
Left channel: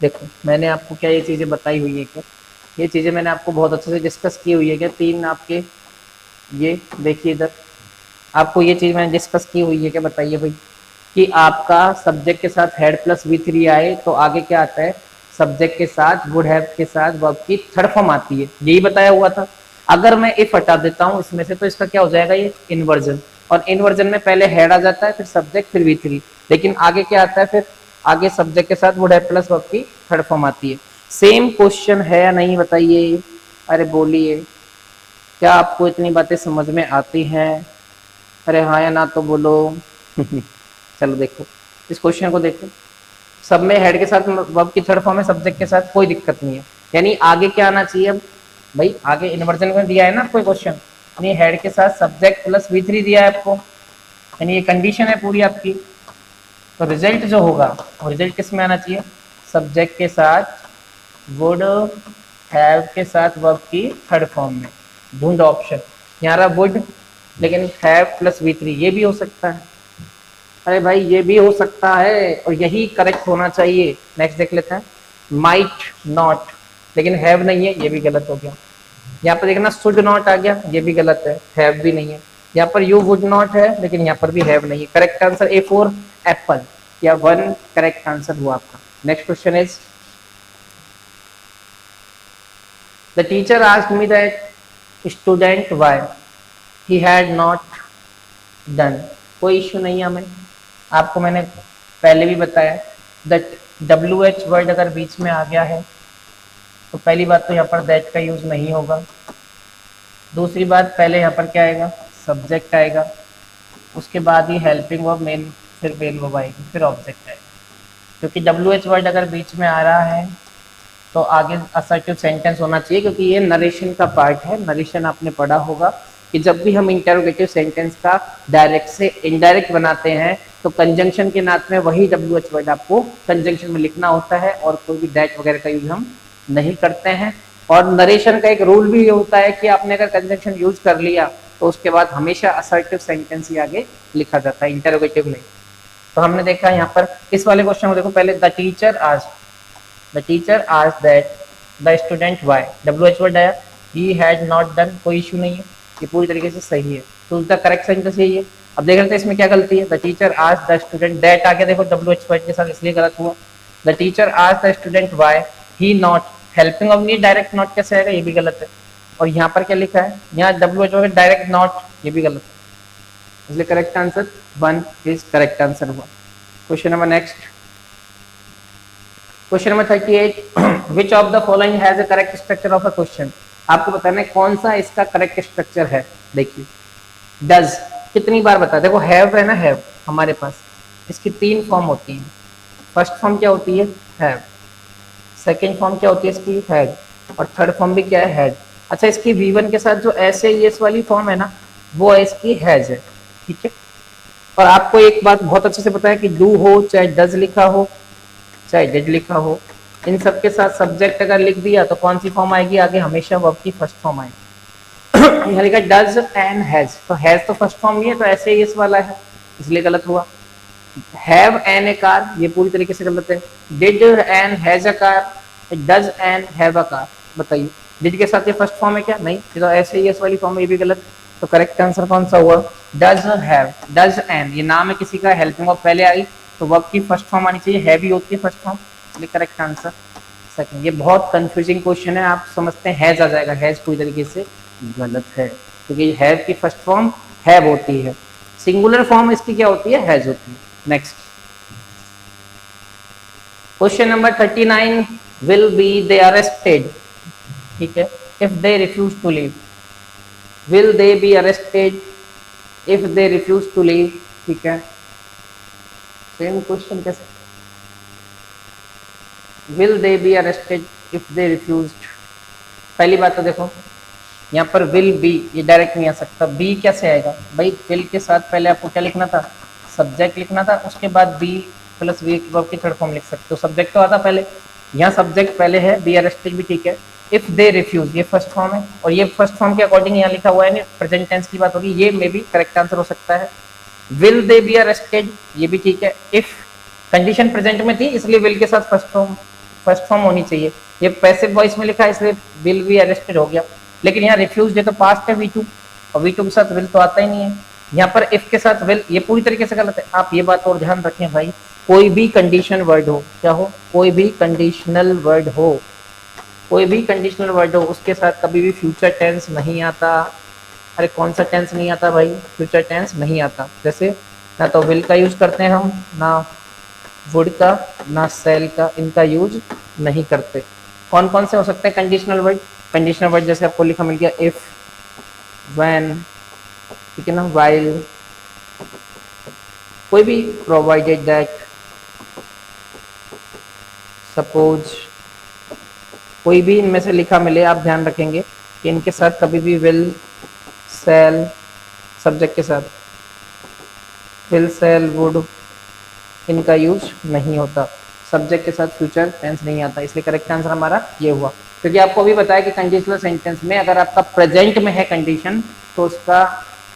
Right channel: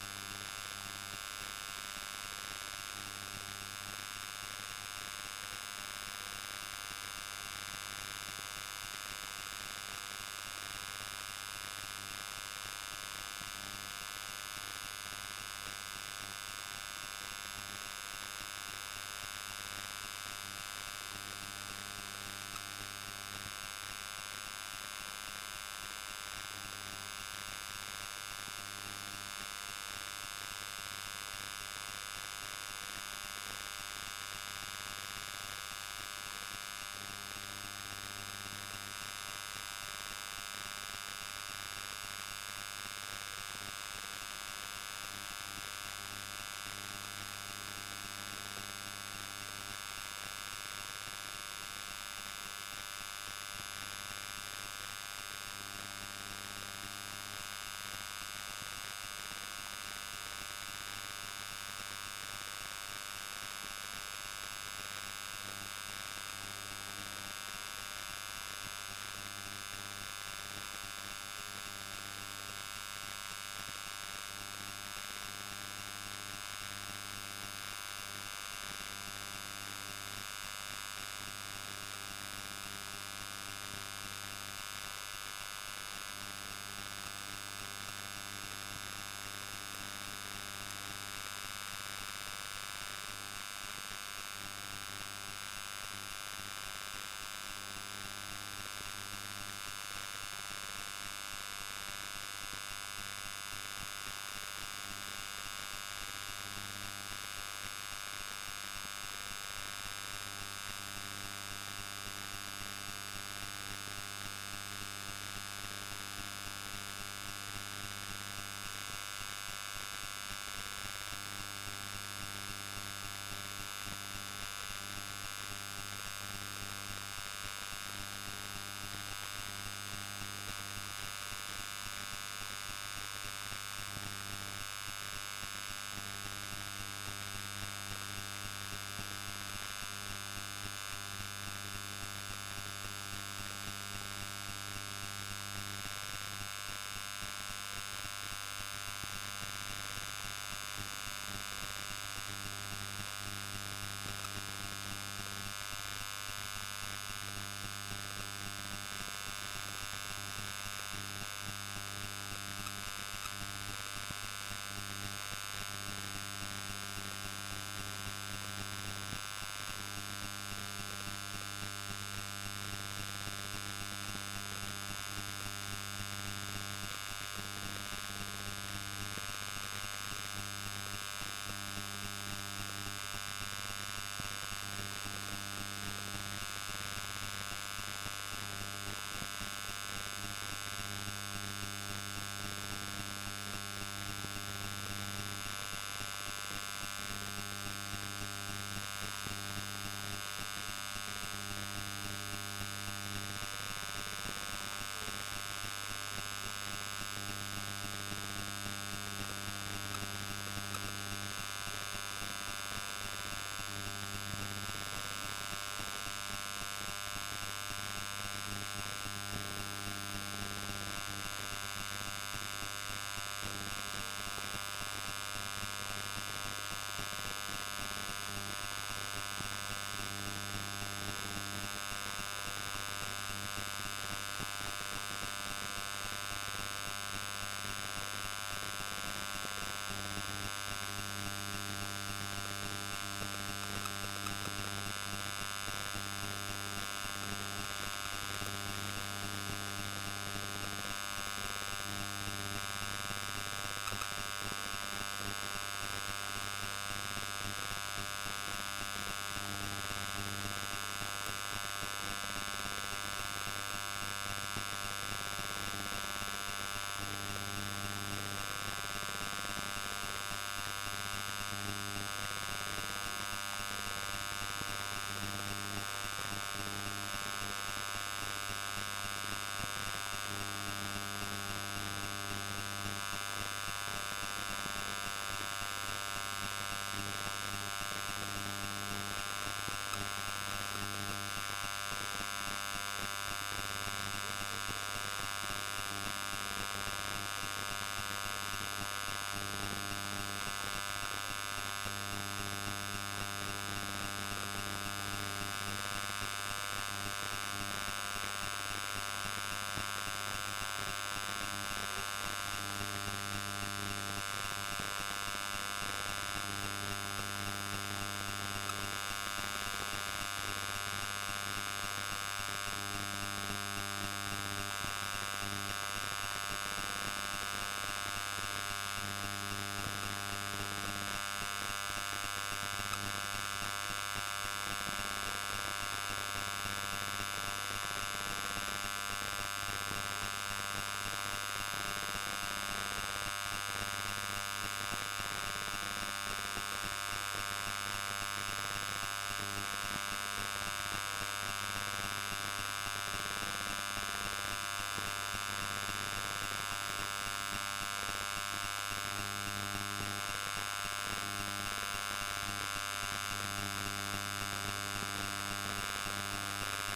देखो मैंने आपको क्या ये चीज़ें बताई हुई है, क्या ये चीज़ें मैंने आपको बहुत अच्छे से डिस्कस की हुई है क्या, तीन आपके, ये देखिए इधर, आपको ये चीज़ मैंने डिस्कस की हुई है क्या, बताइए भाई, कि आपका सब्जेक्ट के साथ हेड प्लस V3 आए तो आगे क्या आता है, सब्जेक्ट के साथ वुड हैव के साथ वर्ब की थर्ड फॉर्म आती है, यही बताया हुआ था। अगर मैं इफ हटा देता हूँ इसमें से तो इसका क्या हो जाएगा, ये इन्वर्जन, और इन्वर्जन में पहले हेड आ जाता है, फिर सब्जेक्ट, फिर V3, लेकिन आगे क्या आता है, फिर आगे सब्जेक्ट के साथ वुड हैव प्लस वर्ब की थर्ड फॉर्म आती है। सेम क्वेश्चन है या नहीं बताइए, अरे बोलिए, क्या आपको इतनी बातें समझ में आती हैं, अरे हाँ या ना तो बोलो। चलो देखो इस क्वेश्चन को देखो, सब में हेड के साथ वर्ब की थर्ड फॉर्म है, सब्जेक्ट के साथ कोई दिक्कत नहीं है, यानी आगे क्या आना चाहिए, अब भाई आगे इन्वर्जन में दिया है ना कोई क्वेश्चन, यानी हेड के साथ सब्जेक्ट प्लस V3 दिया है आपको, यानी ये कंडीशन है पूरी आपकी, तो रिजल्ट जो होगा वो रिजल्ट किस में आना चाहिए, सब्जेक्ट के साथ वुड हैव के साथ वर्ब की थर्ड फॉर्म में, ढूंढ ऑप्शन, यहाँ रहा वुड, लेकिन हैव प्लस V3 ये भी हो सकता है, अरे भाई ये भी हो सकता है, और यही करेक्ट होना चाहिए। नेक्स्ट देख लेते हैं, माइट नॉट, लेकिन हैव नहीं है, ये भी गलत हो गया। यहाँ पर देखना शुड नॉट आ गया, ये भी गलत है, हैव भी नहीं है। यहाँ पर यू वुड नॉट है, लेकिन यहाँ पर भी हैव नहीं है। करेक्ट आंसर A4 एप्पल, या 1 करेक्ट आंसर हुआ आपका। Next question is, the teacher asked me that student why he had not done, कोई इश्यू नहीं है हमें, आपको मैंने पहले भी बताया, दैट WH वर्ड अगर बीच में आ गया है तो पहली बात तो यहाँ पर दैट का यूज नहीं होगा। दूसरी बात, पहले यहाँ पर क्या आएगा, सब्जेक्ट आएगा, उसके बाद ही हेल्पिंग वर्ब मेन, फिर मेन वर्ब आएगी, फिर ऑब्जेक्ट आएगा। क्योंकि WH वर्ड अगर बीच में आ रहा है तो आगे असर्टिव सेंटेंस होना चाहिए, क्योंकि ये नरेशन का पार्ट है। नरेशन आपने पढ़ा होगा कि जब भी हम इंटरोगेटिव सेंटेंस का डायरेक्ट से इनडायरेक्ट बनाते हैं तो कंजंक्शन के नाथ में वही WH वर्ड आपको कंजंक्शन में लिखना होता है, और कोई भी दैट वगैरह का यूज हम नहीं करते हैं। और नरेशन का एक रूल भी ये होता है कि आपने अगर कंजंक्शन यूज कर लिया तो उसके बाद हमेशा असर्टिव सेंटेंस ही आगे लिखा जाता है, इंटरोगेटिव नहीं। तो हमने देखा यहाँ पर इस वाले क्वेश्चन को देखो, पहले the teacher asked that the student why, WH word आया, ही हैड नॉट डन, कोई इशू नहीं है, ये पूरी तरीके से सही है, तो द करेक्ट सेंटेंस यही है। अब देख रहे थे इसमें क्या गलती है, the teacher asked the student, that आगे देखो WH वर्ड के साथ, इसलिए गलत हुआ। The teacher asked the student why he not, helping of need direct not कैसे आएगा, ये भी गलत है। और यहाँ पर क्या लिखा है, यहाँ WH वर्ड डायरेक्ट नॉट, ये भी गलत है, इसलिए correct answer 1 is correct answer हुआ। Question number next, question number 38, which of the following has a correct structure of a question, आपको बताना है कौन सा इसका करेक्ट स्ट्रक्चर है। देखिए डज कितनी बार बता, देखो हैव है ना, हैव हमारे पास इसकी 3 फॉर्म होती हैं। फर्स्ट फॉर्म क्या होती है, हैव, सेकेंड फॉर्म क्या होती है इसकी, हैड, और थर्ड फॉर्म भी क्या है, हैड। अच्छा, इसकी V1 के साथ जो ऐसे एस वाली फॉर्म है ना, वो है इसकी हैज है, ठीक है। और आपको एक बात बहुत अच्छे से पता है कि डू हो चाहे डज लिखा हो चाहे डिड लिखा हो, इन सब के साथ सब्जेक्ट अगर लिख दिया तो कौन सी फॉर्म आएगी आगे, हमेशा वर्ब की फर्स्ट फॉर्म आएगी। यहाँ लिखा डज एंड हैज, तो हैज तो फर्स्ट फॉर्म नहीं है, तो ऐसे ही इस वाला है, इसलिए गलत हुआ। हैव एन ए कार, ये पूरी तरीके से गलत है। Did and has a car, does and have a car, बताइए डिड के साथ ये फर्स्ट फॉर्म है क्या, नहीं, तो ऐसे ही इस वाली फॉर्म में, ये भी गलत। तो करेक्ट आंसर कौन सा हुआ, डज हैव, डज एंड, ये नाम है किसी का, हेल्पिंग वर्ब पहले आई तो वर्ब की फर्स्ट फॉर्म आनी चाहिए, है भी होती है फर्स्ट फॉर्म, इसलिए करेक्ट आंसर सेकंड। ये बहुत कंफ्यूजिंग क्वेश्चन है, आप समझते हैं हैज आ जाएगा, हैज पूरी तरीके से गलत है, क्योंकि हैव की फर्स्ट फॉर्म हैव होती है, सिंगुलर फॉर्म इसकी क्या होती है, हैज होती है। Next question number 39, will be they arrested, ठीक है, if they refuse to leave, will they be arrested if they refuse to leave, ठीक है। सेम क्वेश्चन कैसे, will they be arrested if they refuse, पहली बात तो देखो यहाँ पर विल बी, ये डायरेक्ट नहीं आ सकता, बी कैसे आएगा भाई, विल के साथ पहले आपको क्या लिखना था, सब्जेक्ट लिखना था, उसके बाद बी प्लस वी वर्ब की थर्ड फॉर्म लिख सकते हो, सब्जेक्ट तो आता पहले, यहाँ सब्जेक्ट पहले है, बी अरेस्टेड भी ठीक है, इफ दे रिफ्यूज ये फर्स्ट फॉर्म है, और ये फर्स्ट फॉर्म के अकॉर्डिंग यहाँ लिखा हुआ है नहीं, प्रेजेंट टेंस की बात होगी, ये मे भी करेक्ट आंसर हो सकता है। विल दे बी अरेस्टेड, ये भी ठीक है, इफ कंडीशन प्रेजेंट में थी इसलिए विल के साथ फर्स्ट फॉर्म होनी चाहिए, ये पैसिव वॉइस में लिखा है इसलिए विल बी अरेस्टेड हो गया। लेकिन यहाँ रिफ्यूज ये तो पास्ट है V2, और V2 के साथ विल तो आता ही नहीं है। यहाँ पर इफ के साथ विल, ये पूरी तरीके से गलत है। आप ये बात और ध्यान रखें भाई, कोई भी कंडीशन वर्ड हो, क्या हो, कोई भी कंडीशनल वर्ड हो, कोई भी कंडीशनल वर्ड हो, उसके साथ कभी भी फ्यूचर टेंस नहीं आता। अरे कौन सा टेंस नहीं आता भाई, फ्यूचर टेंस नहीं आता। जैसे ना तो विल का यूज करते हैं हम, ना वुड का, ना सेल का, इनका यूज नहीं करते। कौन कौन से हो सकते हैं कंडीशनल वर्ड, कंडीशनल वर्ड जैसे आपको लिखा मिल गया, इफ, व्हेन, ठीक है ना, व्हाइल, कोई भी, प्रोवाइडेड दैट, सपोज, कोई भी इनमें से लिखा मिले, आप ध्यान रखेंगे कि इनके साथ कभी भी विल, सेल, सब्जेक्ट के साथ विल, सेल, वुड, इनका यूज नहीं होता, सब्जेक्ट के साथ फ्यूचर टेंस नहीं आता, इसलिए करेक्ट आंसर हमारा ये हुआ। क्योंकि आपको अभी बताया कि कंडीशनल सेंटेंस में अगर आपका प्रेजेंट में है कंडीशन तो उसका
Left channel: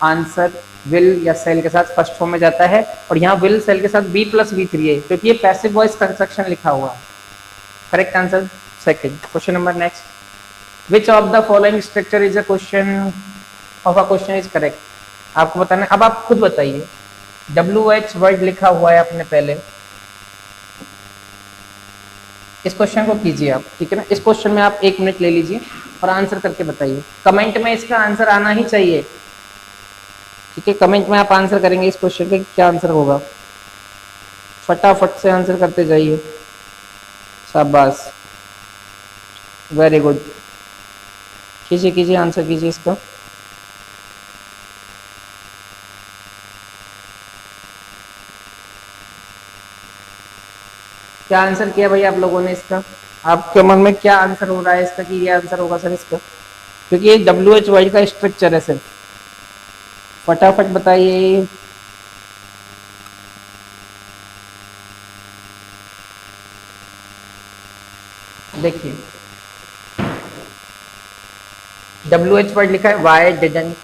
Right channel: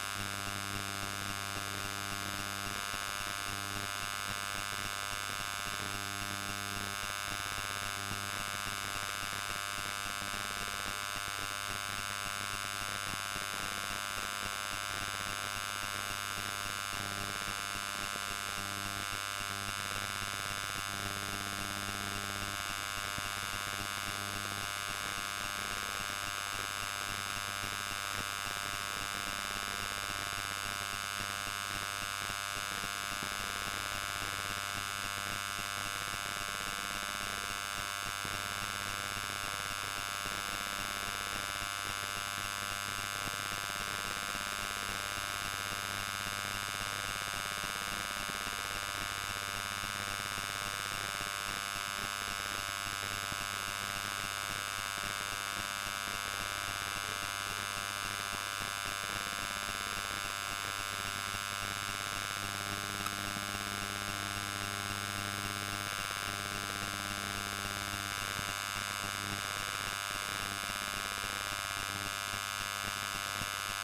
आंसर विल या सेल के साथ फर्स्ट फॉर्म में जाता है, और यहाँ विल सेल के साथ बी प्लस V3 है, क्योंकि ये पैसिव वॉइस कंस्ट्रक्शन लिखा हुआ है। Correct answer second. Question number next, which of the following structure is a question of a question is correct, आपको बताना है। अब आप खुद बताइए, WH वर्ड लिखा हुआ है आपने पहले, इस क्वेश्चन को कीजिए आप, ठीक है ना। इस क्वेश्चन में आप 1 मिनट ले लीजिए और आंसर करके बताइए, कमेंट में इसका आंसर आना ही चाहिए, ठीक है। कमेंट में आप आंसर करेंगे इस क्वेश्चन का क्या आंसर होगा, फटाफट से आंसर करते जाइए। शाबाश, वेरी गुड। कीजिए कीजिए, आंसर कीजिए इसका। क्या आंसर किया भाई आप लोगों ने इसका? आपके मन में क्या आंसर हो रहा है इसका कि ये आंसर होगा सर इसका? क्योंकि ये WHY का स्ट्रक्चर है सर। फटाफट बताइए। देखिए, WH वर्ड लिखा है, Y didn't.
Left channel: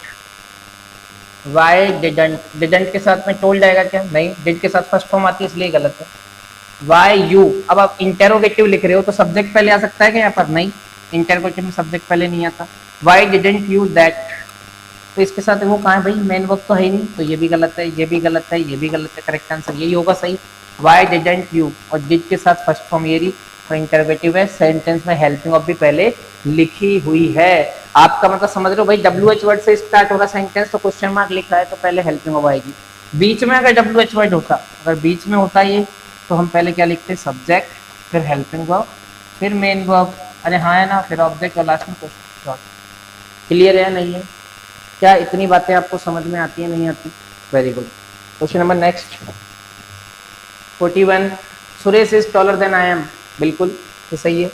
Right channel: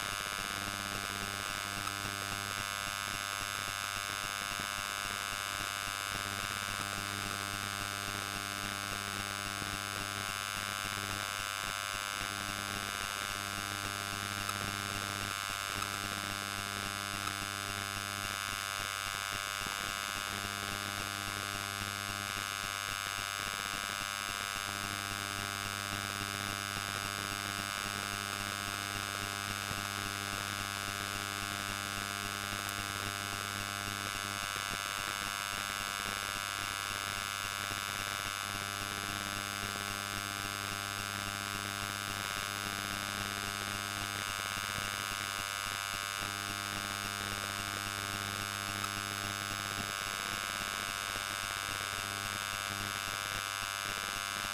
Y didn't, didn't के साथ में टोल्ड आएगा क्या? नहीं, डिड के साथ फर्स्ट फॉर्म आती है, इसलिए गलत है। वाई यू, अब आप इंटेरोगेटिव लिख रहे हो तो सब्जेक्ट पहले आ सकता है क्या यहाँ पर? नहीं, इंटेरोगेटिव में सब्जेक्ट पहले नहीं आता। वाई डिडंट यू दैट, तो इसके साथ वो कहाँ है भाई? मेन वर्ब तो है ही नहीं, तो ये भी गलत है, ये भी गलत है, ये भी गलत है। करेक्ट आंसर यही होगा सही, वाई डिडंट यू, और डिड के साथ फर्स्ट फॉर्म ये रही, और इंटरोगेटिव है। सेंटेंस में हेल्पिंग ऑफ भी पहले लिखी हुई है। आपका मतलब समझ रहे हो भाई, WH वर्ड से स्टार्ट हो रहा सेंटेंस तो क्वेश्चन मार्क लिखा है तो पहले हेल्पिंग ऑफ आएगी। बीच में अगर WH वर्ड होता, अगर बीच में होता ये, तो हम पहले क्या लिखते? सब्जेक्ट, फिर हेल्पिंग वर्ब, फिर मेन वर्ब, अरे हाँ है ना, फिर ऑब्जेक्ट और लास्ट में क्वेश्चन। क्लियर है नहीं है? क्या इतनी बातें आपको समझ में आती है नहीं आती? Very good. Question number next 41, Suresh is taller than I am. बिल्कुल तो सही है।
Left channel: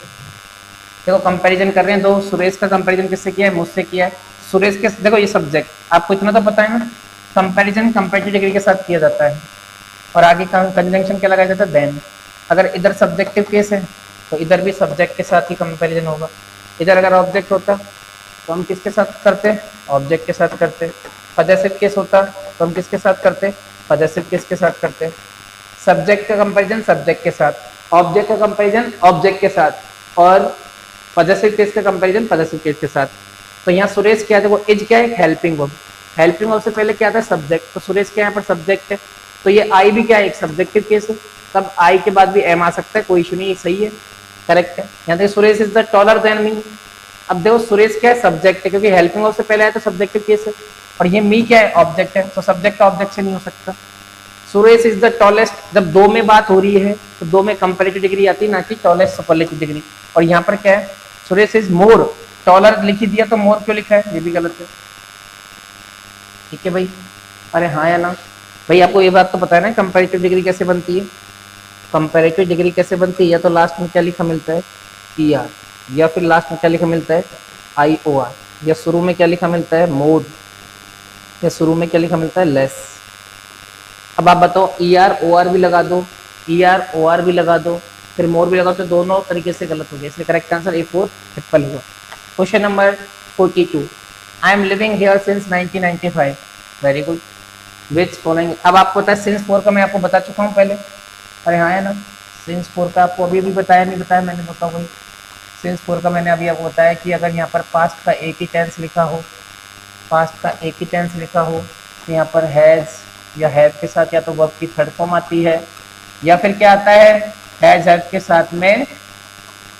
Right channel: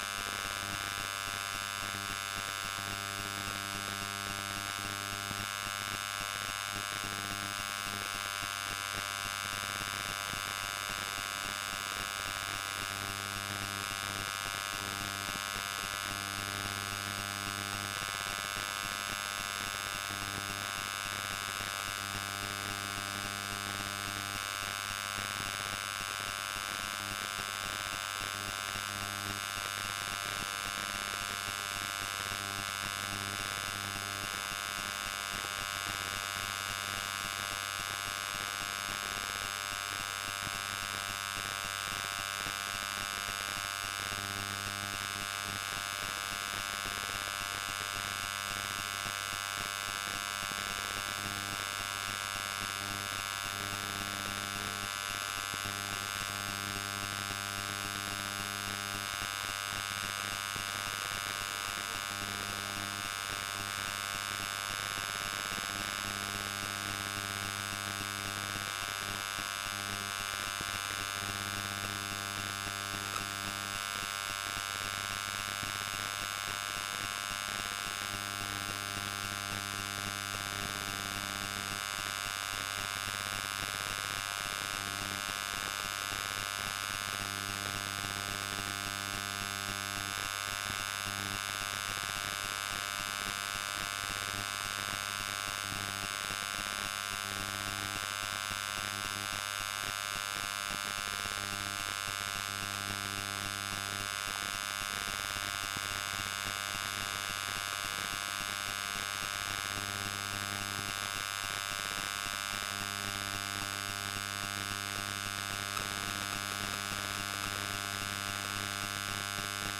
देखो कंपैरिजन कर रहे हैं दो, सुरेश का कंपैरिजन किससे किया है? मुझसे किया है। सुरेश के, देखो ये सब्जेक्ट आपको इतना तो पता है ना, कंपैरिजन कंपैरेटिव डिग्री के साथ किया जाता है, और आगे कंजंक्शन क्या लगाया जाता है? देन। अगर इधर सब्जेक्टिव केस है तो इधर भी सब्जेक्ट के साथ ही कंपैरिजन होगा। इधर अगर ऑब्जेक्ट होता तो हम किसके साथ करते? ऑब्जेक्ट के साथ करते। पजेसिव केस होता तो हम किसके साथ करते? पजेसिव केस के साथ करते। सब्जेक्ट का कंपैरिजन सब्जेक्ट के साथ, ऑब्जेक्ट का कंपैरिजन ऑब्जेक्ट के साथ, और पजेसिव केस का कंपैरिजन पजेसिव केस के साथ। तो यहाँ सुरेश क्या है? देखो इज क्या है? Helping verb. हेल्पिंग वर्ब से पहले क्या था? सब्जेक्ट। तो सुरेश क्या यहाँ पर सब्जेक्ट है, तो ये आई भी क्या है? एक सब्जेक्टिव केस है, तब आई के बाद भी एम आ सकता है, कोई इशू नहीं, सही है, करेक्ट है। यहाँ देखिए Suresh is the taller than me. अब देखो सुरेश क्या है? सब्जेक्ट है, क्योंकि हेल्पिंग वर्ब से पहले आया तो सब्जेक्टिव केस है, और ये मी क्या है? ऑब्जेक्ट है, तो सब्जेक्ट का ऑब्जेक्ट से नहीं हो सकता। सुरेश इज द टॉलेस्ट, जब दो में बात हो रही है तो दो में कंपैरेटिव डिग्री आती है, ना कि टॉलेस्ट सुपरलेटिव डिग्री। और यहाँ पर क्या है? सुरेश इज मोर, टॉलर लिख ही दिया तो मोर क्यों लिखा है? ये भी गलत है। ठीक है भाई, अरे हाँ या ना भाई? आपको ये बात तो पता है ना कंपैरेटिव डिग्री कैसे बनती है? कंपैरेटिव डिग्री कैसे बनती है? या तो लास्ट में क्या लिखा मिलता है? ER, या फिर लास्ट में क्या लिखा मिलता है? IOR, या शुरू में क्या लिखा मिलता है? मोर, या शुरू में क्या लिखा मिलता है? लेस। अब आप बताओ, ER OR भी लगा दो, ER OR भी लगा दो, फिर मोर भी लगा दो, तो दोनों तरीके से गलत हो गया, इसलिए करेक्ट आंसर A4 ट्रिपल हुआ। Question number 42, I am living here since 1995। Very good. Which following, अब आपको पता है सिंस 4 का मैं आपको बता चुका हूँ पहले, अरे हाँ है ना? सिंस 4 का आपको अभी भी बताया नहीं बताया मैंने? बताओ भाई, सिंस 4 का मैंने अभी आपको बताया कि अगर यहाँ पर पास्ट का एक ही टेंस लिखा हो, पास्ट का एक ही टेंस लिखा हो, तो यहाँ पर हैज़ या हैज़ के साथ या तो वर्ब की थर्ड फॉर्म आती है, या फिर क्या आता है? हैज़ हैव के साथ में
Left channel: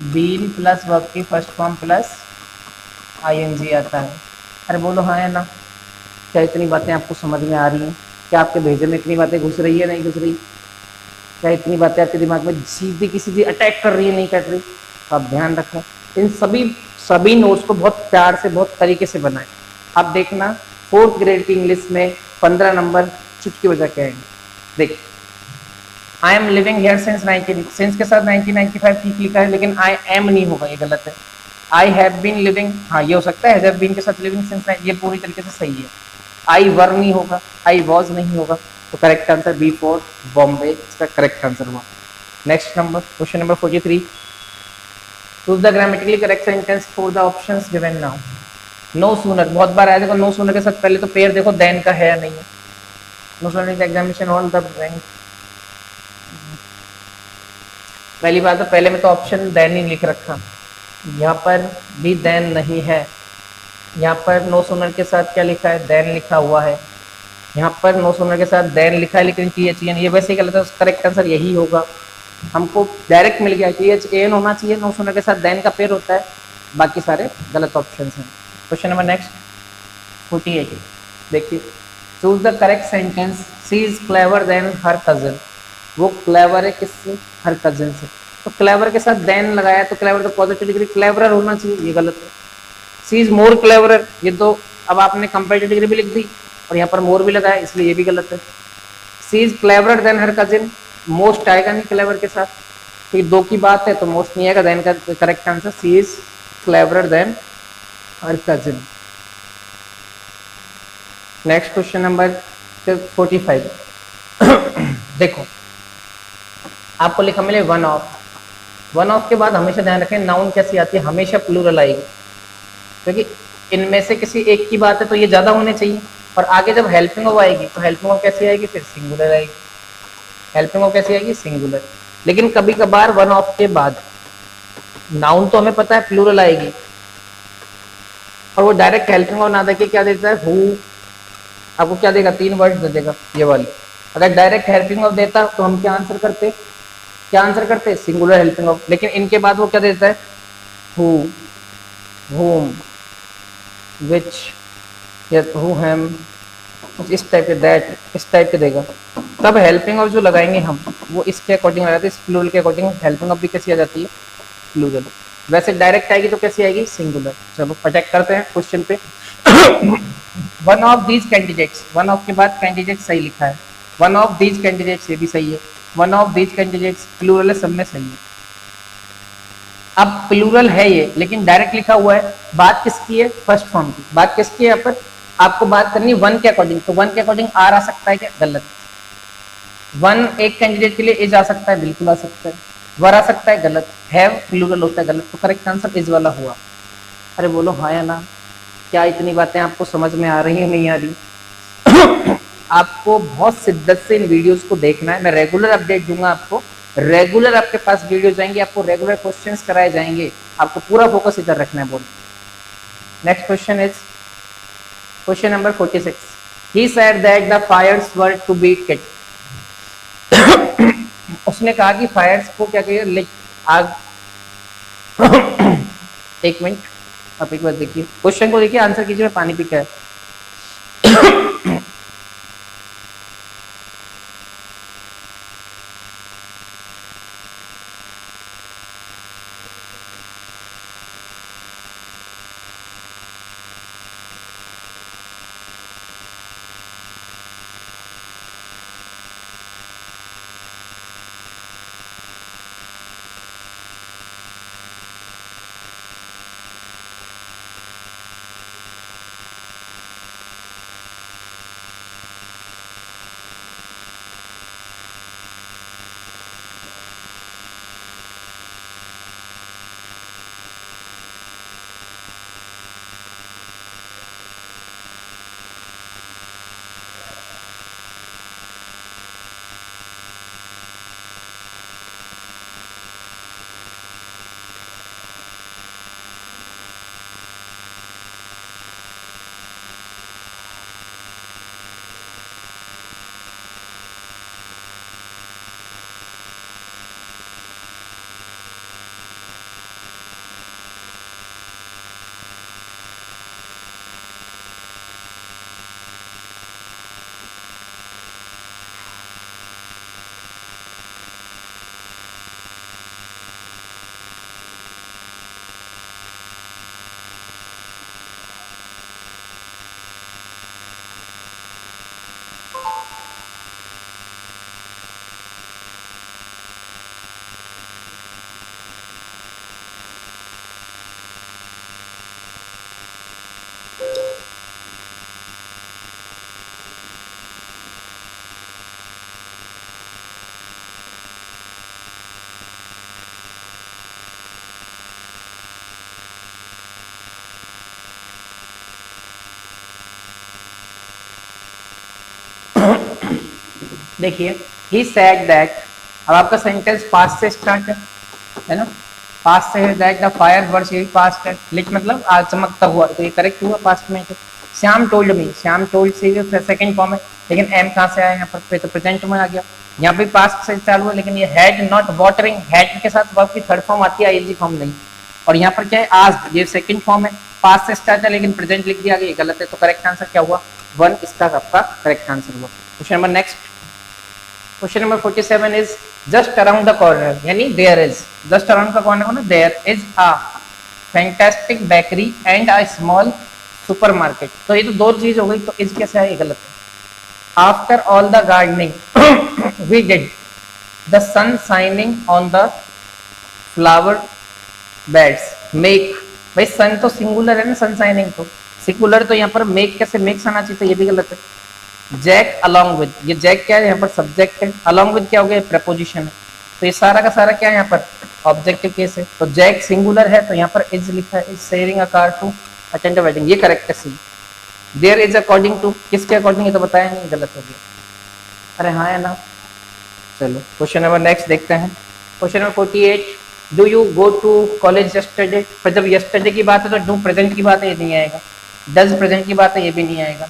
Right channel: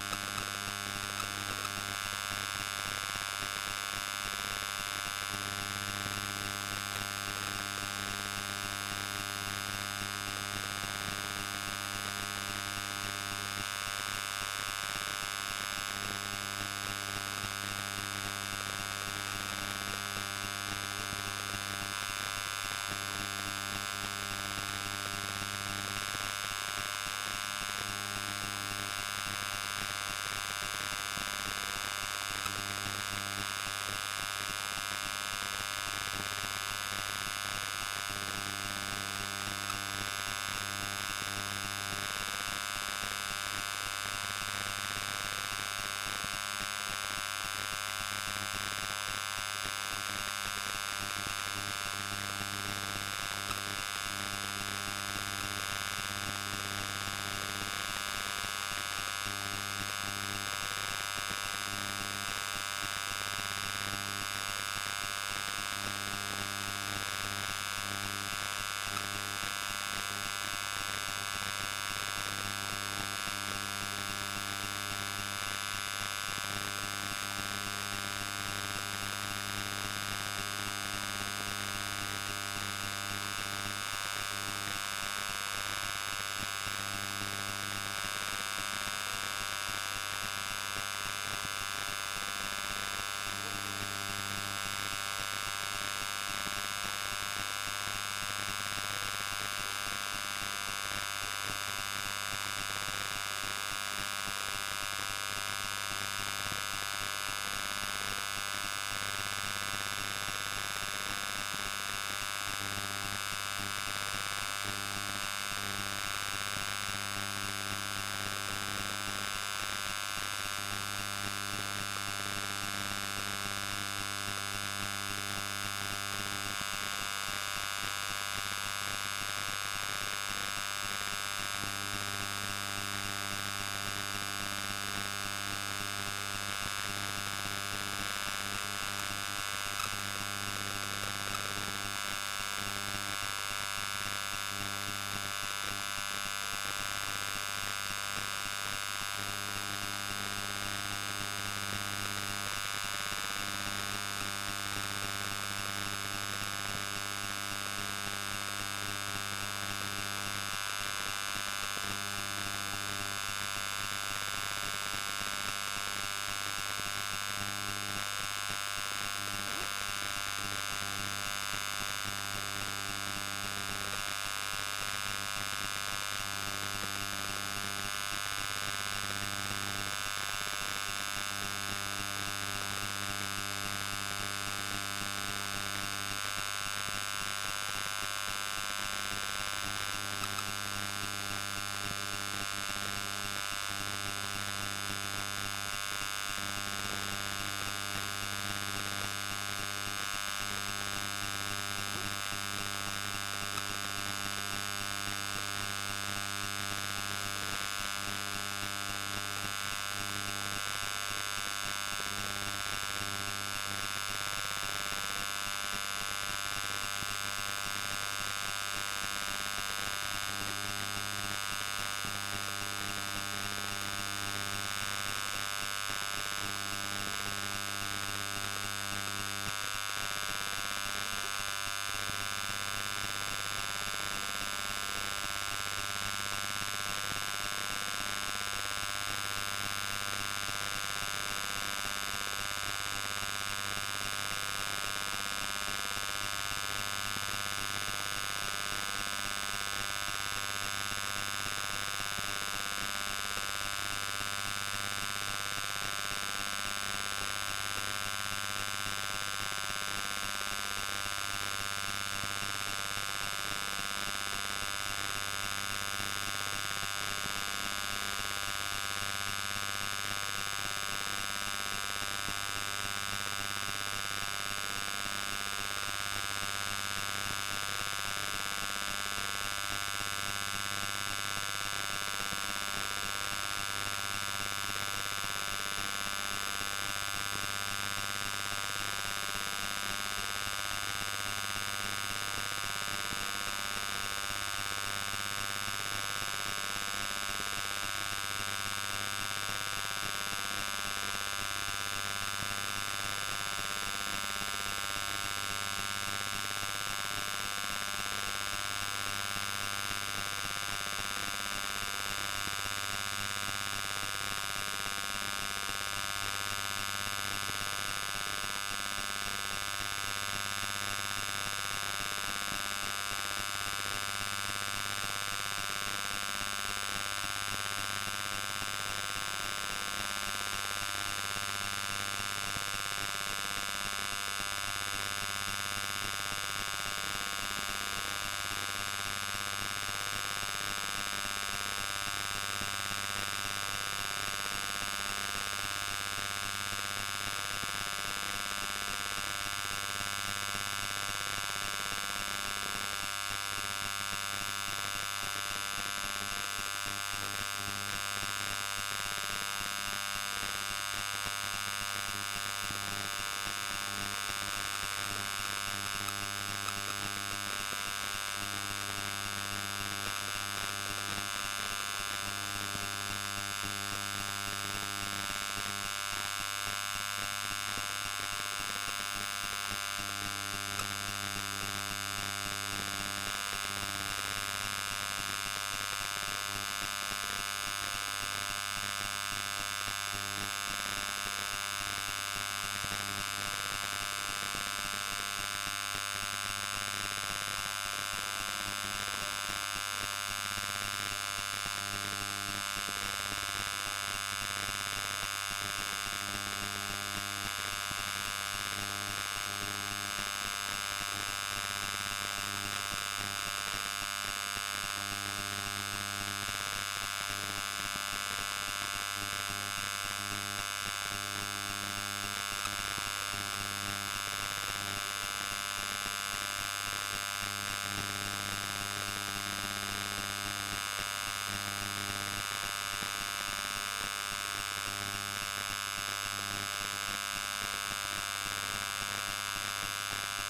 बीन प्लस वर्ब की फर्स्ट फॉर्म प्लस ING आता है। अरे बोलो हाँ है ना? क्या इतनी बातें आपको समझ में आ रही हैं? क्या आपके भेजे में इतनी बातें घुस रही है नहीं घुस रही? क्या इतनी बातें आपके दिमाग में सीधी की सीधी अटैक कर रही है नहीं कर रही? तो आप ध्यान रखें, इन सभी नोट्स को बहुत प्यार से बहुत तरीके से बनाएं। आप देखना 4th ग्रेड की इंग्लिश में 15 नंबर चुटकी बजा के आएंगे। देख, I am living here since 19, since के साथ 1995 ठीक लिखा है, लेकिन आई एम नहीं होगा, ये गलत है। आई हैव बीन लिविंग, हाँ ये हो सकता है, हैव बीन के साथ लिविंग सिंस, ये पूरी तरीके से सही है। आई वर नहीं होगा, आई वॉज नहीं होगा, तो करेक्ट आंसर B4 बॉम्बे इसका करेक्ट आंसर हुआ। Next number, question number 43, choose the grammatically correct sentence for the options given now. No sooner बहुत बार आया, देखो नो सूनर के साथ पहले तो पेयर देखो देन का है या नहीं है। No sooner examination all the bank, पहली बात तो पहले में तो ऑप्शन देन ही लिख रखा, यहाँ पर भी देन नहीं है। यहाँ पर नो सूनर के साथ क्या लिखा है? देन लिखा हुआ है। यहाँ पर नो सूनर के साथ देन लिखा है, लेकिन THAN, ये वैसे ही गलत है, करेक्ट आंसर यही होगा। हमको डायरेक्ट मिल गया, THAN होना चाहिए, नो सूनर के साथ देन का पेयर होता है, बाकी सारे गलत ऑप्शन हैं। क्वेश्चन नंबर नेक्स्ट 48, देखिए, choose the correct sentence, she is clever than her cousin. वो क्लेवर है किससे? हर कजन से। तो क्लेवर के साथ देन लगाया तो क्लेवर तो पॉजिटिव डिग्री क्लेवरर होना चाहिए, ये गलत है। सी इज मोर क्लेवरर, ये तो अब आपने कंपेरेटिव डिग्री भी लिख दी और यहाँ पर मोर भी लगाया, इसलिए ये भी गलत है। She is cleverer than her cousin, most आएगा नहीं क्लेवर के साथ, तो ये दो की बात है तो मोस्ट नहीं आएगा, देन का correct answer she is cleverer than her cousin. Next question number 45। देखो आपको लिखा मिले वन ऑफ, वन ऑफ के बाद हमेशा ध्यान रखें नाउन कैसी आती है, हमेशा प्लूरल आएगी, क्योंकि इनमें से किसी एक की बात है तो ये ज्यादा होने चाहिए, और आगे जब हेल्पिंग ऑफ आएगी तो हेल्पिंग ऑफ कैसी आएगी, फिर सिंगुलर आएगी, हेल्पिंग ऑफ कैसी आएगी, सिंगुलर। लेकिन कभी कभार वन ऑफ के बाद नाउन तो हमें पता है प्लूरल आएगी, और वो डायरेक्ट हेल्पिंग ऑफ ना देके क्या देता है, हु, आपको क्या देगा, 3 वर्ड दे देगा ये वाले। अगर डायरेक्ट हेल्पिंग ऑफ देता तो हम क्या आंसर करते, क्या आंसर करते, सिंगुलर हेल्पिंग ऑफ। लेकिन इनके बाद वो क्या देता है, हु, whom, which, या who, हम, इस टाइप के, दैट, इस टाइप के देगा। तब हेल्पिंग ऑफ जो लगाएंगे हम वो इसके अकॉर्डिंग लगाते हैं, इस प्लूरल के अकॉर्डिंग हेल्पिंग ऑफ भी कैसी आ जाती है, प्लूरल। वैसे डायरेक्ट आएगी तो कैसी आएगी, सिंगुलर। चलो अटैक करते हैं क्वेश्चन पे। One of these candidates, one of के बाद कैंडिडेट सही लिखा है, वन ऑफ दीज कैंडिडेट्स ये भी सही है, one of these candidates plural है, सब में सही है। अब प्लूरल है ये लेकिन डायरेक्ट लिखा हुआ है, बात किसकी है, फर्स्ट फॉर्म की। बात किसकी है, यहाँ पर आपको बात करनी है वन के अकॉर्डिंग, तो वन के अकॉर्डिंग आर आ सकता है क्या, गलत। वन एक कैंडिडेट के लिए इज आ सकता है, बिल्कुल आ सकता है। वर आ सकता है, गलत। हैव प्लूरल होता है, गलत। तो करेक्ट आंसर इज वाला हुआ। अरे बोलो हाँ या ना, क्या इतनी बातें आपको समझ में आ रही है, नहीं आ रही? आपको बहुत शिद्दत से इन वीडियोस को देखना है, मैं रेगुलर अपडेट दूंगा आपको, रेगुलर आपके पास वीडियो जाएंगे, आपको रेगुलर क्वेश्चंस कराए जाएंगे, आपको पूरा फोकस इधर रखना है। बोल next question is question number 46। He said that the fires were to be kit. उसने कहा कि फायर्स को क्या कहिए, आग। एक मिनट, आप एक बार देखिए क्वेश्चन को, देखिए आंसर कीजिए, पानी पी के। देखिए ही सेड दैट, अब आपका सेंटेंस पास्ट से स्टार्ट है ना, पास्ट से है, दैट द फायर वर्स यही पास्ट है, लिट मतलब आज चमकता हुआ, तो ये करेक्ट हुआ पास्ट में। Shyam told me, Shyam told से सेकंड फॉर्म है, लेकिन एम कहाँ से आया यहाँ पर, तो प्रेजेंट में आ गया। यहाँ पे पास्ट से चालू है, लेकिन ये हैड नॉट वाटरिंग, हैड के साथ वर्ब की थर्ड फॉर्म आती है, आईएनजी फॉर्म नहीं। और यहाँ पर क्या है, आज, ये सेकंड फॉर्म है, पास्ट से स्टार्ट है लेकिन प्रेजेंट लिख दिया, ये गलत है। तो करेक्ट आंसर क्या हुआ, वन, इसका आपका करेक्ट आंसर हुआ। Question number next, question number 47 is just around the corner, यानी देयर इज, जस्ट अराउंड का कॉर्नर होना, there is a fantastic bakery and a small supermarket. तो ये तो दो चीज हो गई, तो इज कैसे है, ये गलत है। After all the gardening we did the sun shining on the flower beds make, भाई सन तो सिंगुलर है ना, सन शाइनिंग तो सिंगुलर, तो यहाँ पर मेक कैसे, मेक्स आना चाहिए, तो ये भी गलत है। जैक अलोंग विद, ये जैक क्या है, यहाँ पर सब्जेक्ट है, अलोंग विद क्या हो गया, प्रपोजिशन है, तो ये सारा का सारा क्या है यहाँ पर ऑब्जेक्टिव केस है। तो जैक सिंगुलर है, तो यहाँ पर इज लिखा है, is sharing a car to attend a wedding, ये करेक्ट है C. There is according to, किसके अकॉर्डिंग, ये तो बताया नहीं, गलत हो गया, अरे हाँ है ना। चलो क्वेश्चन नंबर नेक्स्ट देखते हैं। Question number 48, do you go to college yesterday, पर जब यस्टरडे की बात है तो डू प्रेजेंट की बात है, ये नहीं आएगा। डज प्रेजेंट की बात है, ये भी नहीं आएगा।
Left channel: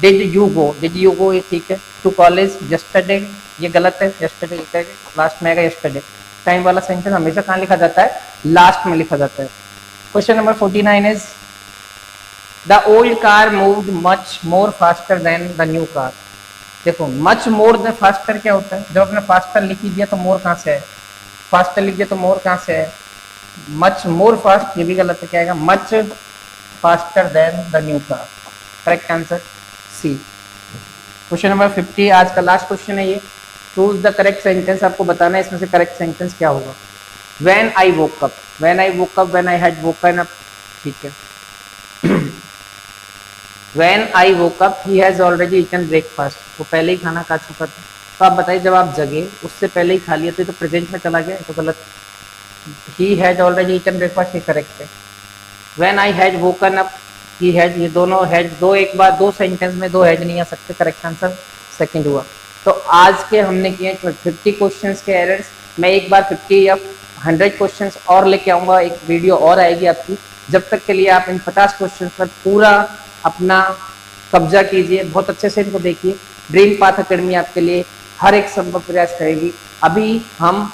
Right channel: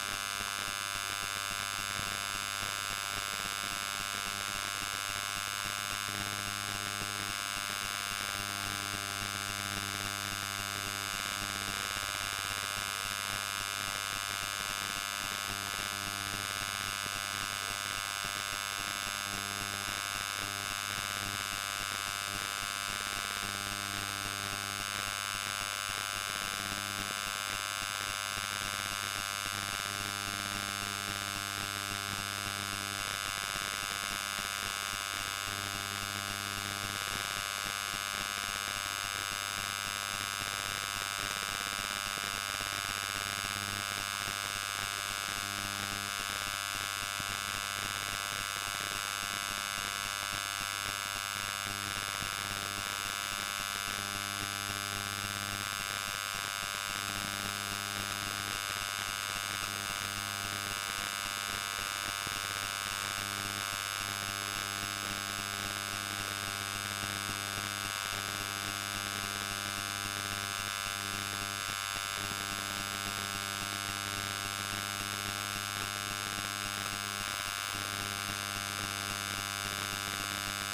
डिड यू गो, ये ठीक है। टू कॉलेज यस्टरडे, ये गलत है, यस्टरडे लास्ट में आएगा, यस्टरडे टाइम वाला सेंटेंस हमेशा कहाँ लिखा जाता है, लास्ट में लिखा जाता है। Question number 49 is the old car moved much more faster than the new car. देखो मच मोर देन फास्टर क्या होता है, जब आपने फास्टर लिख दिया तो मोर कहाँ से है, फास्टर लिख दिया तो मोर कहाँ से है, मच मोर फास्ट, ये भी गलत है, क्या आएगा, much faster than the new car, correct answer C. Question number 50 आज का लास्ट क्वेश्चन है ये, चूज द करेक्ट सेंटेंस, आपको बताना है इसमें से करेक्ट सेंटेंस क्या होगा। When I woke up, when I woke up, when I had woken up, ठीक है। When I woke up, he has already eaten breakfast, वो पहले ही खाना खा चुका था। तो आप बताइए जब आप जगे उससे पहले ही खा लिया, तो प्रेजेंट में चला गया, तो गलत। He has already eaten breakfast, ये करेक्ट है। When I had woken up, he had, ये दोनों हैड, दो एक बार दो सेंटेंस में दो हैड नहीं आ सकते, करेक्ट आंसर सेकंड हुआ। तो आज के हमने किए 50 क्वेश्चंस के एरर्स, मैं एक बार 50 या 100 क्वेश्चंस और लेके आऊँगा, एक वीडियो और आएगी आपकी। जब तक के लिए आप इन 50 क्वेश्चंस पर पूरा अपना कब्जा कीजिए, बहुत अच्छे से इनको देखिए। ड्रीम पाथ अकेडमी आपके लिए हर एक संभव प्रयास करेगी। अभी हम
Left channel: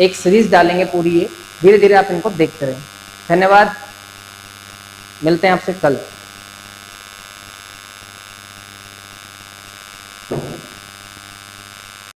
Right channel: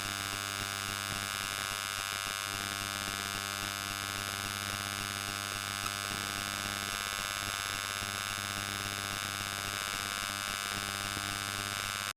एक सीरीज डालेंगे पूरी, ये धीरे धीरे आप इनको देखते रहें। धन्यवाद, मिलते हैं आपसे कल।